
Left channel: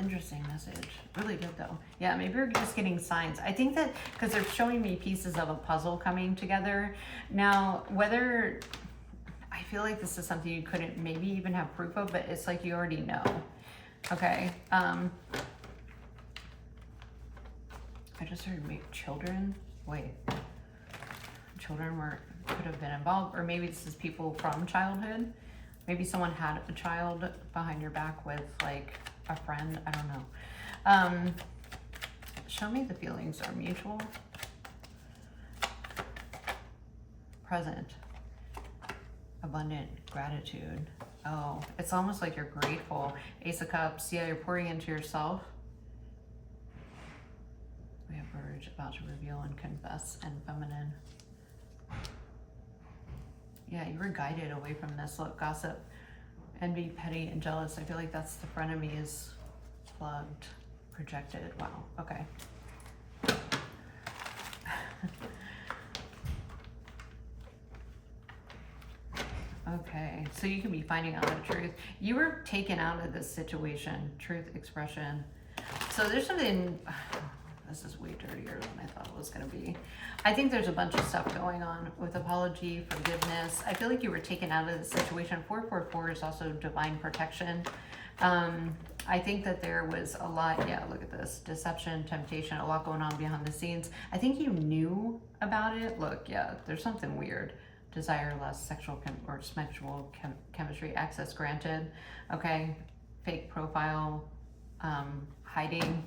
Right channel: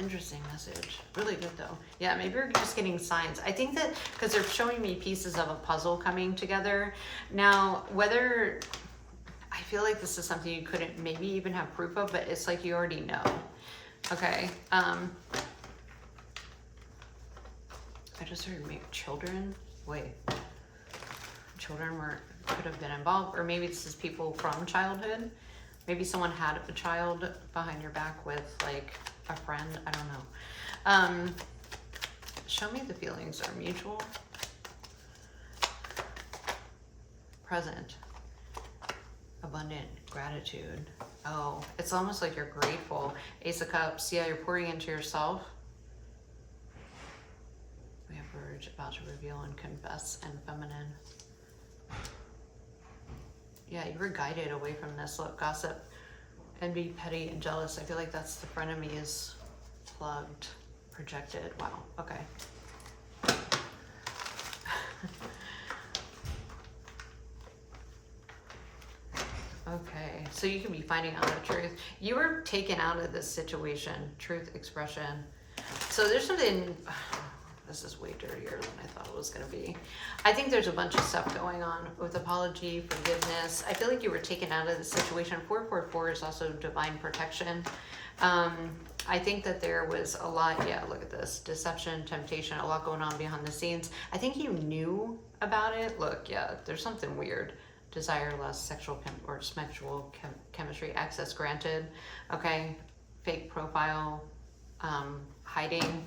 Interesting message. Really good though. Yeah, maybe you're just getting signs. I think that because they're showing me pieces of a puzzle coming together. Now, whether I feel like this is something you couldn't maybe even have proof of, but it's like you already know. Okay. I just heard children. Wait. Children could have been involved, or maybe this is people from childhood. Maybe someone had a child behind your back with like a friend. I don't know. Show me the feelings are mutual. Present. Abundant gratitude. Oh, it's almost like you're grateful. Ace of Cups. Yeah, you're pouring into yourself. We have Verge, about to reveal and confess, and feminine. Yeah, you were guided away from this. Look, gossip, envy, petty, and jealous. I feel like that's the frenemy is plugged, projected. Wow, okay. Okay, so you could be finding out the truth. You were taken out of this situation, truth expression. So there's something, this is way dirtier than I thought it was gonna be. I think there's a bunch of stuff going on with apology, forgiveness. I feel like you were taken out of the situation. 444 is also divine protection. I think that there was a lot, yeah, look at this, deception, temptation, a lot going on behind the scenes. I think you knew about it. Look, yeah, there's something weird. Desire less sexual chemistry, access granted. Okay, fake profile, hiding.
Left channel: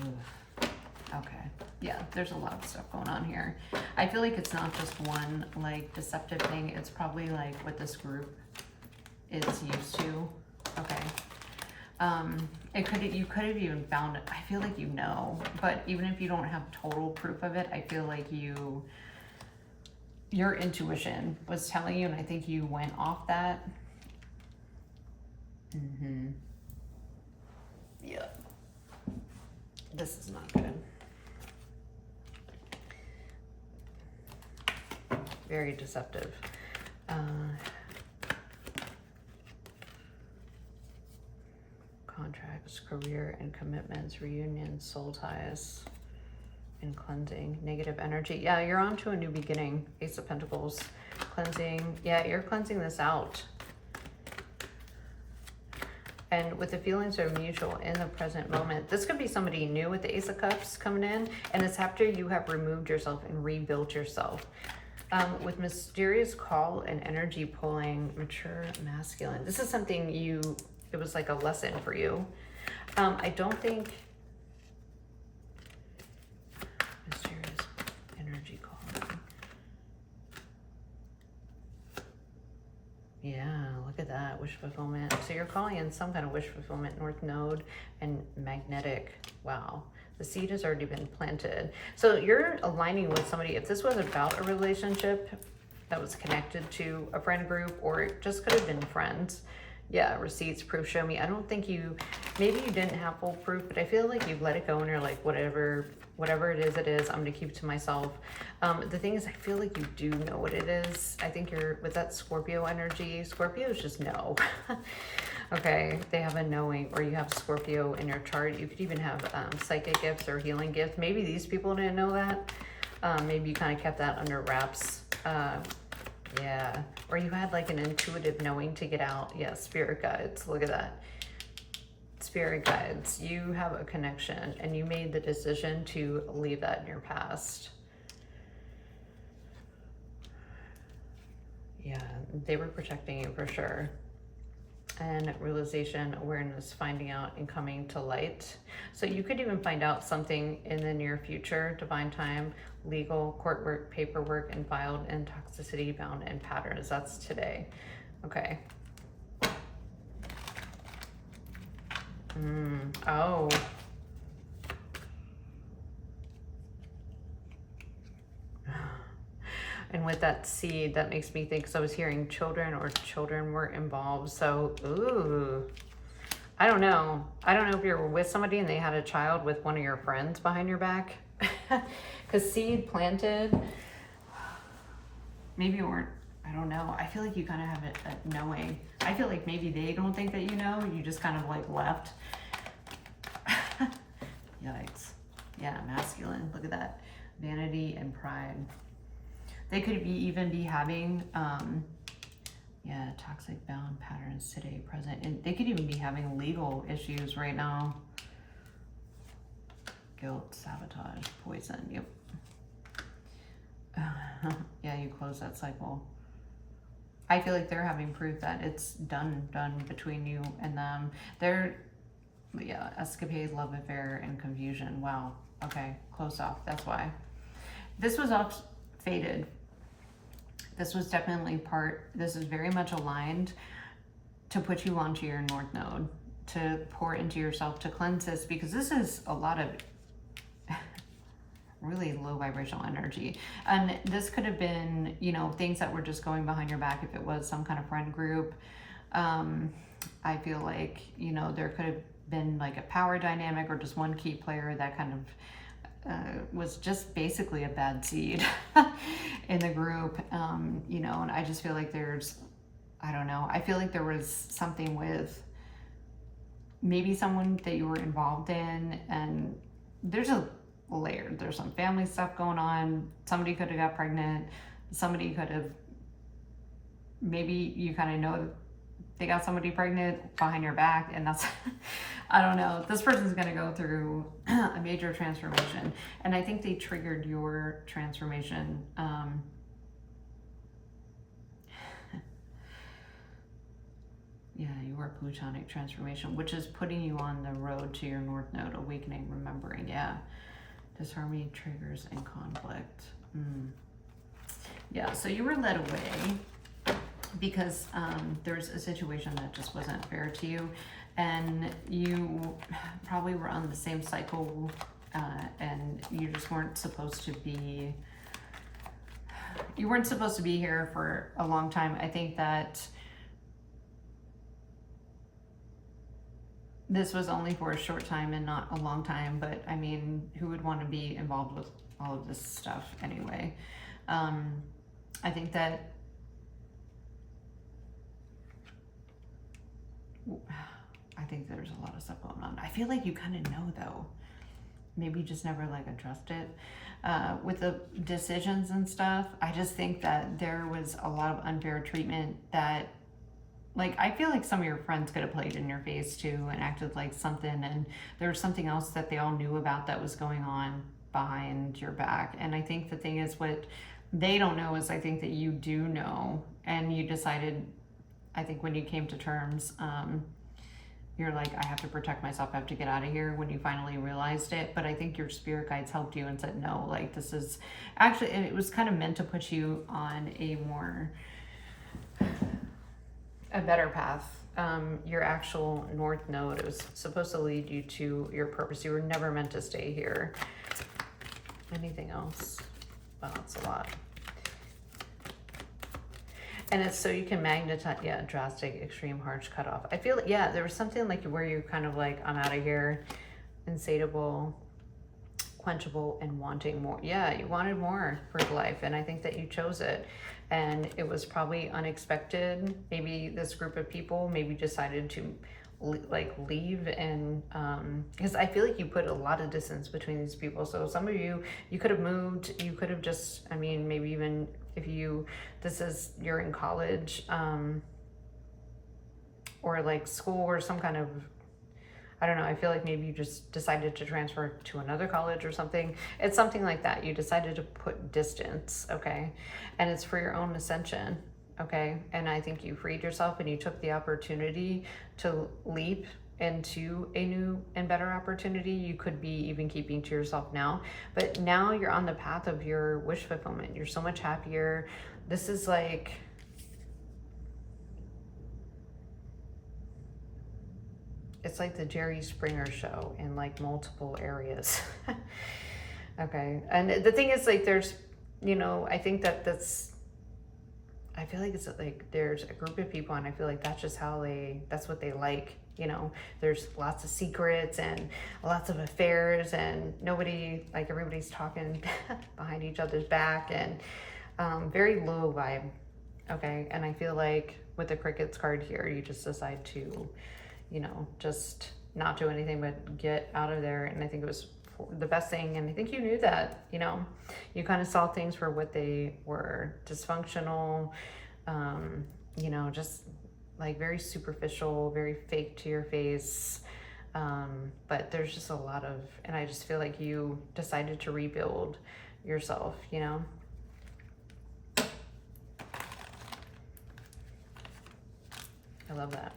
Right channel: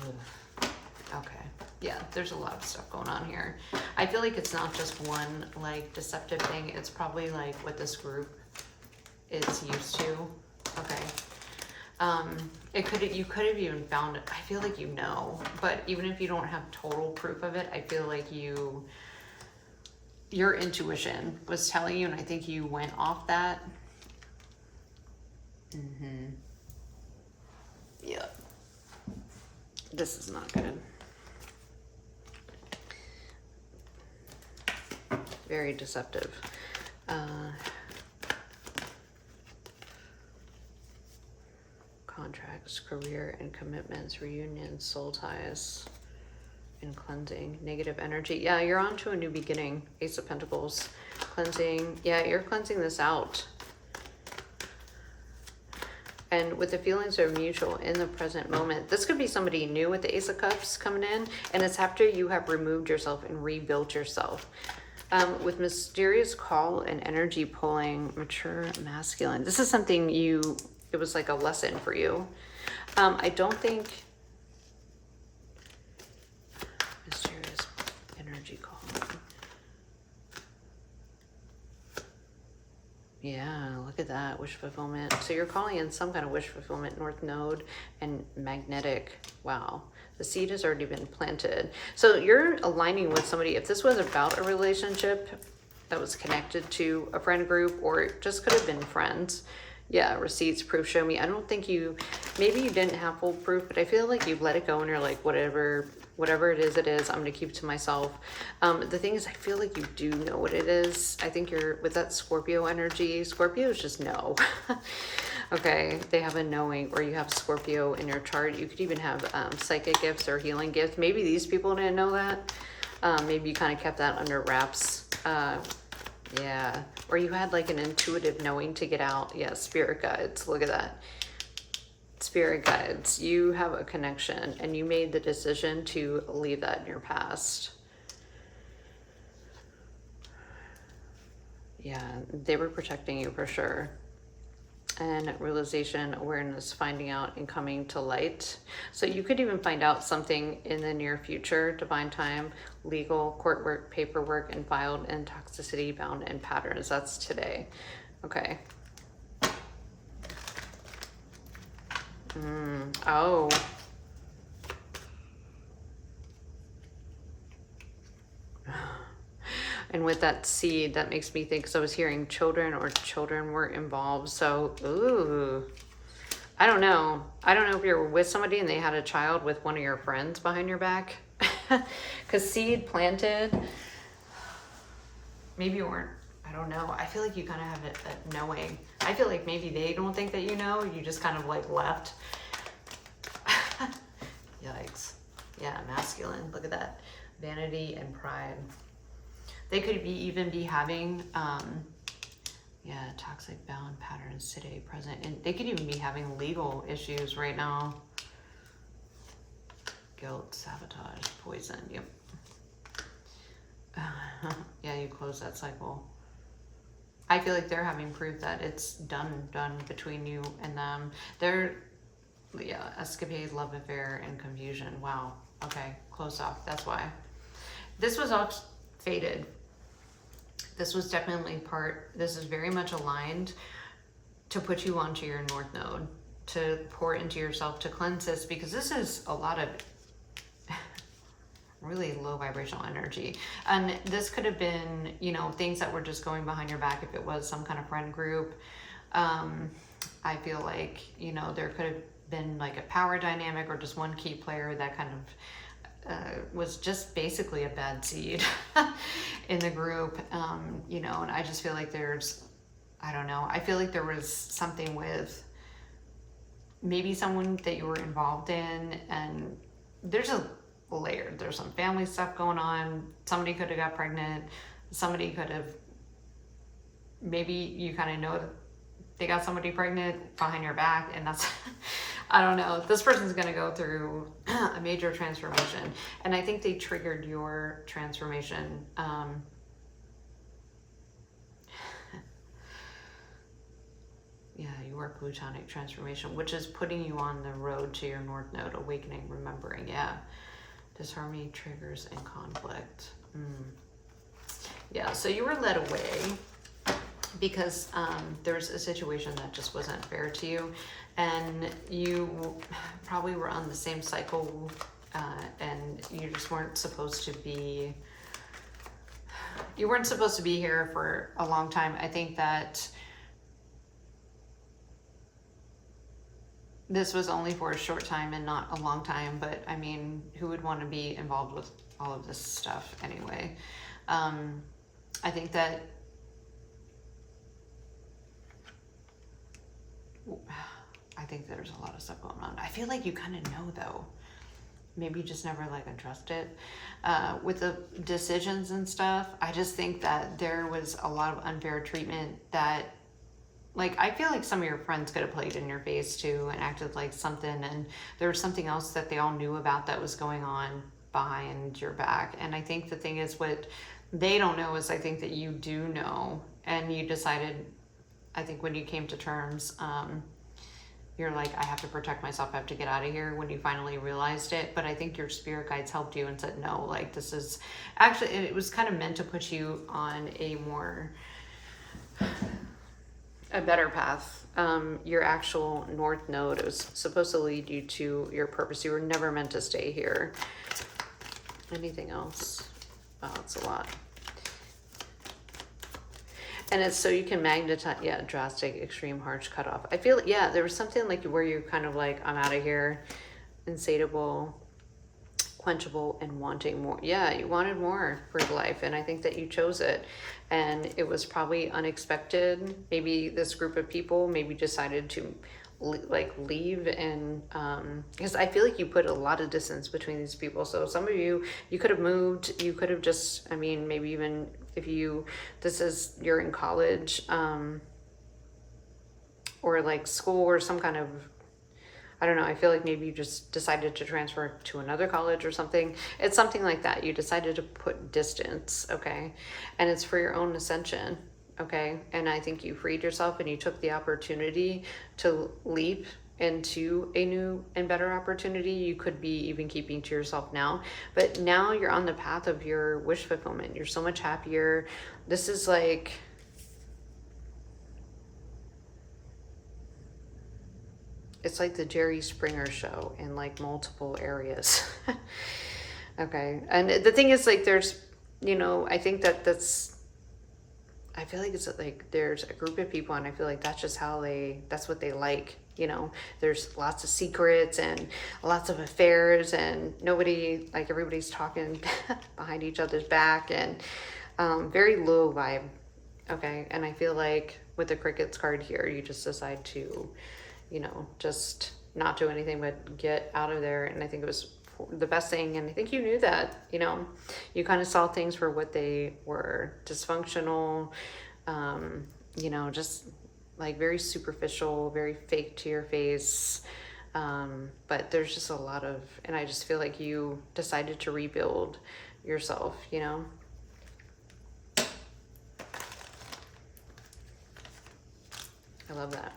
Ugh. Okay, yeah, there's a lot of stuff going on here. I feel like it's not just one like deceptive thing. It's probably like what this group is used to. Okay. You could have even found it. I feel like you know, but even if you don't have total proof of it, I feel like your intuition was telling you, and I think you went off that. Yeah. This is not good. Very deceptive. Contracts, career and commitments, reunions, soul ties, and cleansing, negative energy. Yeah, you're on to a new beginning. Ace of Pentacles, cleansing. Yeah, you're cleansing this out. And with the feelings are mutual in the present moment. This could be somebody new with the Ace of Cups coming in, and it's after you have removed yourself and rebuilt yourself. With mysterious call and energy pulling, mature masculine. This is something it was like a lesson for you. I don't think mysterious energy calling. Yeah, look at that, wish fulfillment. So you're calling in some kind of wish fulfillment, North Node and magnetic. Wow, the seed has already been planted. So you're aligning with somebody. If this was about a relationship that was connected to a friend group, or it just could have been friends. Yeah, receipts, proof, show me. I don't think maybe you didn't have full proof, but I feel like you've let it go and you're like, whatever it is, I'm gonna keep it to myself. The thing is, I feel like you do know what it is. I think you're with that Scorpio energy. Scorpios just know. Okay, they have a knowing, or you have Scorpio in your chart. You could even have psychic gifts or healing gifts. Maybe these people didn't know that. Maybe you kind of kept that under wraps. Yeah, or you had like an intuitive knowing to get out. Yeah, spirit guides, look at that. Spirit guides, you have a connection and you made the decision to leave that in your past. Yeah, they were protecting you for sure. And realization, awareness, finding out, and coming to light. So you could even find out something in the near future, divine time, legal, court work, paperwork, and filed, and toxicity, bound, and patterns. That's today. Okay. Oh. And with that seed, that makes me think, because I was hearing children or children were involved. So, ooh, I don't know. I don't know if you're with somebody and they had a child with one of your friends behind your back. Because seed planted, maybe you weren't, I don't know. I feel like you kind of have a knowing. I feel like maybe they don't think that you know. You just kind of like left. Yikes. Yeah, masculine. Look at that. Vanity and pride. They could even be having, yeah, toxic bound patterns today, present. And they could even be having legal issues right now. Guilt, sabotage, poison. Yep. Yeah, you close that cycle. I feel like they're having proof that it's done between you and them. They're, yeah, escapade, love affair, and confusion. Wow. Okay, close off. That's why. This was all fated. This was definitely this is very much aligned to put you onto your North Node, to pour into yourself, to cleanse this, because this is a lot of really low vibrational energy. And this could have been, you know, things that were just going behind your back if it was some kind of friend group. I feel like, you know, there could have been like a power dynamic or just one key player that kind of was just basically a bad seed in the group, you know, and I just feel like there's, I don't know, I feel like there was something with maybe someone that you were involved in, and there's a layer, there's some family stuff going on. Somebody could have got pregnant. Somebody could have, maybe you kind of know that they got somebody pregnant behind your back, and that's, I don't know. This person's going to go through a major transformation, and I think they triggered your transformation. Yeah, your plutonic transformation, which is putting you on the road to your North Node, awakening, remembering. Yeah. Disharmony, triggers, and conflict. Yeah, so you were led away because there's a situation that just wasn't fair to you, and you probably were on the same cycle, and you just weren't supposed to be, here for a long time. I think that this was only for a short time and not a long time, but I mean, who would want to be involved with all of this stuff anyway? I think that there's a lot of stuff going on. I feel like you kind of know though. Maybe you just never like addressed it. With the decisions and stuff, I just think that there was a lot of unfair treatment that, like, I feel like some of your friends could have played in your face too and acted like something, and there was something else that they all knew about that was going on behind your back. And I think the thing is, what they don't know is I think that you do know, and you decided, I think when you came to terms, you're like, I have to protect myself, I have to get out of here, when you finally realized it. But I think your spirit guides helped you and said, no, like, this is actually, and it was kind of meant to put you on a better path. Your actual North Node, it was supposed to lead you to your purpose. You were never meant to stay here. Anything else? Wow, it's a lot. And it's so you can magnetize, yeah, drastic, extreme, harsh cutoff. I feel, yeah, there was something like where you're kind of like, I'm out of here, insatiable, quenchable, and wanting more. Yeah, you wanted more for life, and I think that you chose it. And it was probably unexpected. Maybe this group of people maybe decided to like leave, and because I feel like you put a lot of distance between these people. So some of you could have moved, you could have just, I mean, maybe even if you're in college, or like school or some kind of, I don't know, I feel like maybe you just decided to transfer to another college or something. It's something like that. You decided to put distance, okay? And it's for your own ascension, okay? And I think you freed yourself, and you took the opportunity to leap into a new and better opportunity. You could be even keeping to yourself now, but now you're on the path of your wish fulfillment. You're so much happier. This is like, it's like the Jerry Springer show in like multiple areas. Okay. And the thing is, like, there's, you know, I think that that's, I feel like it's like there's a group of people, and I feel like that's just that's what they like. You know, there's lots of secrets and lots of affairs, and everybody's talking behind each other's back, and very low vibe. Okay. And I feel like with the crickets card here, you just decide to, you know, just not do anything but get out of there. And I think it was the best thing. And I think you knew that, you know, you kind of saw things for what they were: dysfunctional, you know, just like very superficial, very fake to your face. But there's just a lot of, and I just feel like you decided to rebuild yourself, you know. I love that.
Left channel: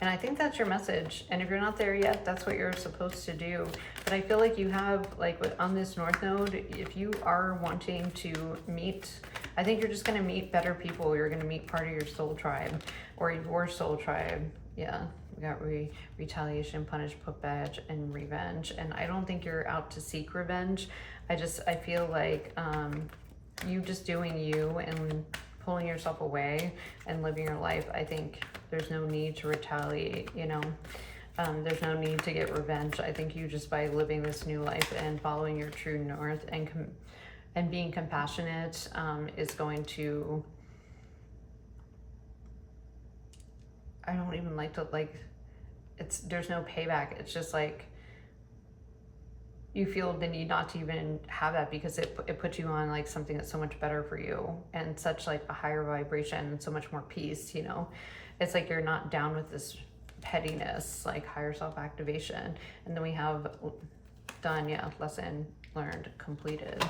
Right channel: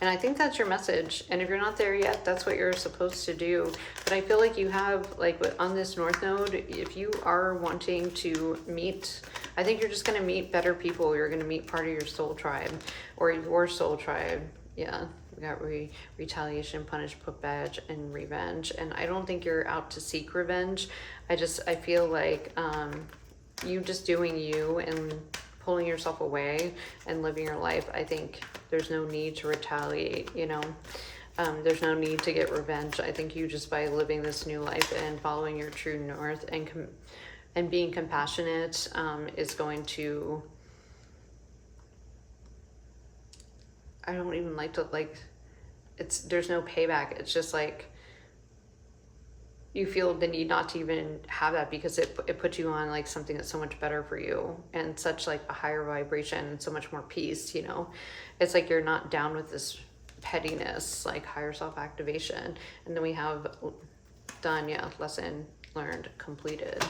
And I think that's your message. And if you're not there yet, that's what you're supposed to do. But I feel like you have, like on this North Node, if you are wanting to meet, I think you're just going to meet better people. You're going to meet part of your soul tribe or your soul tribe. Yeah. We got retaliation, punish, put badge, and revenge. And I don't think you're out to seek revenge. I feel like you just doing you and pulling yourself away and living your life. I think there's no need to retaliate, you know. There's no need to get revenge. I think you just, by living this new life and following your true north and being compassionate, is going to, I don't even like to, like, there's no payback. It's just like, you feel the need not to even have that, because it puts you on like something that's so much better for you and such like a higher vibration and so much more peace, you know. It's like you're not down with this pettiness, like higher self activation. And then we have done, yeah, lesson learned, completed.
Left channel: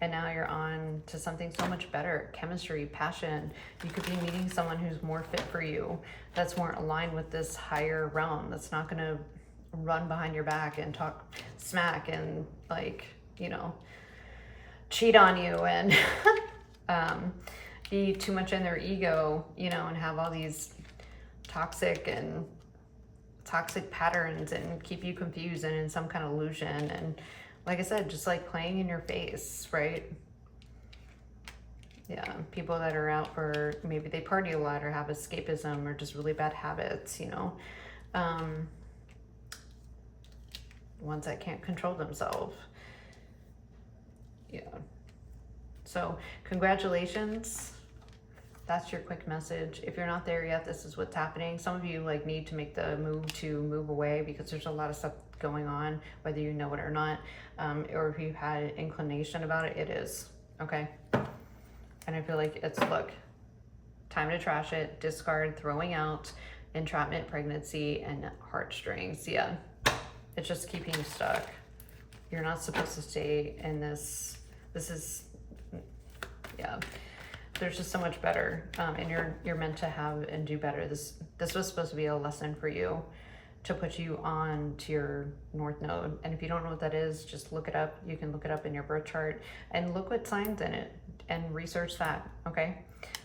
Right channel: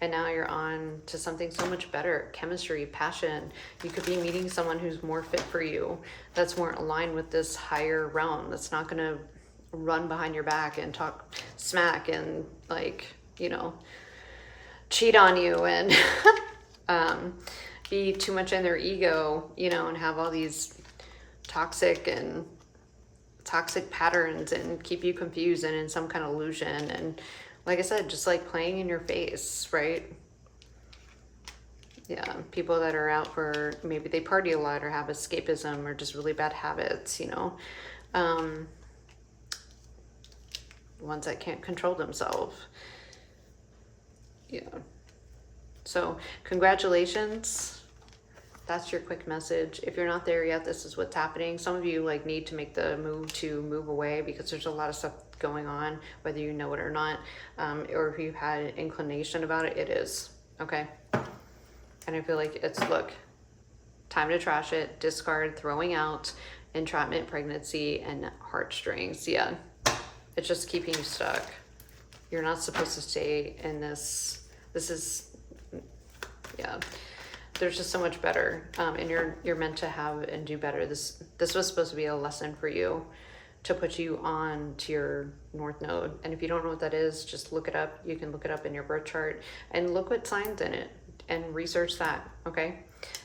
And now you're on to something so much better: chemistry, passion. You could be meeting someone who's more fit for you, that's more aligned with this higher realm, that's not going to run behind your back and talk smack and, like, you know, cheat on you and be too much in their ego, you know, and have all these toxic patterns and keep you confused and in some kind of illusion. And like I said, just like playing in your face, right? Yeah, people that are out for, maybe they party a lot or have escapism or just really bad habits, you know. Ones that can't control themselves. Yeah. So congratulations. That's your quick message. If you're not there yet, this is what's happening. Some of you like need to make the move to move away, because there's a lot of stuff going on, whether you know it or not, or if you've had an inclination about it, it is. Okay. And I feel like it's, look, time to trash it, discard, throwing out, entrapment, pregnancy, and heartstrings. Yeah. It's just keeping you stuck. You're not supposed to stay in this. This is, yeah. There's just so much better, and you're meant to have and do better. This was supposed to be a lesson for you, to put you on to your North Node. And if you don't know what that is, just look it up. You can look it up in your birth chart and look what sign's in it and research that. Okay.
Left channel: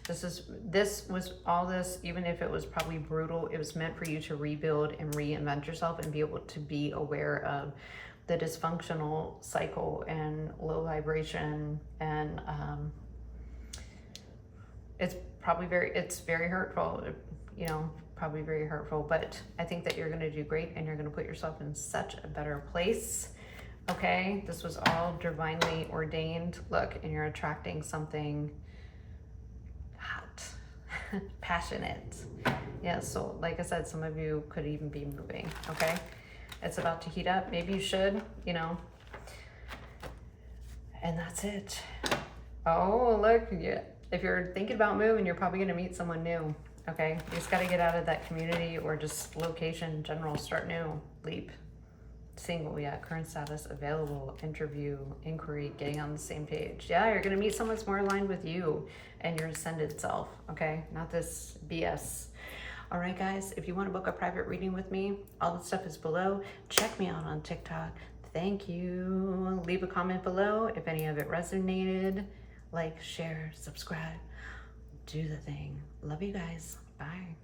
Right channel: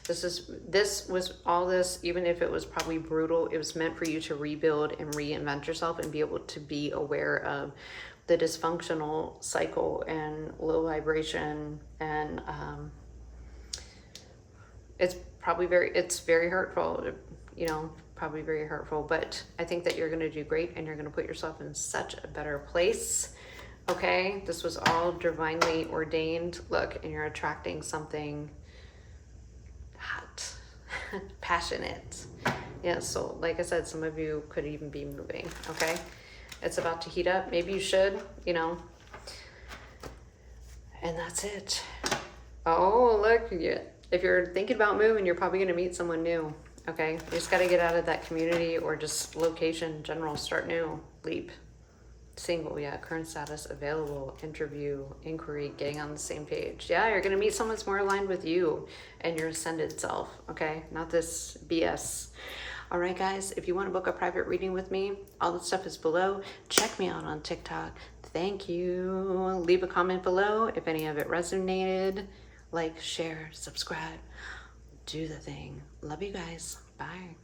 This was all this, even if it was probably brutal, it was meant for you to rebuild and reinvent yourself and be able to be aware of the dysfunctional cycle and low vibration. And it's very hurtful, you know, probably very hurtful, but I think that you're going to do great, and you're going to put yourself in such a better place. Okay. This was all divinely ordained. Look, and you're attracting something hot, passionate. Yeah, so like I said, some of you could even be moving. Okay, it's about to heat up. Maybe you should, you know. And that's it. Oh, look, yeah. If you're thinking about moving, you're probably going to meet someone new. Okay, you just got to get out of that community or just location, general, start new, leap. Single, yeah, current status, available, interview, inquiry, getting on the same page. Yeah, you're going to meet someone that's more aligned with you and your ascended self, okay? Not this BS. All right, guys, if you want to book a private reading with me, all the stuff is below. Check me out on TikTok. Thank you. Leave a comment below if any of it resonated. Like, share, subscribe, do the thing. Love you guys. Bye.